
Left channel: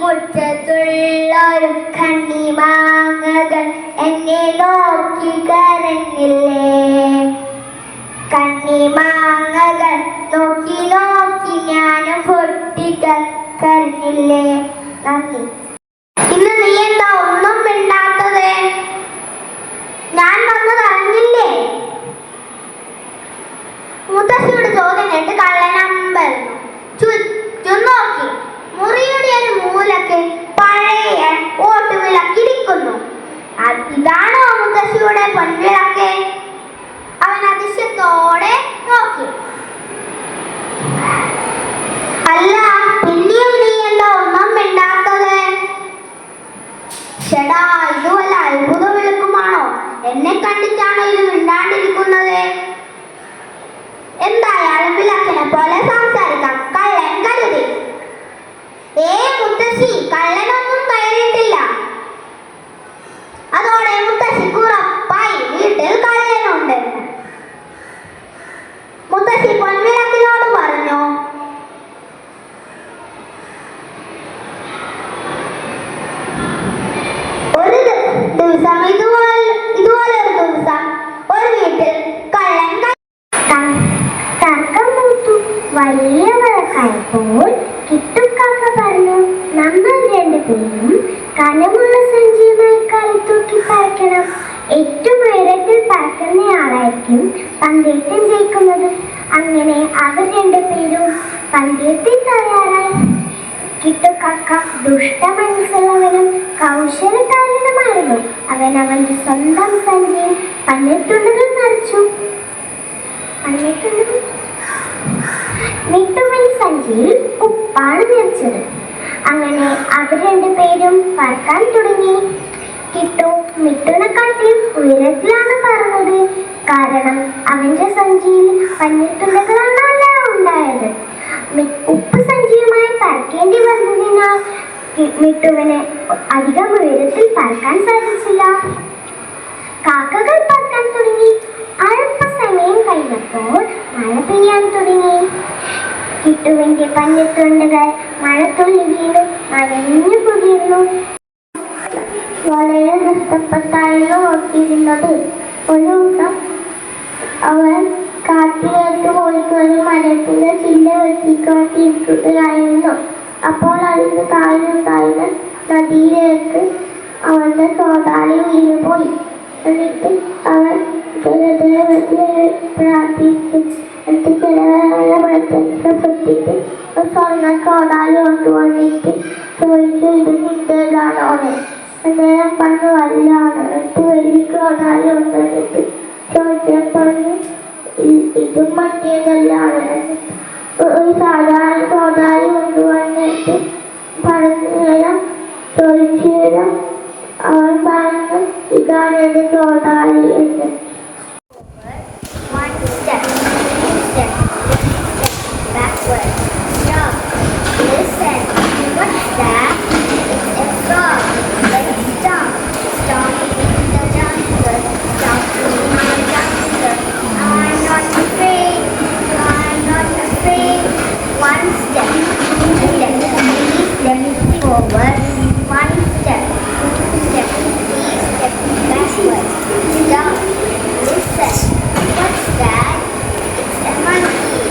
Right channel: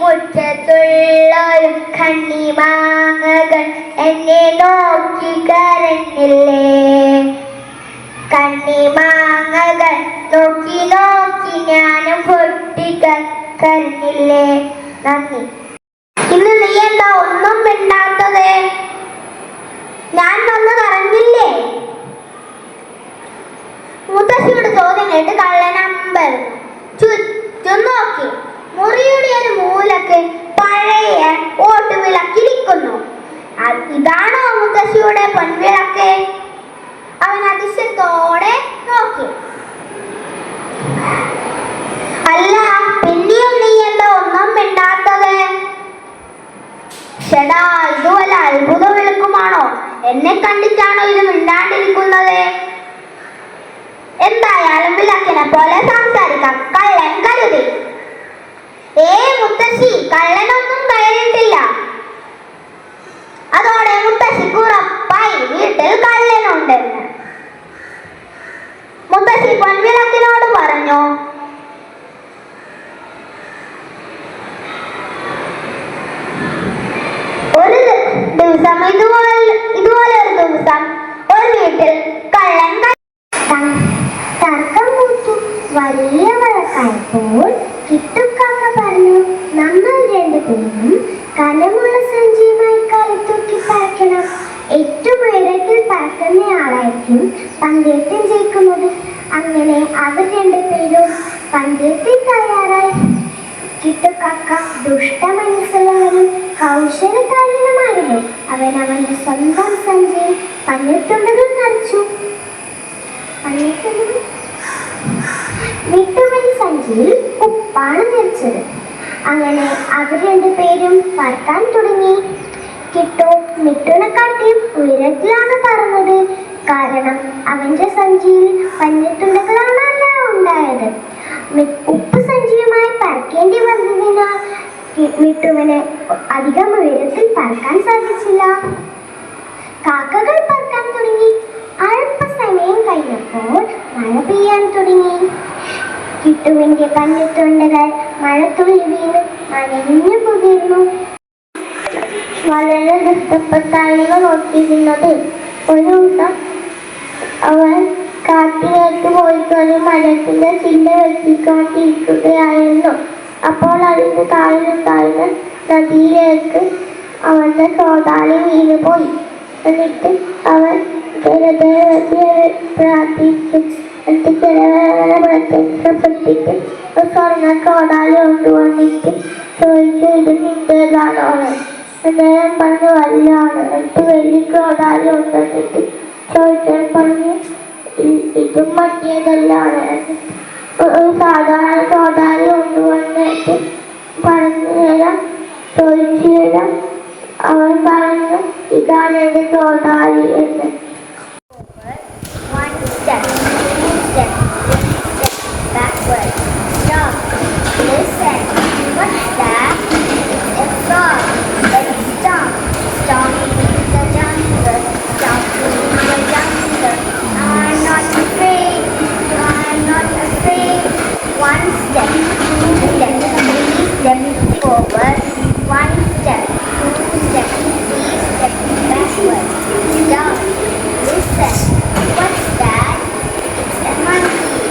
മുറ്റത്തുള്ളൊരു കണ്ണി മാങ്ങകൾ എന്നെ നോക്കി കരഞ്ഞില്ലേ. കണ്ണി മാങ്ങകൾ നോക്കി നോക്കി ഞാനും പൊട്ടിക്കരഞ്ഞില്ലേ. നന്ദി. ഇന്ന് നീ എന്താ ഒന്നും മിണ്ടാത്തത്? ഞാൻ വന്ന് കറങ്ങില്ലേ? മുത്തശ്ശിയുടെ ചോദ്യം കേട്ട് കള്ളനമ്പൽ ചുറ്റും നോക്കി. മുറിയുടെ ഒരു മൂലക്ക് പഴയ ഓട്ടുവിളക്കിരിക്കുന്നു. ഇതാണോ മുത്തശ്ശിയുടെ പൊൻവിളക്ക്? അവൻ അതിശയത്തോടെ നോക്കി. അല്ല, പിന്നെയും നീ എന്താ ഒന്നും മിണ്ടാത്തത്? ഷെടാ, ഇത് വല്ല അത്ഭുത വിളക്കുമാണോ? എന്നെ കണ്ടിട്ടാണോ ഇത് മിണ്ടാണ്ടിരിക്കുന്നത്? എന്തായാലും വിളക്കിനെ പോലെ സംസാരിക്കാം. കള്ളൻ കരുതി. മുത്തശ്ശി, കള്ളനൊന്നും കയറിയിട്ടില്ല. അതോടെ മുത്തശ്ശിക്ക് ഉറപ്പായി വീട്ടിൽ കള്ളനുണ്ട്. മുത്തശ്ശി പൊൻവിളക്കിനോട് പറഞ്ഞു, ഒരു ദിവസം ഇതുപോലെ ഒരു ദിവസം ഒരു വീട്ടിൽ കള്ളൻ തർക്കം മൂത്തു. വലിയ വഴക്കായപ്പോൾ കിട്ടുക്കാക്ക പറഞ്ഞു, നമ്മൾ രണ്ടുപേരും കനമുള്ള സഞ്ചിയുമായി കളിത്തൂക്കി പറക്കണം. ഏറ്റവും ഉയരത്തിൽ പറക്കുന്നയാളായിരിക്കും പന്തയത്തിൽ ജയിക്കുന്നത്. അങ്ങനെ അവർ രണ്ടുപേരും പന്തയത്തിൽ തയ്യാറായി. കിട്ടുക്കാക്ക ദുഷ്ടമനസ്സുള്ളവനും കൗശലക്കാരനുമായിരുന്നു. അവൻ അവന്റെ സ്വന്തം സഞ്ചിയിൽ പഞ്ഞത്തുണ്ടുകൾ നിറച്ചു. മിട്ടുവൻ സഞ്ചിയിൽ ഉപ്പാണ് നിറച്ചത്. അങ്ങനെ അവർ രണ്ടുപേരും പറക്കാൻ തുടങ്ങി. കിട്ടു മിട്ടുനെക്കാട്ടിയും ഉയരത്തിലാണ് പറന്നത്. കാരണം അവന്റെ സഞ്ചിയിൽ പഞ്ഞത്തുണ്ടുകളാണല്ല ഉണ്ടായത്. ഉപ്പ് സഞ്ചിയുമായി പറക്കേണ്ടി വന്നതിനാൽ മിട്ടുവിന് അധികം ഉയരത്തിൽ പറക്കാൻ സാധിച്ചില്ല. കാക്കകൾ പറക്കാൻ തുടങ്ങി. അല്പസമയം കഴിഞ്ഞപ്പോൾ മഴ പെയ്യാൻ തുടങ്ങി. കിട്ടുവിന്റെ പഞ്ഞത്തുണ്ടുകൾ മഴത്തുള്ളി വീണ് നനഞ്ഞു പൊതിർന്നു. വളരെ നഷ്ടപ്പെട്ടായിരുന്നു നോക്കിയിരുന്നത്. ഒരു ദിവസം അവൻ കാട്ടിലേക്ക് പോയിക്കൊണ്ട് മരത്തിന്റെ ചില്ല വെട്ടിക്കാട്ടിയിരിക്കുകയായിരുന്നു. അപ്പോൾ അതിന് താഴെ നദിയിലേക്ക് അവന്റെ സോതാളി വീണുപോയി. എന്നിട്ട് അവൻ പ്രാർത്ഥിച്ചു. പ്രവർത്തിച്ച് സ്വർണ്ണ കോടാലി കൊണ്ടുവന്നിട്ട് ചോദിച്ചു, ഇത് നിന്റേതാണോ? ഞാൻ പറഞ്ഞു വല്ലാണ്. എന്നിട്ട് വലിയ കോടാലി കൊണ്ടുവന്നിട്ട് ചോദിച്ചാൽ പറഞ്ഞു ഇതും മറ്റേതല്ലാണ്. ഒരു സാധാരണ കോടാലി കൊണ്ടുവന്നിട്ട് പറഞ്ഞു തരാം, ചോദിച്ചു തരാം. അവൻ പറഞ്ഞു ഇതാണ് എൻ്റെ കോടാലി എന്ന്. Backward. Stop. Listen. What's that? It's a frog. Let's stop. Stop in the jungle. Stop in the jungle. I'm not afraid. I'm not afraid. One step. 2 steps. 3 steps forward. 1 step. 2 steps. 3 steps backward. Stop. Listen. What's that? It's a monkey.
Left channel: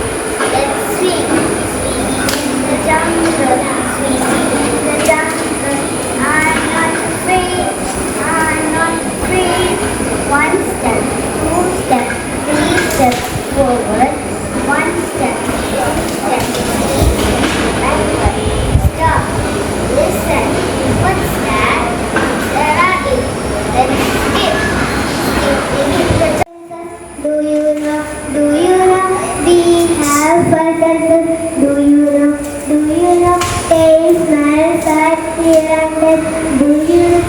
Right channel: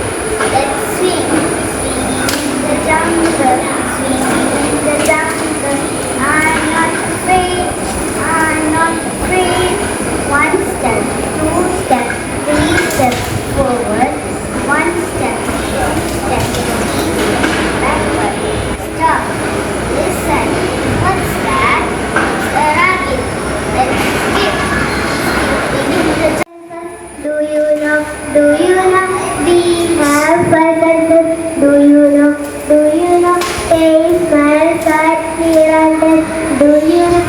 Let's swing. Swing in the jungle. Swing in the jungle. I'm not afraid. I'm not afraid. 1 step, 2 steps, 3 steps forward. 1 step, 2 steps, 3 steps backward. Stop. Listen. What's that? It's a rabbit. Let's skip. Skip in the jungle. Do you know? We have senses. Do you know? Taste, smell, sight, hear and taste. Do you know?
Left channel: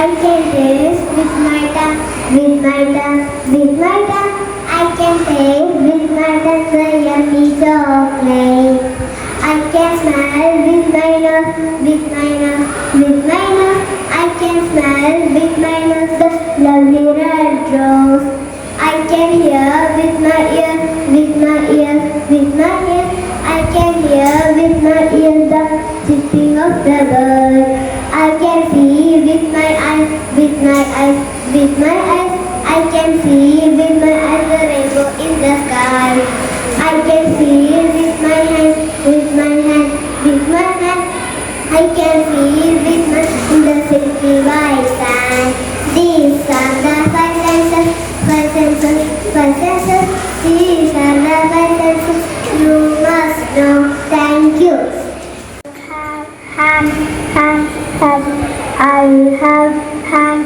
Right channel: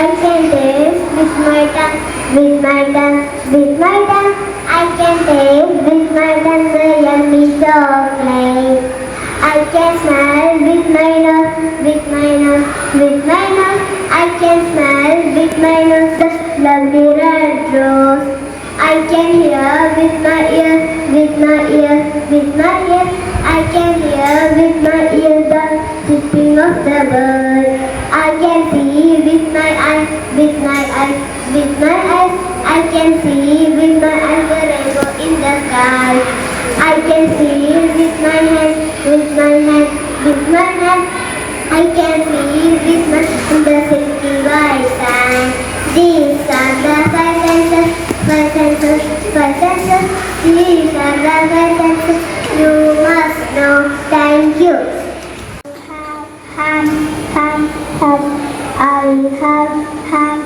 I can taste with my tongue, with my tongue, with my tongue. I can taste with my tongue the yummy chocolate. I can smell with my nose, with my nose, with my nose. I can smell with my nose the lovely red rose. I can hear with my ears, with my ears, with my ears. I can hear with my ears the chirping of the bird. I can see with my eyes, with my eyes, with my eyes. I can see with my eyes the rainbow in the sky. I can see with my hand, with my hand, with my hand. I can see with my in the silky white sand. These are the 5 senses, 5 senses, 5 senses. These are the 5 senses. You must know. Thank you. Hand. I have hand.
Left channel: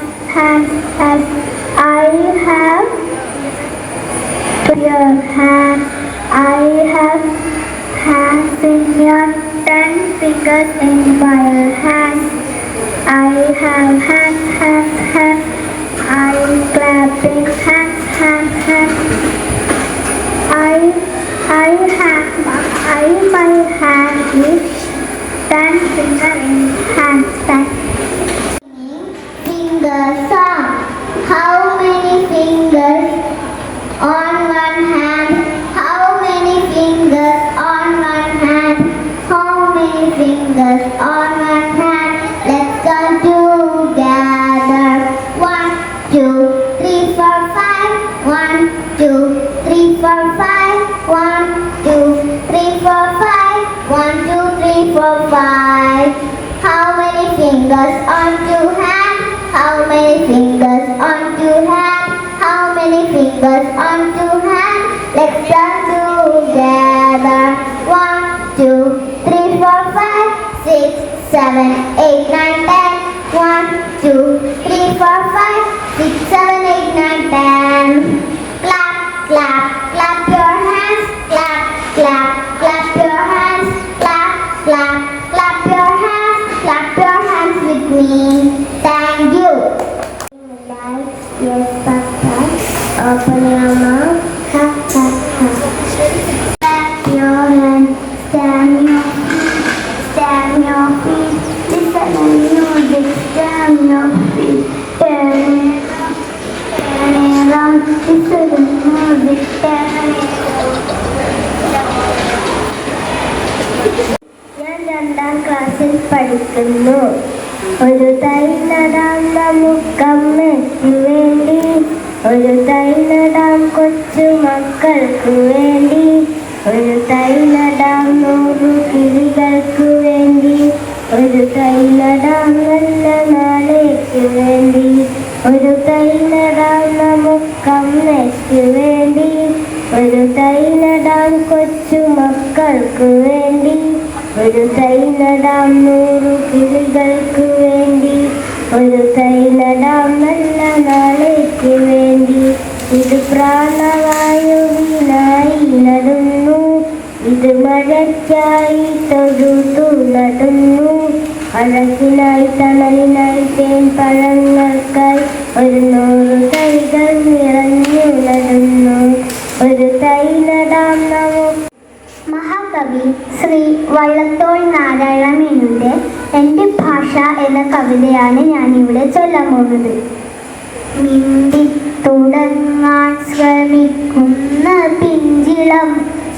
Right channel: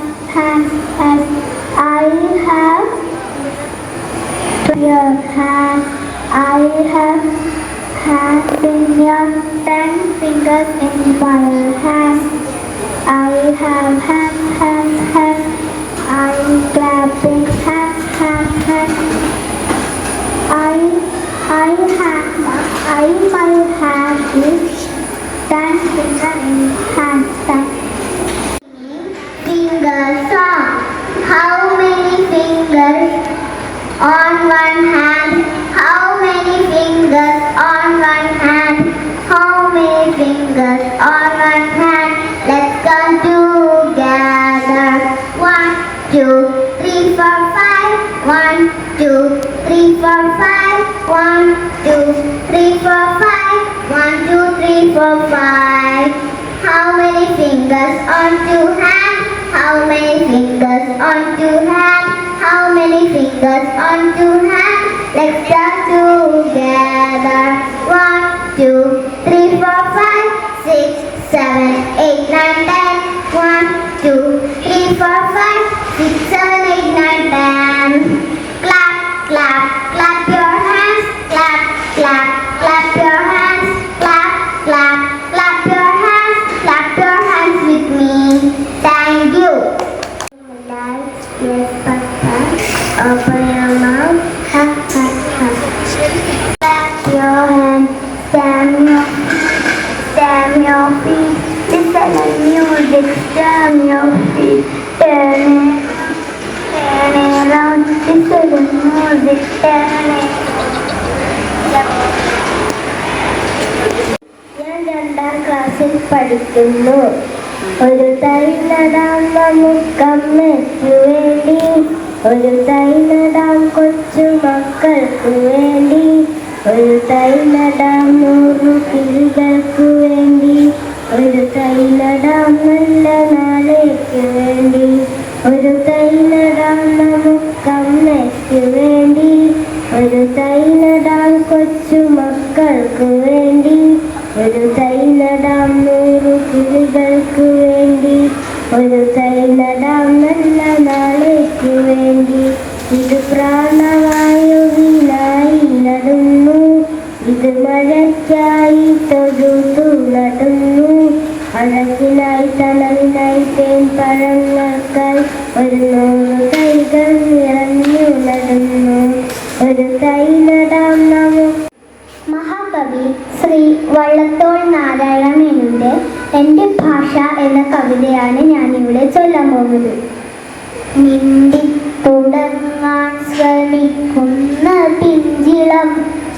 I have your hand. I have hands in your 10 fingers in my hand. I have hands. I'm clapping hands. My hand is 10 fingers in hand. Finger song. How many fingers on one hand? How many fingers on one hand? How many fingers on one hand? Let's go together. 1, 2, 3, 4, 5. 1, 2, 3, 4, 5. 1, 2, 3, 4, 5. 1, 2, 3, 4, 5. How many fingers on 2 hands? How many fingers on 2 hands? How many fingers on 2 hands? Let's start together. 1, 2, 3, 4, 5, 6, 7, 8, 9, 10. 1, 2, 3, 4, 5, 6, 7, 8, 9, 10. Clap, clap, clap your hands. Clap, clap, clap your hands. Clap, clap, clap your hands. Clap your hands with me. Thank you. Yes, Papa. Open your mouth. Ha, ha, ha. Clap your hands. Stamp your feet. Listen to music. Stamp your feet. Turn it around. Listen to music. Turn it ഞാൻ 2ാം ക്ലാസ്സിൽ പഠിക്കുന്നു. ഒരു തൈ നടാം നമുക്കമ്മയ്ക്കു വേണ്ടി. ഒരു തൈ നടാം കൊച്ചു മക്കൾക്കു വേണ്ടി. ഒരു തൈ നടാം 100 കിളികൾക്കു വേണ്ടി. ഒരു തൈ നടാം നല്ല നാളേക്ക് വേണ്ടി. ഒരു തൈ നടാം നമുക്കമ്മയ്ക്കു വേണ്ടി. ഒരു 100 തൈകൾ നിറഞ്ഞുലരുന്നു ഒരു തൈലടാം നമുക്ക്. മഹാകവി ശ്രീ വള്ളത്തോൾ നാരായണ മേനോന്റെ എൻ്റെ ഭാഷ എന്ന കവിതയാണ് ഞാനിവിടെ ചൊല്ലാൻ പോകുന്നത്. മിണ്ടി തുടങ്ങാൻ ശ്രമിക്കുന്ന പിഞ്ചിളം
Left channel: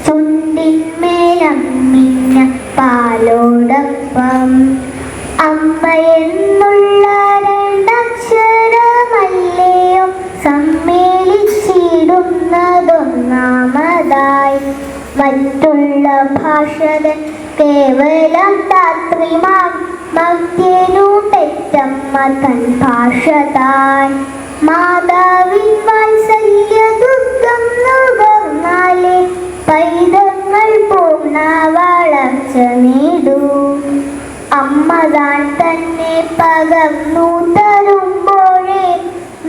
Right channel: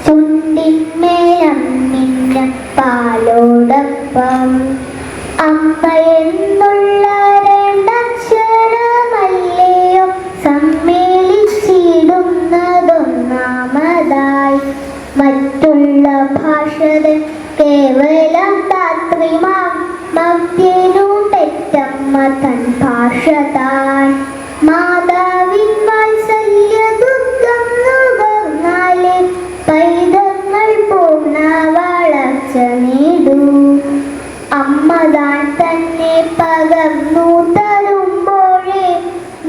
ചുണ്ടിന്മേലം മിന്ന പാലോടൊപ്പം അമ്മ എന്നുള്ള രണ്ടക്ഷരമല്ലയോ സമ്മേളിച്ചിടുന്നതൊന്നാമതായി. മറ്റുള്ള ഭാഷകൾ കേവലം ധാത്രിമാം മധ്യനു പെറ്റമ്മ തൻ ഭാഷ താൻ. മാതാവിൻ വാത്സല്യ ദുഃഖം നുകർന്നാലേ പൈതങ്ങൾ പൂർണ്ണ വളർച്ച നേടൂ. അമ്മ താൻ തന്നെ പകർന്നു തരുമ്പോഴേ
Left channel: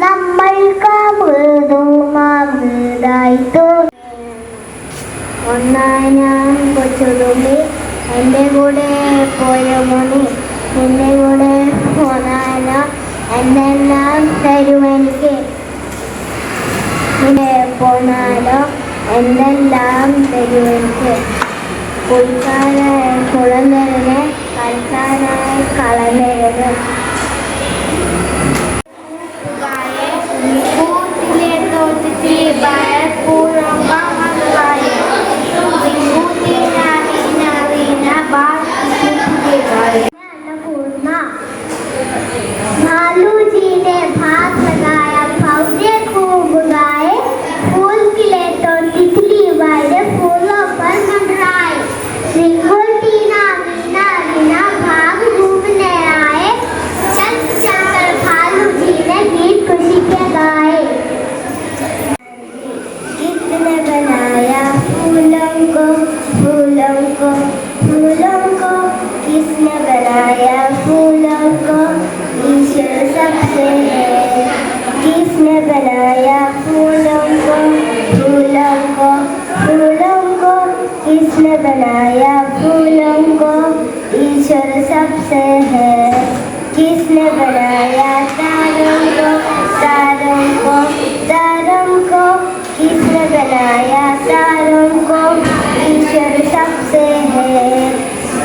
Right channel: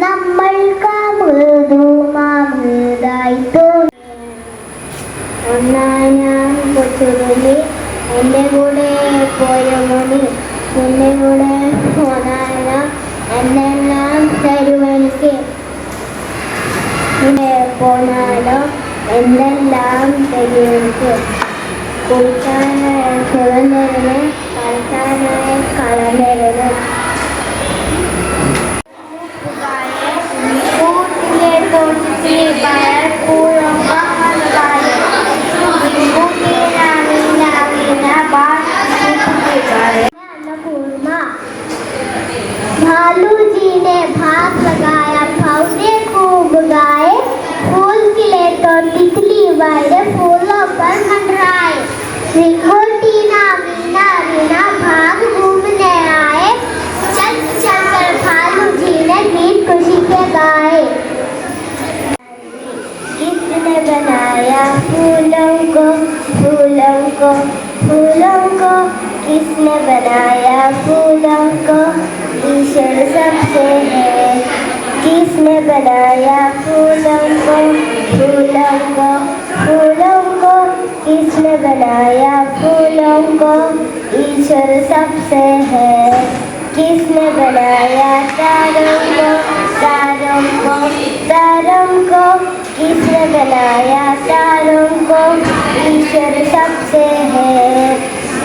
നമ്മൾക്ക് മൃദുമാമൃതായി തോന്നി. ഒന്നാം കൊച്ചുറുമ്പി എൻ്റെ കൂടെ പോരുമുടി എൻ്റെ കൂടെ പോന്നാലോ എന്തെല്ലാം തരുമെനിക്ക്. ഇവിടെ പോന്നാലോ എന്തെല്ലാം തരുമെനിക്ക്. കുളിക്കാനായ കുളം തരുമേ കളിക്കാനായ കളം തരുമേ. കൂട്ടിലെ തോട്ടത്തിൽ പലപ്പോഴും भालू जी ने भात लगाया भव्य खूब गाए फूल खिले तो तितली वाले फूलों पर मंडराए. रिंगोटीना वीणा वीणा भाग घूमने आए. चल चल कर भालू जी ने गीत खुशी के गाए. किसने बनाया फूलों को फूलों को फूलों को किसने बनाया फूलों को ईश्वर सबसे है. किसने बनाया फूलों को फूलों को फूलों को किसने बनाया फूलों को ईश्वर सबसे है. किसने बनाया तारों को तारों को तारों को किसने बनाया तारों को ईश्वर सबसे है.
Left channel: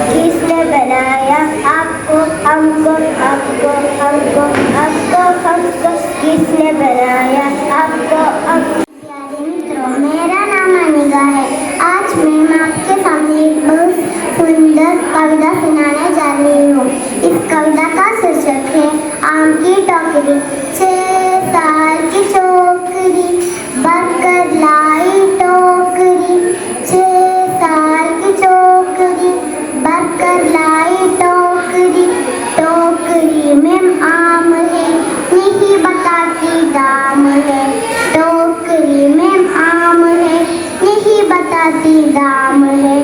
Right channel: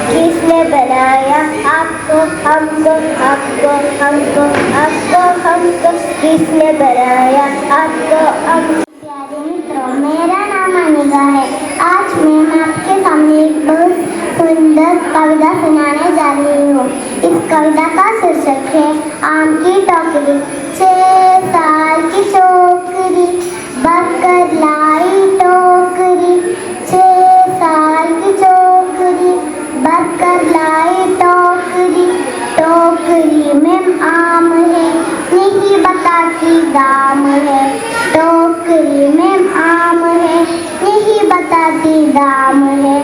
किसने बनाया आपको हमको आपको हमको आपको हमको किसने बनाया आपको हमको. प्यारे मित्रों, मेरा नाम अनिका है. आज मैं आपके सामने एक बहुत सुंदर कविता सुनाने जा रही हूँ. इस कविता का शीर्षक है आम की टोकरी. 6 साल की छोकरी बनकर लाई टोकरी. 6 साल की छोकरी बनकर लाई टोकरी. टोकरी में आम है नहीं बताती दाम है. टोकरी में आम है नहीं बताती दाम है.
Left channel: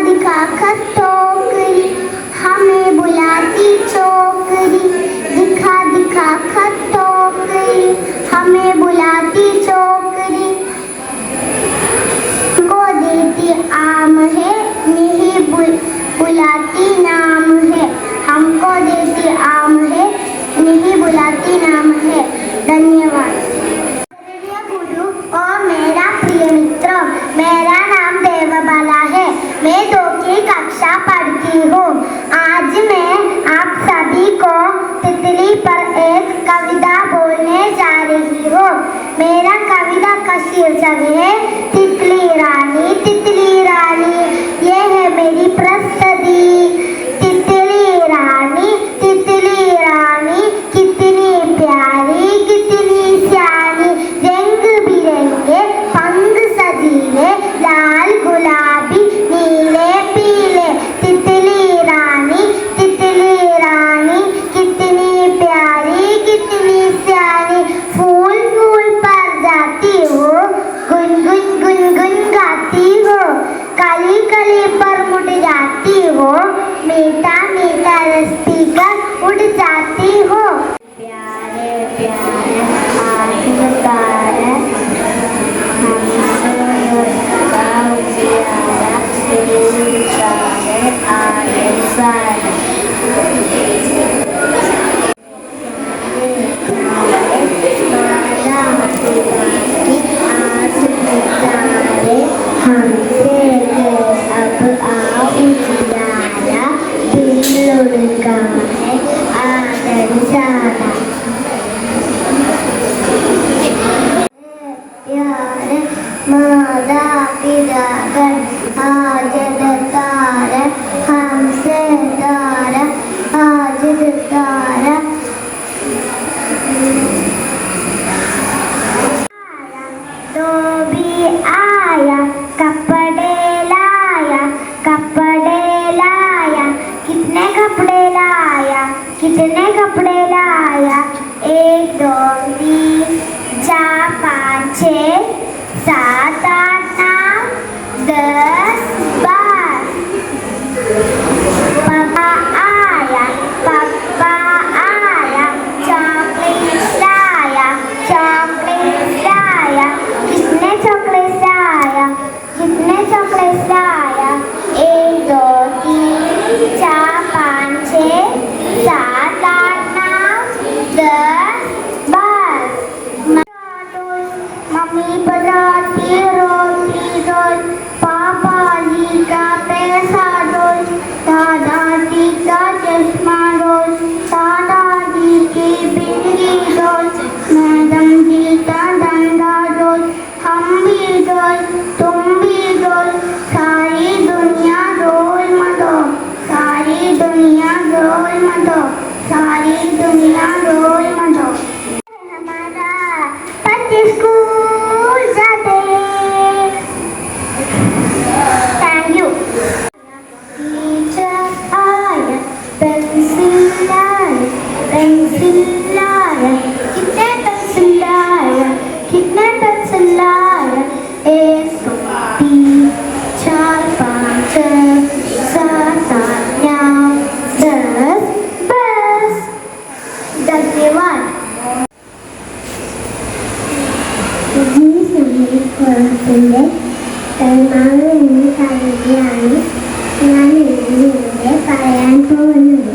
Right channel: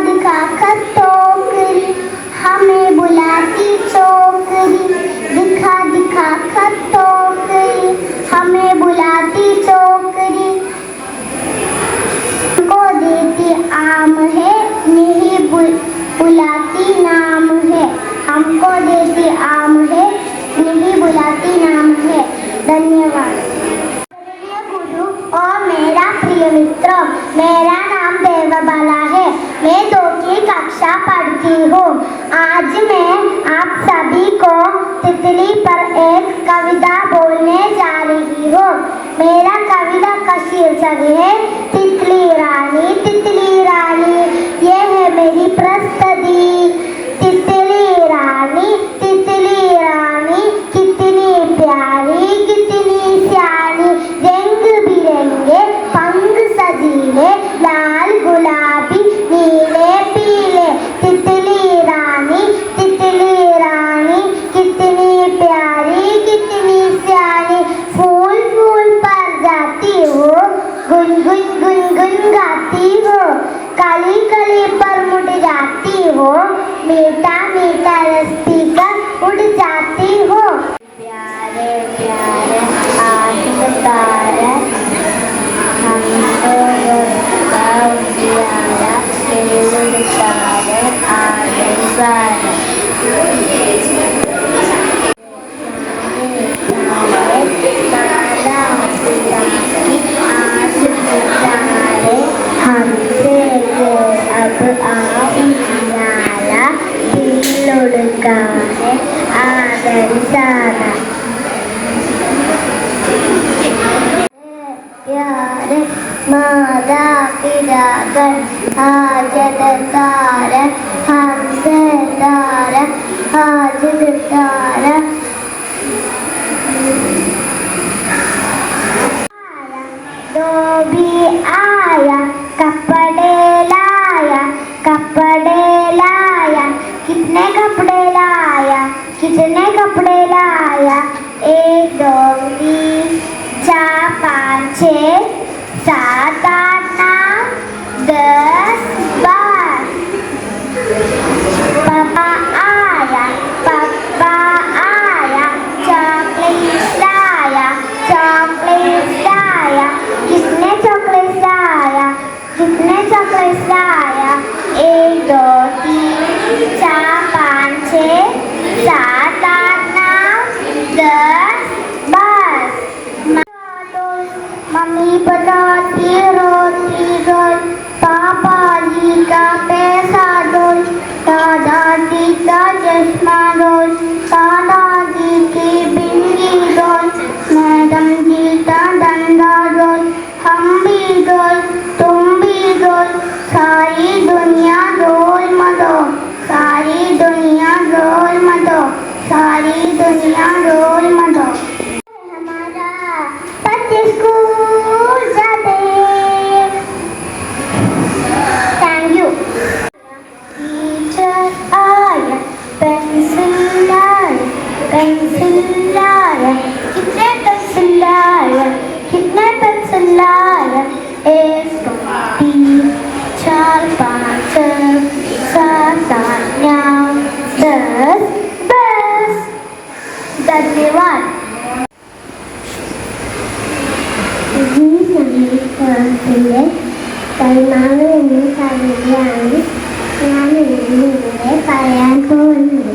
दिखा कर टोकरी हमें बुलाती चोकरी. दिखा दिखा कर टोकरी हमें बुलाती चोकरी. को देती आम है नहीं बुलाती नाम है. हमको देती आम है नहीं बुलाती नाम है. धन्यवाद. गुरु और मेरा प्रिय मित्र, मेरा नाम देवबाला है. मैं 2 की कक्षा पढ़ती हूँ. आज मैं आप सभी को तितली पर एक कविता बोलने जा रही हूँ. मेरा कविता का शीर्षक है तितली रानी. तितली रानी ये है मेरी प्रस्तुति. तितली रानी कितनी प्यारी कितनी सियानी. रंग बिरंगे पंख सजीले लाल गुलाबी नीले पीले. तितली रानी कितनी प्यारी कितनी सियानी. फूल फूल पर जाती हो गुन गुन गुन गुन गाती हो. कली कली पर मुड़ जाती हो मीठा मीठा रस्ती का ആജദതാര ഹംസതാര ആജദതാര धोबी आया कपड़े लाया कितने कपड़े लाया एक दो तीन चार पाँच छः सात आठ नौ 10 12 पापा आया चॉकलेट लाया कितने चॉकलेट लाया 1 2 3 4 5 6 7 8 9 10 मम्मी बनाती रोटी रोल पापा जी का पैसा रोल दादाजी का चश्मा रोल दादाजी की बिंदी रोल मैडम जी का डंडा रोल हम भी रोल तुम भी रोल सारी दुनिया रोल मतो हमारा बच्चे स्कूल जाते थैंक यू टीचर आया पेंसिल लाया कितने पेंसिल लाया 1 2 3 4 5 6 7 8 9 10 That's the one. ിന്റെ കൈമാവ് എന്ന കവിതയാണ് ഞാൻ ഇവിടെ പറയാൻ പോകുന്നത്